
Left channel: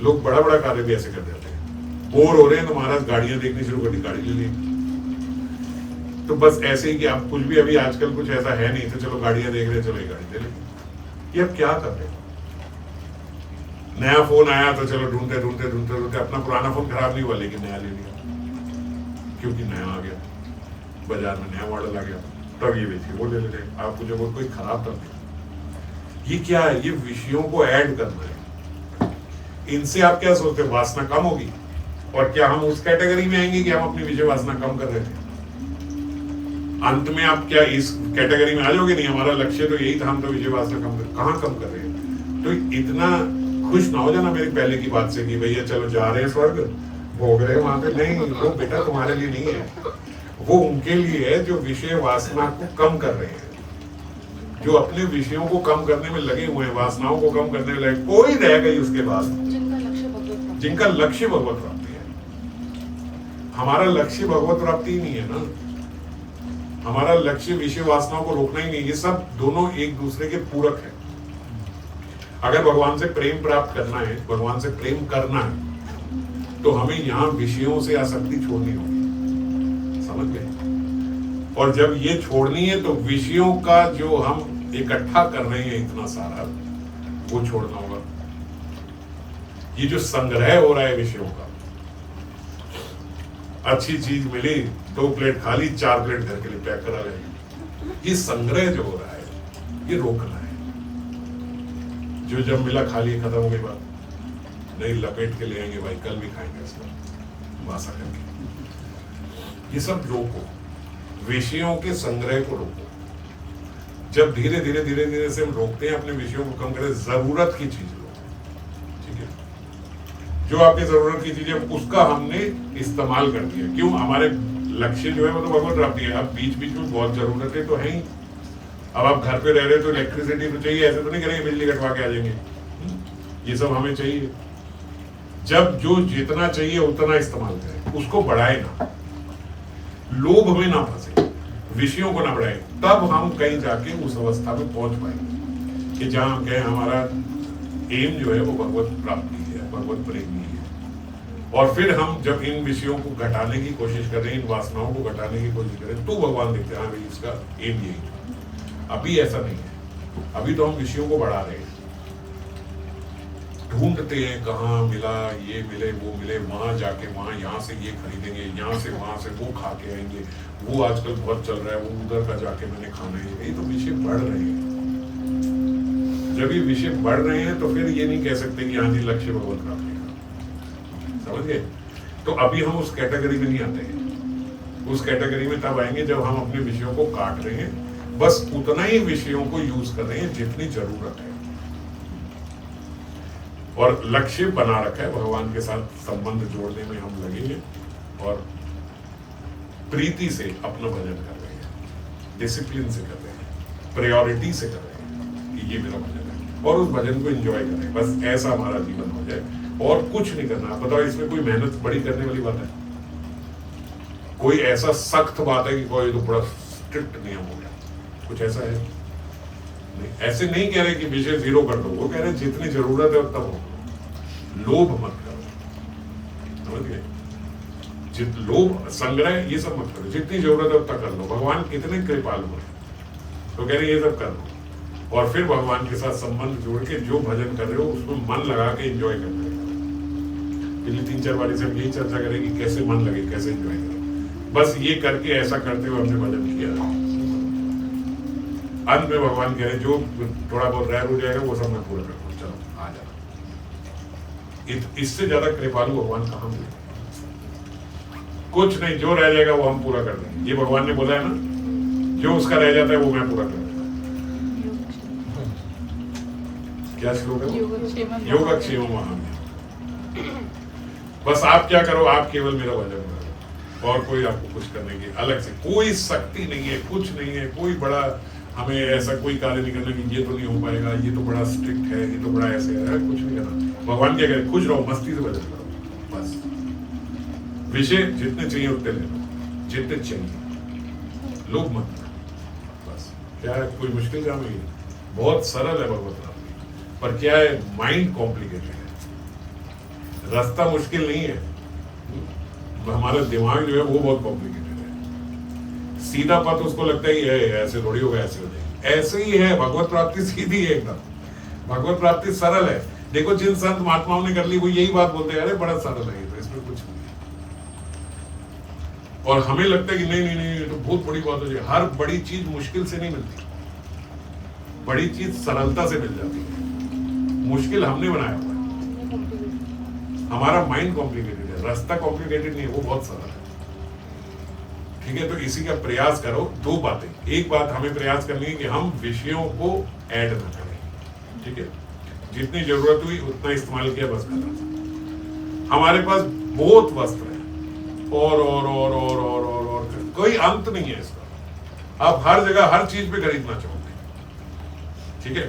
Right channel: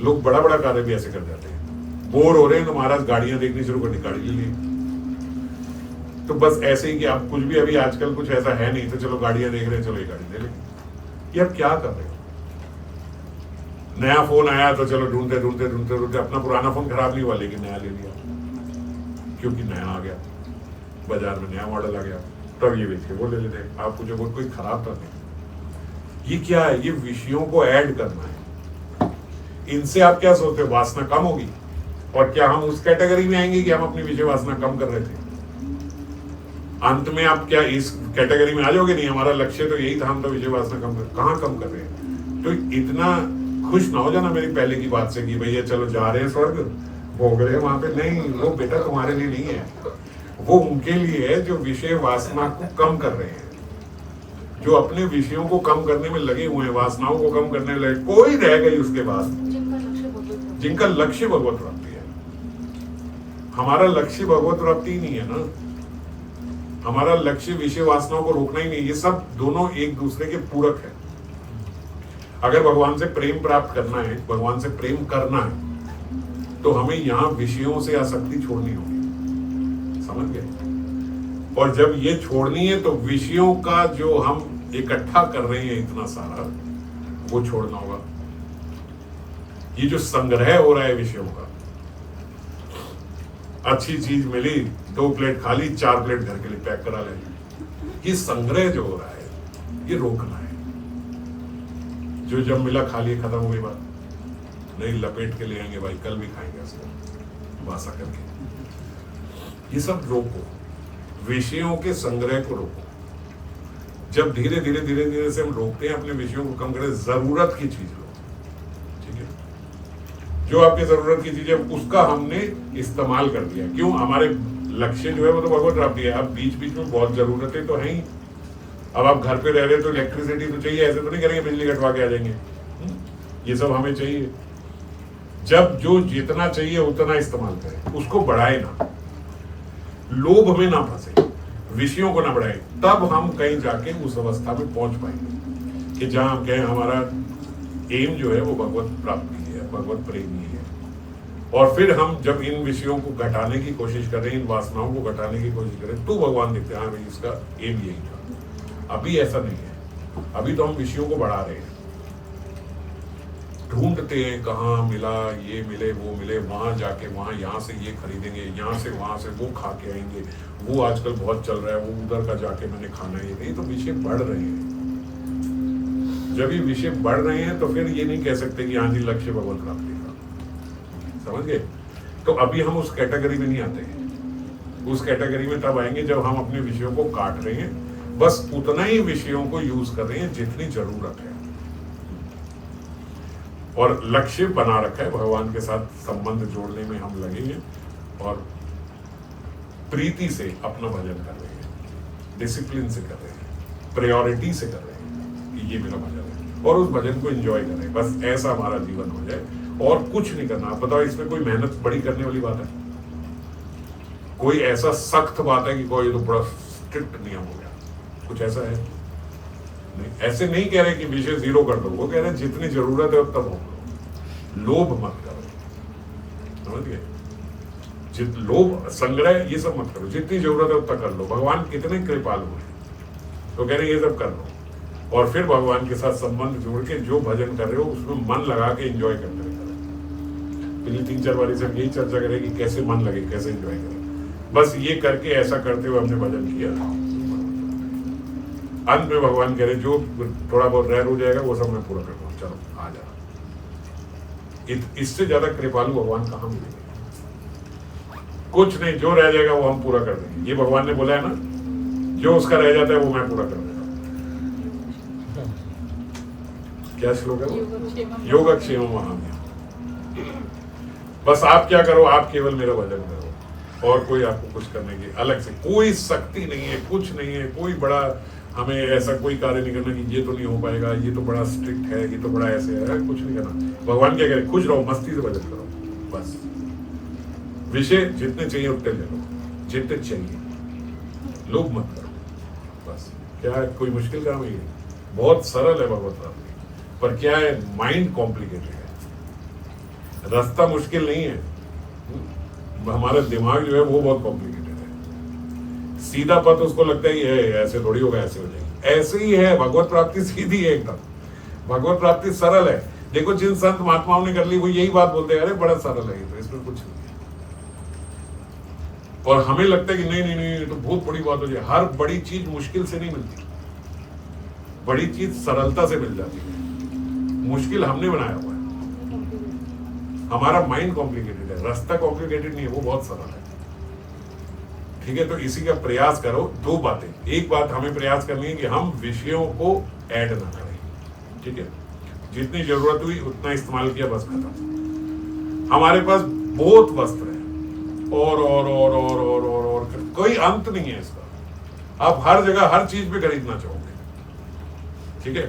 लोग बड़ा बड़ा कार्य भी ऐसे कर जाते हैं, बोर हो रहे हैं तो महाराज गाड़ियां देखनी शुरू कर दी, गाड़ी ले ली। तो बस ऐसे ही कि आप कुछ भी, अभी आजकल कुछ ऐसा है नहीं, तो चलो गाड़ियां देख रहे हैं, चलो ये गाड़ी ले ली। ये आप क्या कर रहे हो, नया फोन आया तो चलो ढूंढते ढूंढते ढूंढते ढूंढते अपना पुराना फोन खराब नहीं हुआ लेकिन नया ले लिया, क्योंकि नया आ गया, बाजार में नया मॉडल आ गया, तब ये बेचे, वो ले लेते। आपको जो कोई खराब कर दे, ये क्या है, ये विषयों को ऐड करना है। इनसे आप क्या सोचते, वासना कम होगी, और क्या हम उस कैटेगरी में आएंगे कि हम अपनी विषय वासना कम कर रहे थे? अंत में आप क्या इस कैटेगरी में आ जाओगे? नहीं, हमारा लक्ष्य तो यही था, हम तो विषय वासना कम कर, कहाँ कम कर रहे हैं? तो इतना खुश ना हो जाना मेरी पहले की बात से कि भैया चलो जा रहे हैं स्वर्ग, भोग रहे हैं वहां पे, नहीं, वो बेटा तुम्हारे लिए नहीं है, वो उनके लिए है जो विषय वासना को कम कर रहे हैं, जो अपने विषयों को कम करने में लगे हुए हैं, वासनाओं को कम करने में लगे। कोई रह गई उसके बाद जिनका लक्ष्य भगवत प्राप्ति है। हमारा लक्ष्य भगवत प्राप्ति ही नहीं है ना, हमारा लक्ष्य विषय वासनाओं को रोकना ही नहीं। ये सब दोनों एक दूसरे के पूरक है। अगर भगवान से प्रेम प्राप्त करना है, भगवान से प्रेम करना है, तो हमें यहाँ विषयों से आसक्ति छोड़नी होगी, समझ गए? और जब ये छोड़नी है तो विषयों का जो हम इकट्ठा कर रहे हैं इतना सारा, वो छोड़ना होगा। ये जो संग्रह हो रहा है विषयों का, अच्छी चीज मिली 2 प्लेट खा ली, 4 प्लेट घर के लिए पैक करा ले, ये संग्रह जो हो रहा है ये रोकना है। जो जब मिला खा लिए, खत्म हो गई बात, नहीं लपेट के ले आएंगे भाई, कल भी खाएंगे इसको बासा करके। ये सब रोको, विषयों के संग्रह को रोको। जब धीरे धीरे धीरे धीरे से हम रोकते हैं, अपने विषयों को कम करें, जरूरत की चीज लो, ठीक है? जो आपके जरूरत की चीज है उसका हमने इस्तेमाल कर दिया। क्यों? हमारे लक्ष्य जो है वो तो भगवत प्राप्ति है। अब बीच बीच में बहुत जरूरतें तो हैं ही। अब आप घर पे रह रहे हो तो इलेक्ट्रिसिटी तो चाहिए, ऐसे तो नहीं करेंगे बिजली कटवा के आ जाएंगे। ये सब हमें चाहिए। जब जो जितना चाहिए उतना इस्तेमाल करें, उसको बढ़ाए ना, लोभ में ना फंसे, विषयों को ना बढ़ाए, तब हम कहीं जाके उस अवस्था में पहुंच पाएंगे कि जहां हम कहें हमारा एम जो है वो भगवत प्राप्ति है, भगवत प्रेमी है। और फिर हम जब इन विषयों को घटाने की कोशिश करें, इन वासनाओं को घटाने की कोशिश करें, तो भगवान देखते हैं हाँ भाई इसका एम यही था। अभी ऐसा नहीं है, अभी तो हम विषयों को बढ़ा रहे हैं, ढूंढते हैं कहाँ मिला, ये मिले वो मिले, वहां जाके वहां यहाँ से ये खरीदेंगे, यहाँ से वहां से वो खा के आएंगे, वो आजकल बहुत चल रहा है, वो उधर का जाके मैंने खाना है। ये तो विषय बढ़ रहे हैं। जब ये विषय बढ़ रहे हैं तो फिर ये नहीं कह सकते कि हाँ जी लक्ष्य भगवत प्राप्ति का, समझ गए? तो अभी हम उस कैटेगरी में नहीं आते हैं। उस कैटेगरी में तब आएंगे जब हम अपने विषयों को काट रहे हैं, बस उतना ही विषयों को यूज कर रहे हैं जितनी जरूरत है, और लक्ष्य बना रखा है, भगवान के साथ संबंध जोड़ने में हम लगेंगे और प्रीति से अपना भजन कर रहे हैं, डिसिप्लिन से कर रहे हैं, प्रायोरिटी से कर रहे हैं कि ये मेरा भजन है, और उस भजन को एंजॉय कर रहे हैं। बस ऐसा हमारा जीवन हो जाए और कुछ नहीं करना। आप बताओ इसमें कोई मेहनत बड़ी करने वाली बात है? कोई ऐसा सख्त बात है कि कोई तो बड़ा स्ट्रिक्ट नियम हो गया, कुछ ऐसा है? नहीं। ऐसे नहीं कह रहे कि विषय 0 कर दो, वो कह रहे हैं जितनी जरूरत है उतना हो, लोभ मत करो, समझ गए? लोभ, संग्रह, ये सब मत करो, जितनी जरूरत है उतना कर लो। भगवान कितने कृपालु हैं, तो कह रहे ये सब कर लो, और फिर भगवान के साथ संबंध जोड़ के जो भजन कर रहे हो उसमें मन लगा के एंजॉय करते रहे। पिछली 3-4 बारी से हम यही चर्चा करें कि कैसे मन लगे, कैसे एंजॉय करें। बस ये करके, ऐसा करते हुए हमने भजन किया। अंत में भगवान कह रहे जो थोड़ा बहुत रह हो जाएगा वो सब मैं पूरा करता हूँ, चलो आ जाना। इससे ज्यादा कृपालु भगवान कहाँ मिलेंगे? कुछ नहीं, जो रह जाएगा वो हम पूरा कर देंगे। ये भगवान ने बोला है ना, जो उसका रह जाता है वो मैं पूरा कर देता हूँ। क्या श्लोक है वो? योगक्षेमम वहाम्यहम्। बस आप क्या करो, आप केवल मेरा भजन करो, और कोई आपको कुछ करने की अलग से कोई शक्ति नहीं है, कुछ नहीं है, कोई बड़ा हमें ऐसा कोई कार्य नहीं करना कि ये तो नहीं हो पाएगा, ये तो बड़ा स्ट्रिक्ट है, ये तो बड़ा ऐसे है, कुछ नहीं करना। भगवान क्या कह रहे? खुश रहो, मस्ती से भजन करो, बस। विषय जितने चाहिए उतने ले लो, जितने चाहिए, लोभ मत करो, बस। क्या है, कोई मुश्किल काम नहीं है, बहुत सरल है भगवत प्राप्ति। पर क्या है, माइंड कॉम्प्लिकेटेड है, रास्ता मुश्किल नहीं है, हमारा दिमाग जो है वो बहुत कॉम्प्लिकेटेड है। सीधा पथ उसको लगता है कि ऐसे थोड़ी होगा, ऐसे हो जाएगी। ऐसे ही है, भगवत प्राप्ति सीधी है एकदम, भगवत प्राप्ति सरल है। देखो जिन संत महात्माओं ने कर ली वो यही बात बोलते हैं, अरे बड़ा सरल है, तो इसमें कुछ नहीं है। और हमें लगता है कि नहीं नहीं नहीं, तो बहुत बड़ी बात हो जाए। हर बड़ी चीज मुश्किल से नहीं मिलती, बड़ी चीज सरलता से मिल जाती है। मुश्किल हमने बनाया हुआ है, हमारा माइंड कॉम्प्लिकेटेड है, रास्ता कॉम्प्लिकेटेड नहीं है, वो बहुत सरल है। ठीक है, तो इसी का प्रयास करो। 2 बातें, एक बात हमें प्रयास करनी है कि हम विषयों को ऐड ना करें, ठीक है? जितनी जरूरत हुई उतना इस्तेमाल किया, बस खत्म। हमारे पास बहुत वस्त्र है और कोई अंत नहीं है इसका। आप हर जगह हर चीज पे खरीदना चाहोगे, ठीक है?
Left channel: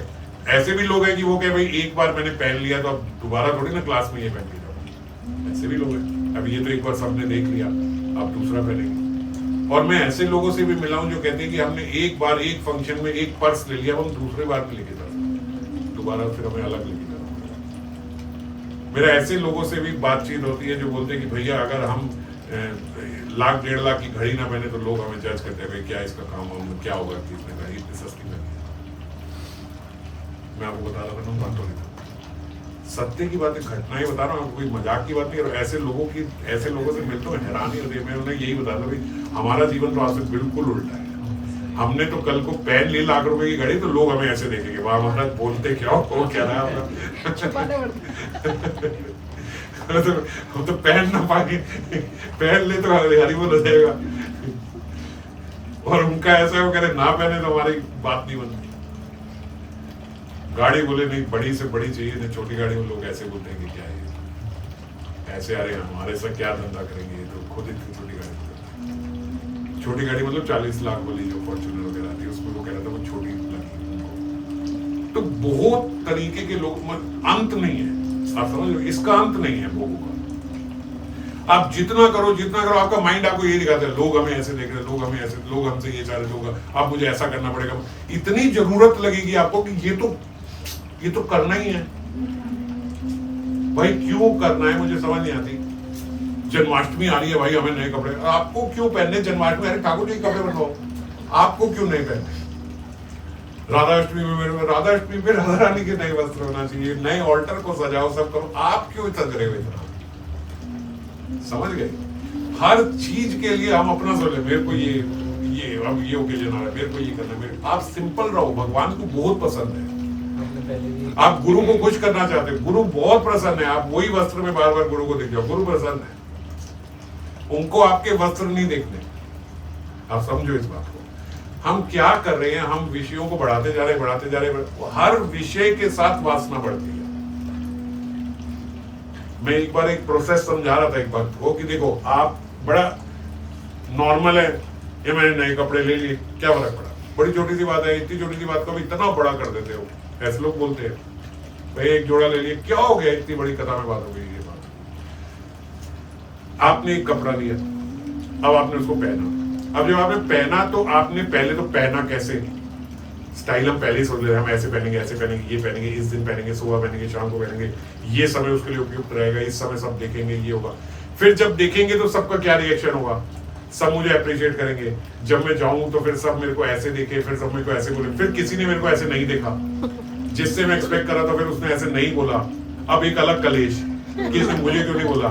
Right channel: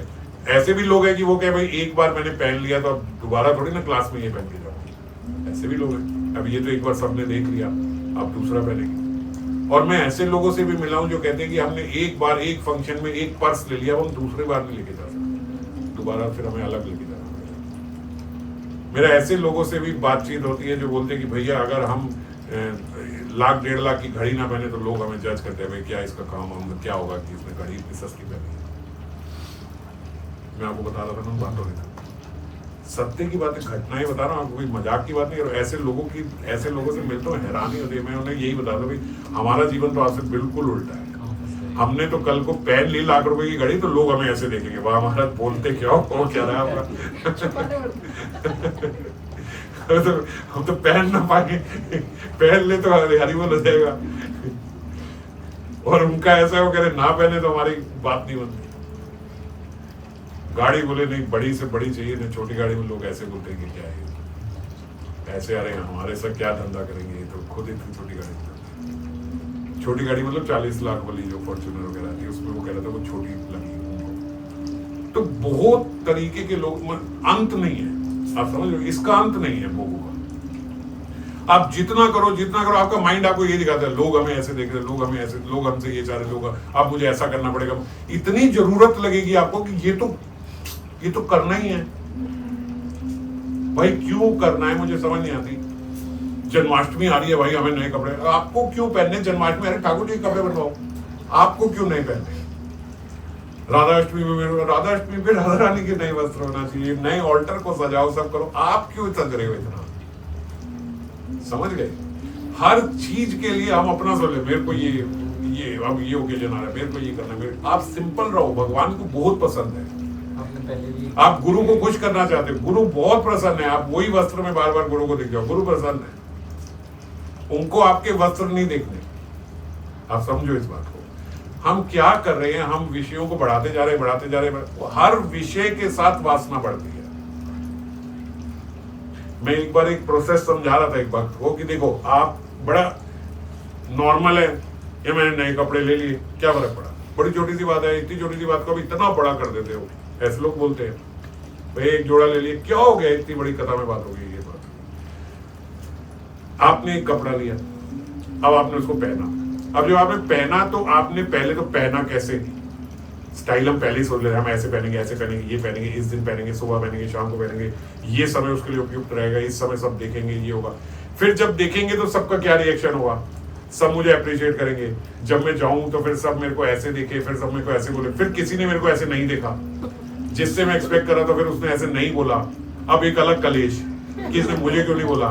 ऐसे भी लोग हैं कि वो कहे भाई एक बार मैंने पहन लिया तो अब दोबारा थोड़ी ना क्लास में ये पहन के जाऊंगी। ऐसे भी लोग हैं, अब ये तो एक बार सबने देख लिया, अब दूसरा पहनेंगे। और मैं ऐसे लोगों से भी मिला हूं जो कहते हैं कि हमने एक बार एक फंक्शन में एक पर्स ले लिया, हम दूसरे बार नहीं लेके जा सकते, दोबारा फिर हमें अलग लेके जाना पड़ेगा। मेरा ऐसे लोगों से भी बातचीत होती है जो बोलते हैं कि भैया अगर हम लाख 1.5 लाख की घड़ी ना पहने तो लोग हमें जज करते हैं, भाई क्या इसका काम हम क्या होगा कि इसने घड़ी इतनी सस्ती पहनी है। मैं आपको बता रहा था ना, बात हो रही था सत्य की बातें, घटनाएं बता रहा हूँ आपको, कोई मजाक की बात नहीं। और ऐसे लोगों से मिलता हूँ, हैरानी होती है। मैं उन्हें यही बता रहा भाई हमारा जीवन तो आपसे बिल्कुल उल्टा है। हमने तो कल को पहन ली लाख रुपए की घड़ी तो लोग हमें ऐसे देखेंगे, वाह महाराज बोलते क्या हो, क्या रहा है हम तो पहन ना पाए, पहन ले तो हरी बोल हो जाएगा। और उनका ऐसा हो करे ना पहने तो हमारी बात नहीं बनती। गाड़ी बोले नहीं बड़ी से बड़ी चाहिए, नहीं छोटी गाड़ी में लोग ऐसे बोलते हैं कि क्या है ऐसे, अरे हमारे से क्या धंधा करेंगे, तो खुद इतनी छोटी गाड़ी, छोटी गाड़ी मतलब 40 लाख वाली जो फॉर्च्यूनर वगैरह आती है उसमें वो कह रहा था वो छोटी लगी उनको। तो बहुत तरीके के लोग, अंत नहीं है, आप समझ लो, इसका अंत नहीं है लोगों का। आप जितना करो आपका माइंड आपको ये दिखाता है लोग हमें ऐसे देख रहे, लोग हमें ऐसे, लोग हमसे ये चाह रहे, लोग अब मुझे ऐसा करना पड़ेगा। इतनी जरूरत लगेगी आपको कि ये तो करना ही है भाई। क्यों करना है मुझे समझ नहीं आती। जन्माष्टमी आ रही है भाई, हमें नए कपड़े, आपको क्यों पहनने जन्माष्टमी? अरे ठाकुर जी कपड़े बनवाओ, आपको क्यों नहीं पहनने? राधाष्टमी पे राधा रानी के नए वस्त्र होना चाहिए, नए ऑल्टर को सजाओ, सब करो, आप क्यों सज रहे हो इतना? समझ गए? हर चीज के लिए हम अपना सोच ले, मेरे को ये अब ये ओकेजन आ रहा है, मेरे को ये करना है। आप सिंपल रहो, भगवान को बहुत पसंद है। आप गुरु को खुश करना चाहते हो, गुरु बहुत प्रसन्न है। आप वही वस्त्र में बार बार गुरु को दिख जाओ, गुरु प्रसन्न है। उनको आपके वस्त्र नहीं देखने। आप समझो इस बात को। हम क्या कर रहे हैं, हम विषयों को बढ़ाते जा रहे हैं। हर विषय के साथ वासना बढ़ती है। मैं एक बार एक प्रोसेस समझा रहा था एक भक्त को कि देखो आप बड़ा नॉर्मल है, ये मैंने नए कपड़े ले लिए, क्या फर्क पड़ा? बड़ी छोटी सी बात है, इतनी छोटी सी बात को भी इतना बड़ा कर देते हो। ऐसे लोग बोलते हैं भाई एक जोड़ा ले लिए, क्या हो गया, इतनी बड़ी कथा में बात हो गई। ये बात, आपने एक कपड़ा लिया, अब आपने उसको पहना। अब जब आपने पहना तो आपने पहले तो पहना कैसे? स्टाइल हम पहले ही सोच ले रहे हैं, हम ऐसे पहनेंगे, ऐसे पहनेंगे, ये पहनेंगे, इस दिन पहनेंगे, सुबह पहनेंगे, शाम को पहनेंगे, ये समय उसके लिए उपयुक्त रहेगा, इस समय सब देखेंगे, ये होगा। फिर जब देखेंगे तो सबका क्या रिएक्शन होगा? सब मुझे अप्रिशिएट करेंगे। जब मैं जाऊं तो फिर सब मेरे को ऐसे देखे, फिर सब मेरे को ऐसे बोले, फिर किसी ने मेरे को ऐसे नहीं देखा जिससे मैं एक्सपेक्ट कर रहा था, फिर उसने ऐसे नहीं बोला। अब एक अलग कलेश कि इसने मुझे क्यों नहीं बोला,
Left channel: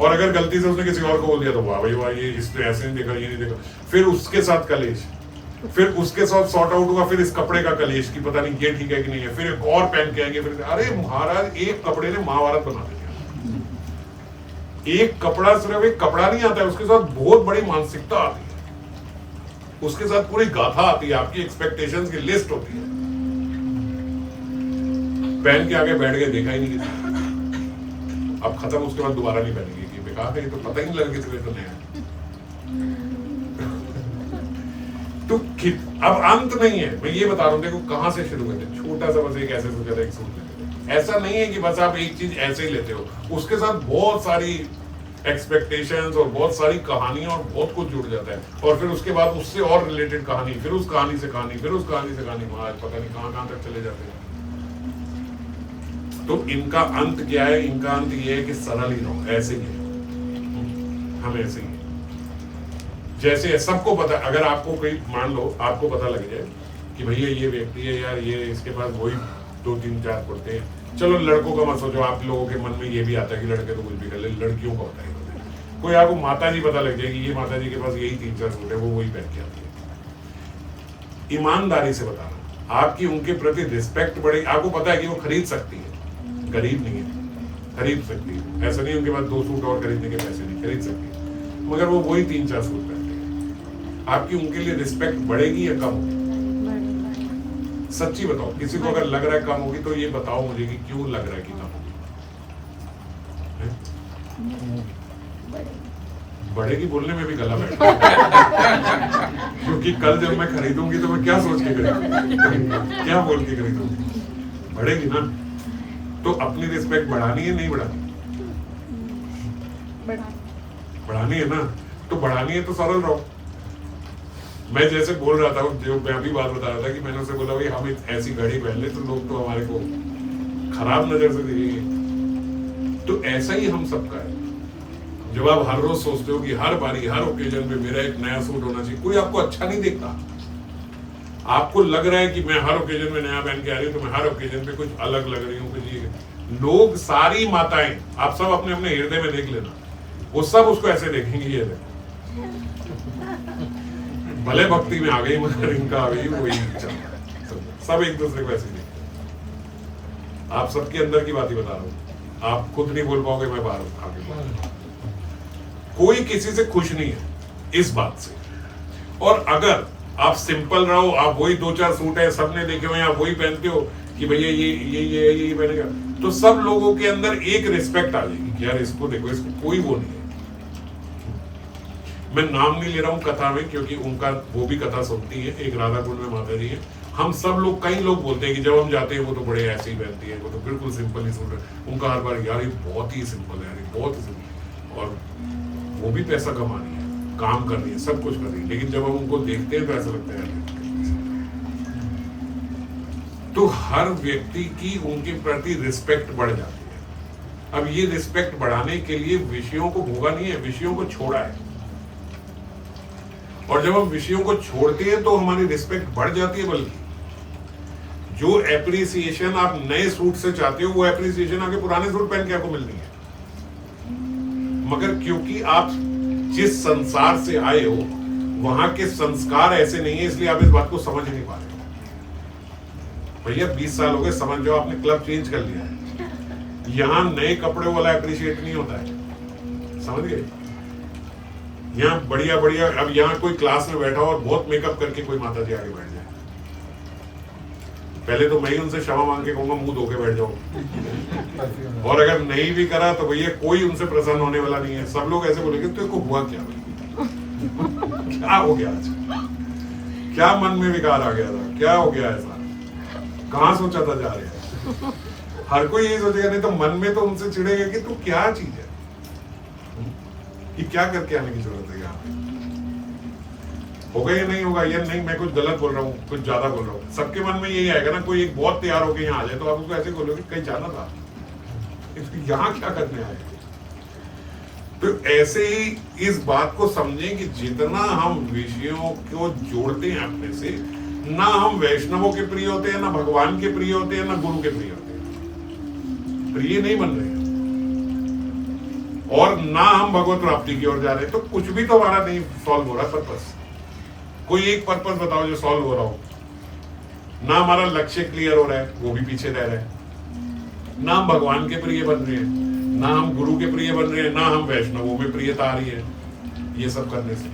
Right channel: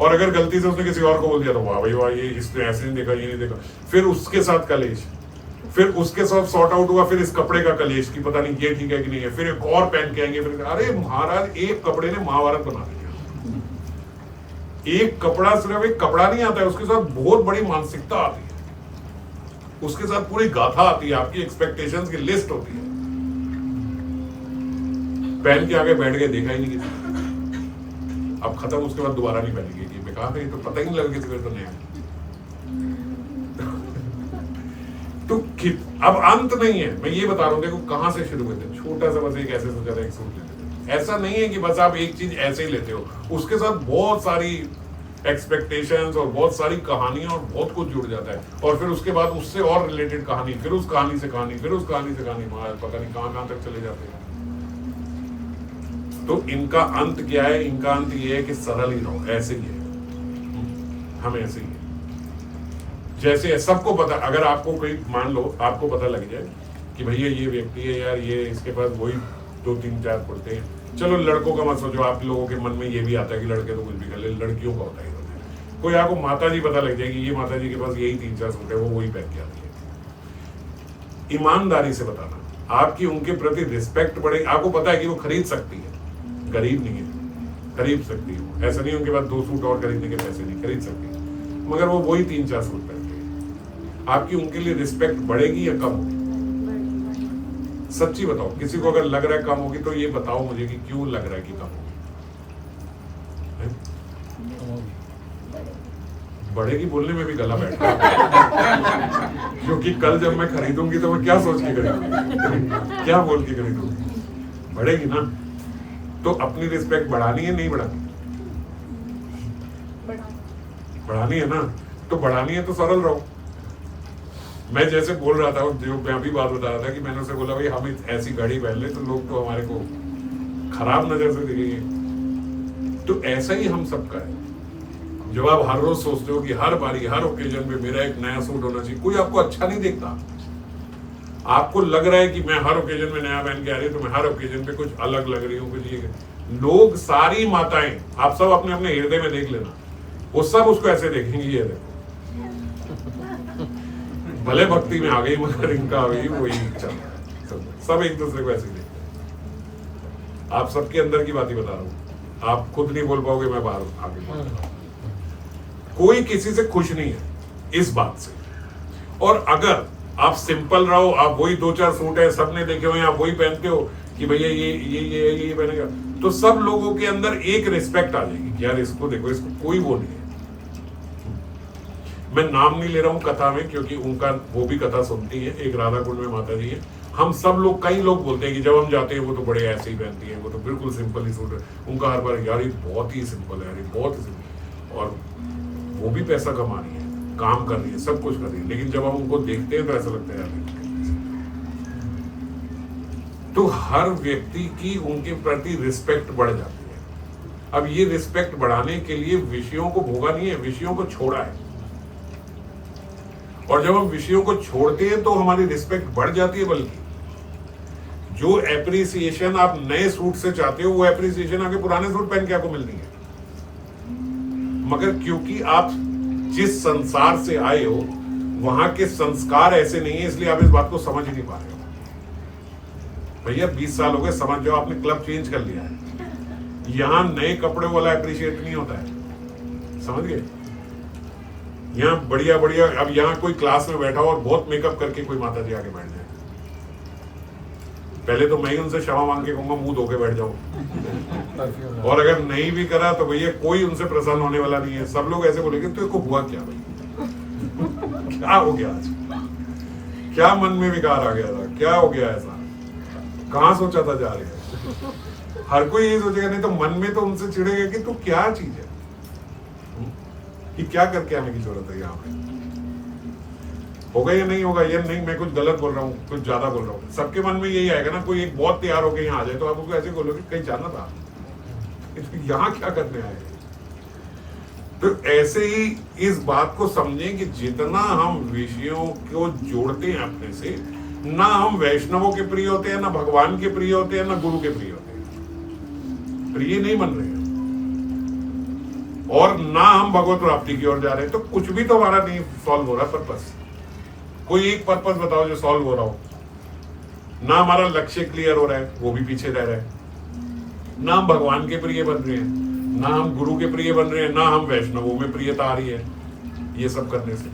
और अगर गलती से उसने किसी और को बोल दिया तो वाह भाई वाह, ये इसने ऐसे नहीं देखा, ये नहीं देखा। फिर उसके साथ कलेश, फिर उसके साथ सॉर्ट आउट हुआ, फिर इस कपड़े का कलेश कि पता नहीं ये ठीक है कि नहीं है। फिर एक और पहन के आएंगे, फिर अरे महाराज एक कपड़े ने महाभारत बना दिया। एक कपड़ा सिर्फ एक कपड़ा नहीं आता है, उसके साथ बहुत बड़ी मानसिकता आती है, उसके साथ पूरी गाथा आती है, आपकी एक्सपेक्टेशंस की लिस्ट होती है। पहन के आगे बैठ गए, देखा ही नहीं किसी, अब खत्म, उसके बाद दोबारा नहीं पहनेगी कि बेकार है, तो पता ही नहीं लगा किसी को तो नया। तो अब अंत नहीं है, मैं ये बता रहा हूं। देखो कहां से शुरू करते, छोटा सा बस एक ऐसे सोचा था, एक सूट लेते थे। ऐसा नहीं है कि बस आप एक चीज ऐसे ही लेते हो, उसके साथ बहुत सारी एक्सपेक्टेशंस और बहुत सारी कहानियां और बहुत कुछ जुड़ जाता है। और फिर उसके बाद उससे और रिलेटेड कहानी, फिर उस कहानी से कहानी, फिर उस कहानी से कहानी, पता नहीं कहां तक चले जाते हैं। तो इनका अंत क्या है? इनका अंत ये है कि सरल ही रहो, ऐसे ही है, हम ऐसे ही। जैसे है, सबको पता, अगर आपको कोई मान लो आपको पता लग जाए कि भैया ये व्यक्ति है यार, ये इसके पास वही 2 3 4 कुर्ते हैं। चलो लड़कों का मत सोचो, आप लोगों के मन में ये भी आता है कि लड़के तो कुछ भी कर ले, लड़कियों का होता है। कोई आपको माता जी पता लग जाएगी, ये माता जी के पास यही 3 4 सूट है, वो वही पहन के आती है। ईमानदारी से बताना, आपकी उनके प्रति रिस्पेक्ट बढ़ेगी। आपको पता है कि वो खरीद सकती है, गरीब नहीं है, खरीद सकती है। ऐसा नहीं उनके पास 2 सूट और खरीदने के पैसे नहीं, खरीद सकती है, मगर वो वही 3 4 सूट पहनते हैं। आपकी उनके लिए रिस्पेक्ट बढ़ेगी या कम होगी? सच्ची बताओ, किसी को अगर लग रहा है कम होगी तो ये बताओ मुझे कि क्यों लग रहा है कि कम होगी? बढ़ेगी बोलने में भी गला बैठता है। क्योंकि कल जब मैं खरीदूंगी तो मैं क्या सोच के खरीदूंगी, क्या बोल के खरीदूंगी? बढ़ेगी ना। तो अपनी रिस्पेक्ट बढ़ानी है, नहीं बढ़ानी? बढ़ानी है ना। तो बढ़ानी है तो सरल रहो। मैं जैसे बोल रहा था, जो मैं अभी बात बता रहा था कि मैंने उसे बोला भाई हम ऐसी घड़ी पहन ले तो लोग तो हमारे को खराब नजर से देखेंगे। तो ऐसा ही हम सबका है। जब आप हर रोज सोचते हो कि हर बारी हर ओकेजन पे मेरा एक नया सूट होना चाहिए, कोई आपको अच्छा नहीं देखता। आपको लग रहा है कि मैं हर ओकेजन में नया पहन के आ रही हूँ, तो मैं हर ओकेजन पे कुछ अलग लग रही हूँ, कुछ ये। लोग, सारी माताएं, आप सब अपने अपने हृदय में देख लेना, वो सब उसको ऐसे देखेंगे, ये देखो भले भक्ति में आ गई मगर इनका अभी वही सब एक दूसरे को ऐसे देखते हैं। आप सबके अंदर की बात ही बता रहा हूँ, आप खुद नहीं बोल पाओगे, मैं बाहर आगे बोल रहा हूं। कोई किसी से खुश नहीं है इस बात से। और अगर आप सिंपल रहो, आप वही 2-4 सूट है सबने देखे हुए, आप वही पहनते हो कि भैया ये पहनेगा, तो सब लोगों के अंदर एक रिस्पेक्ट आ जाएगी कि यार इसको देखो, इसको कोई वो नहीं है। मैं नाम नहीं ले रहा हूं कथा में, क्योंकि उनका वो भी कथा सुनती है, एक राधा कुंड में माता जी है। हम सब लोग, कई लोग बोलते हैं कि जब हम जाते हैं वो तो बड़े ऐसे ही पहनती है, वो तो बिल्कुल सिंपल ही सूट है उनका, हर बार यार ये बहुत ही सिंपल है, यार बहुत ही सिंपल। और वो भी पैसा कमा रही है, काम कर रही है, सब कुछ कर रही है, लेकिन जब हम उनको देखते हैं तो ऐसा लगता है यार। तो हर व्यक्ति की उनके प्रति रिस्पेक्ट बढ़ जाती है। अब ये रिस्पेक्ट बढ़ाने के लिए विषयों को भोगा नहीं है, विषयों को छोड़ा है। और जब हम विषयों को छोड़ते हैं तो हमारी रिस्पेक्ट बढ़ जाती है। बल्कि जो एप्रिसिएशन आप नए सूट से चाहते हो, वो एप्रिसिएशन आगे पुराने सूट पहन के आपको मिलनी है। मगर क्योंकि आप जिस संसार से आए हो वहां के संस्कार ऐसे नहीं है, इसलिए आप इस बात को समझ ही नहीं पा रहे हो। भैया 20 साल हो गए, समझ जाओ आपने क्लब चेंज कर लिया है। यहां नए कपड़े वाला एप्रिशिएट नहीं होता है, समझ गए। यहाँ बढ़िया बढ़िया, अब यहाँ कोई क्लास में बैठा हो और बहुत मेकअप करके कोई माता जी आगे बैठ जाए, पहले तो मैं ही उनसे क्षमा मांग के कहूंगा मुंह धो के बैठ जाओ। और अगर नहीं भी करा तो भैया कोई उनसे प्रसन्न होने वाला नहीं है। सब लोग ऐसे बोलेंगे तो हुआ क्या भाई, क्या हो गया आज, क्या मन में विकार आ गया था, क्या हो गया ऐसा, कहाँ सोचा था जा रहे हैं। हर कोई यही सोचेगा, नहीं तो मन में तो उनसे चिढ़ेगा कि तू क्या चीज है, कि क्या करके आने की जरूरत है यहाँ पे, होगा या नहीं होगा, या नहीं मैं कुछ गलत बोल रहा हूँ, कुछ ज्यादा बोल रहा हूँ। सबके मन में यही आएगा ना। कोई एक बहुत तैयार होकर यहाँ आ जाए तो आप उसको ऐसे बोलोगे कहीं जाना था, यहाँ क्या करने आए। तो ऐसे ही इस बात को समझें कि जितना हम विषयों को जोड़ते हैं अपने से, ना हम वैष्णवों के प्रिय होते हैं, ना भगवान के प्रिय होते हैं, ना गुरु के प्रिय होते हैं, प्रिय नहीं बन रहे हैं, और ना हम भगवत प्राप्ति की ओर जा रहे हैं। तो कुछ भी तो हमारा नहीं सॉल्व हो रहा पर्पस। कोई एक पर्पस बताओ जो सॉल्व हो रहा हो। ना हमारा लक्ष्य क्लियर हो रहा है, वो भी पीछे रह रहा है। ना हम भगवान के प्रिय बन रहे हैं, ना हम गुरु के प्रिय बन रहे हैं, ना हम वैष्णवों में प्रियता आ रही है। ये सब करने से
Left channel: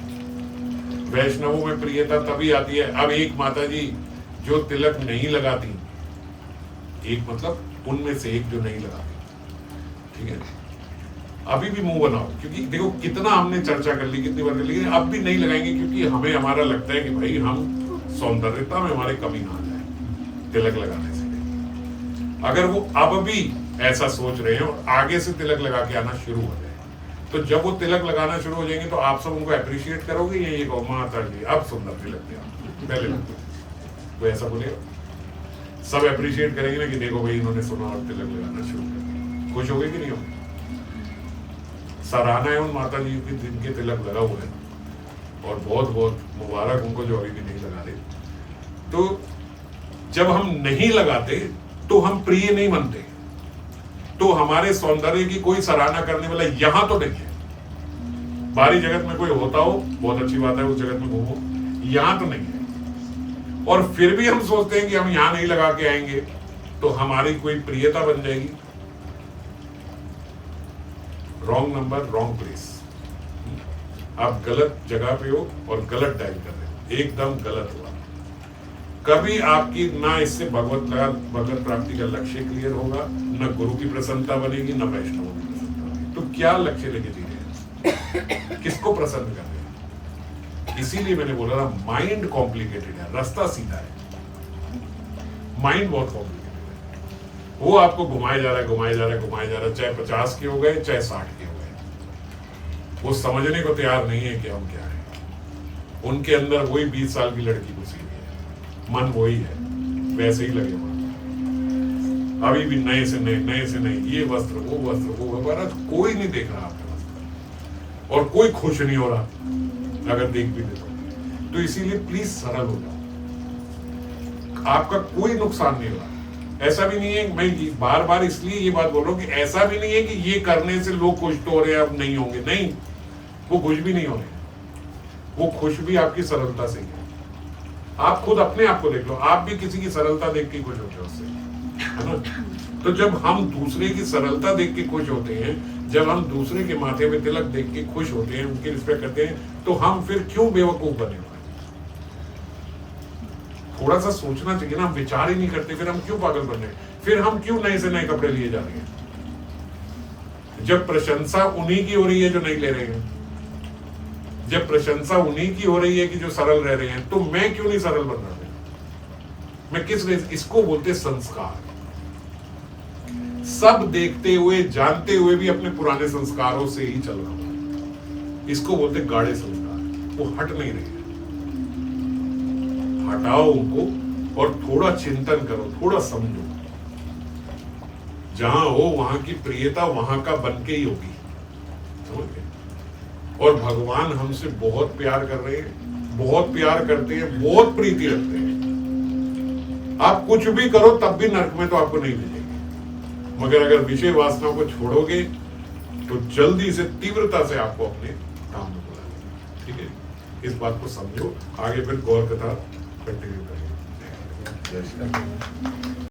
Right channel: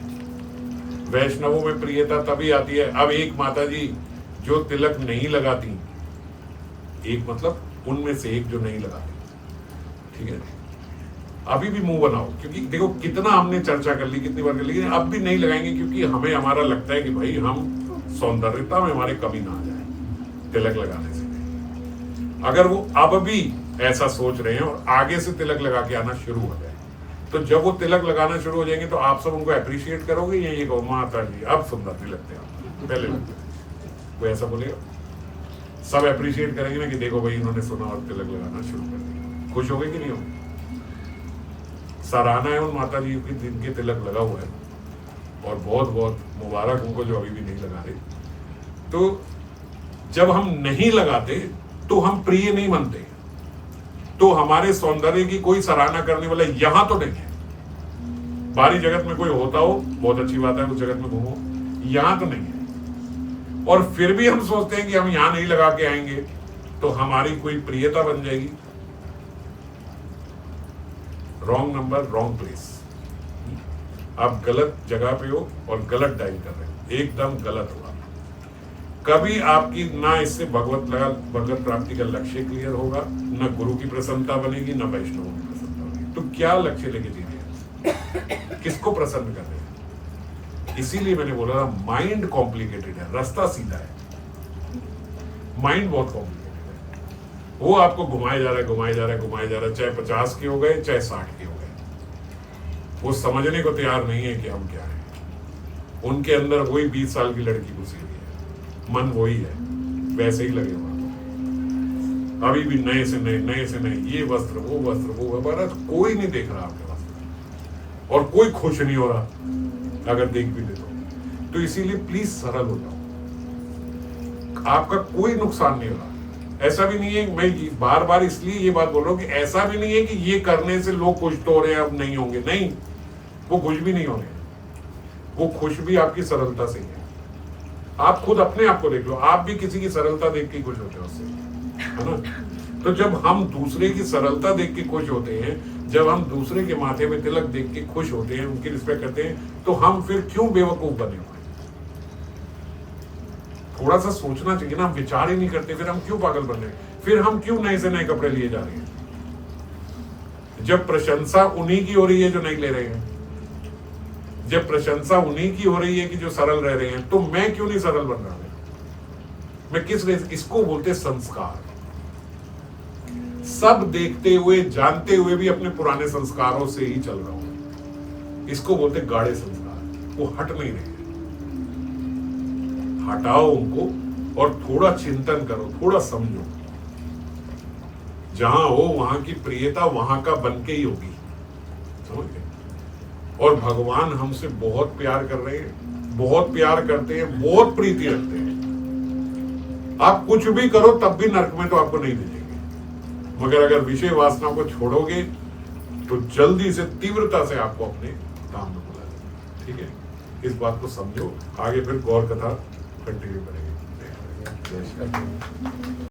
वैष्णवों में प्रियता तभी आती है। अब एक माता जी जो तिलक नहीं लगाती, एक मतलब उनमें से एक जो नहीं लगाती, ठीक है, अभी भी मुंह बनाओ, क्योंकि देखो कितना हमने चर्चा कर ली, कितनी बार कर ली, अब भी नहीं लगाएंगे, क्योंकि हमें हमारा लगता है कि भाई हम सौंदर्यता में हमारे कमी ना आ जाए तिलक लगाने से। अगर वो अब भी ऐसा सोच रहे हैं और आगे से तिलक लगा के आना शुरू हो जाए, तो जब वो तिलक लगाना शुरू हो जाएंगे तो आप सब उनको अप्रिशिएट करोगे, या ये कहो माता जी अब सुंदर तिलक थे आप, पहले लगते थे, वो ऐसा बोलेगा। सब अप्रिशिएट करेंगे ना कि देखो भाई इन्होंने सुना और तिलक लगाना शुरू कर दिया। खुश हो गए कि नहीं होंगे? सराहना है उन माता जी की जिनके तिलक लगा हुआ है, और बहुत बहुत मुबारक उनको जो अभी भी नहीं लगा रहे। तो जब हम नहीं लगाते तो हम प्रिय नहीं बनते, तो हमारे सौंदर्य की कोई सराहना करने वाला यहां तो नहीं है। बाहरी जगत में कोई होता हो बहुत अच्छी बात है, उस जगत में घूमो, यहां तो नहीं है। और फिर भी हम सोचते हैं कि हम यहां नहीं लगा के आएंगे तो हमारी कोई प्रियता बन जाएगी। Wrong number, wrong place. आप गलत जगह पे हो और गलत डायल कर रहे हो, एकदम गलत होगा। कभी आपकी ना इससे भगवत प्राप्ति का लक्ष्य क्लियर होगा, ना गुरु की प्रसन्नता बनेगी, ना वैष्णवों की प्रसन्नता बनेगी। तो क्या लक्ष्य लेके जी रहे हैं, किसको प्रसन्न कर रहे हैं? इसीलिए मैंने बोला ना, माइंड कॉम्प्लिकेटेड है, रास्ता सीधा है, माइंड बहुत कॉम्प्लिकेटेड है। वो आपको घुमाए जा रहा है, घुमाए जा रहा है, घुमाए जा रहा है, चाहे 50 के हो गए, चाहे 60 के हो गए। वो समझने को तैयार नहीं है कि हम क्या है। उनके अंदर वही 20 साल की लड़की घुसी हुई है, मन वही है, वैसे ही लगे हुआ। अभी भी नए से नए ये वस्त्र वो भारत कोई नहीं देख रहा आपके वस्त्र और कोई खुश नहीं हो रहा अगर देख भी ले तो इसीलिए प्लीज सरल हो जाओ, आपका कोई नुकसान नहीं हो रहा। ऐसा भी नहीं है, मैं बार बार इसलिए ये बात बोल रहा हूं कि ऐसा भी नहीं है कि ये करने से लोग खुश तो हो रहे हैं अब नहीं होंगे, नहीं, वो खुश भी नहीं हो रहे, वो खुश भी आपकी सरलता से ही है। आप खुद अपने आप को देख लो, आप भी किसी की सरलता देख के खुश होते हो उससे, है ना। तो जब हम दूसरे की सरलता देख के खुश होते हैं, जब हम दूसरे के माथे में तिलक देख के खुश होते हैं, उनकी रिस्पेक्ट करते हैं, तो हम फिर क्यों बेवकूफ बने हुए? थोड़ा सा सोचना चाहिए ना, हम विचार ही नहीं करते, फिर हम क्यों पागल बन रहे हैं? फिर हम क्यों नए से नए कपड़े लिए जा रहे हैं? जब प्रशंसा उन्हीं की हो रही है जो नहीं ले रहे हैं, जब प्रशंसा उन्हीं की हो रही है कि जो सरल रह रहे हैं, तो मैं क्यों नहीं सरल बन रहा? मैं किस इसको बोलते संस्कार। सब देखते हुए जानते हुए भी अपने पुराने संस्कारों से ही चल रहा हूं, इसको बोलते गाढ़े संस्कार। वो हट नहीं रहे, हटाओ उनको और थोड़ा चिंतन करो, थोड़ा समझो। जहां हो वहां की प्रियता वहां का बन के ही होगी, समझ गए? और भगवान हमसे बहुत प्यार कर रहे हैं, बहुत प्यार करते हैं, बहुत प्रीति रखते हैं। आप कुछ भी करो तब भी नरक में तो आपको नहीं भेजेंगे, मगर अगर विषय वासना को छोड़ोगे तो जल्दी से तीव्रता से आपको अपने काम में बुला लेंगे। ठीक है, इस बात को समझो। आगे फिर गौर कथा कंटिन्यू करेंगे।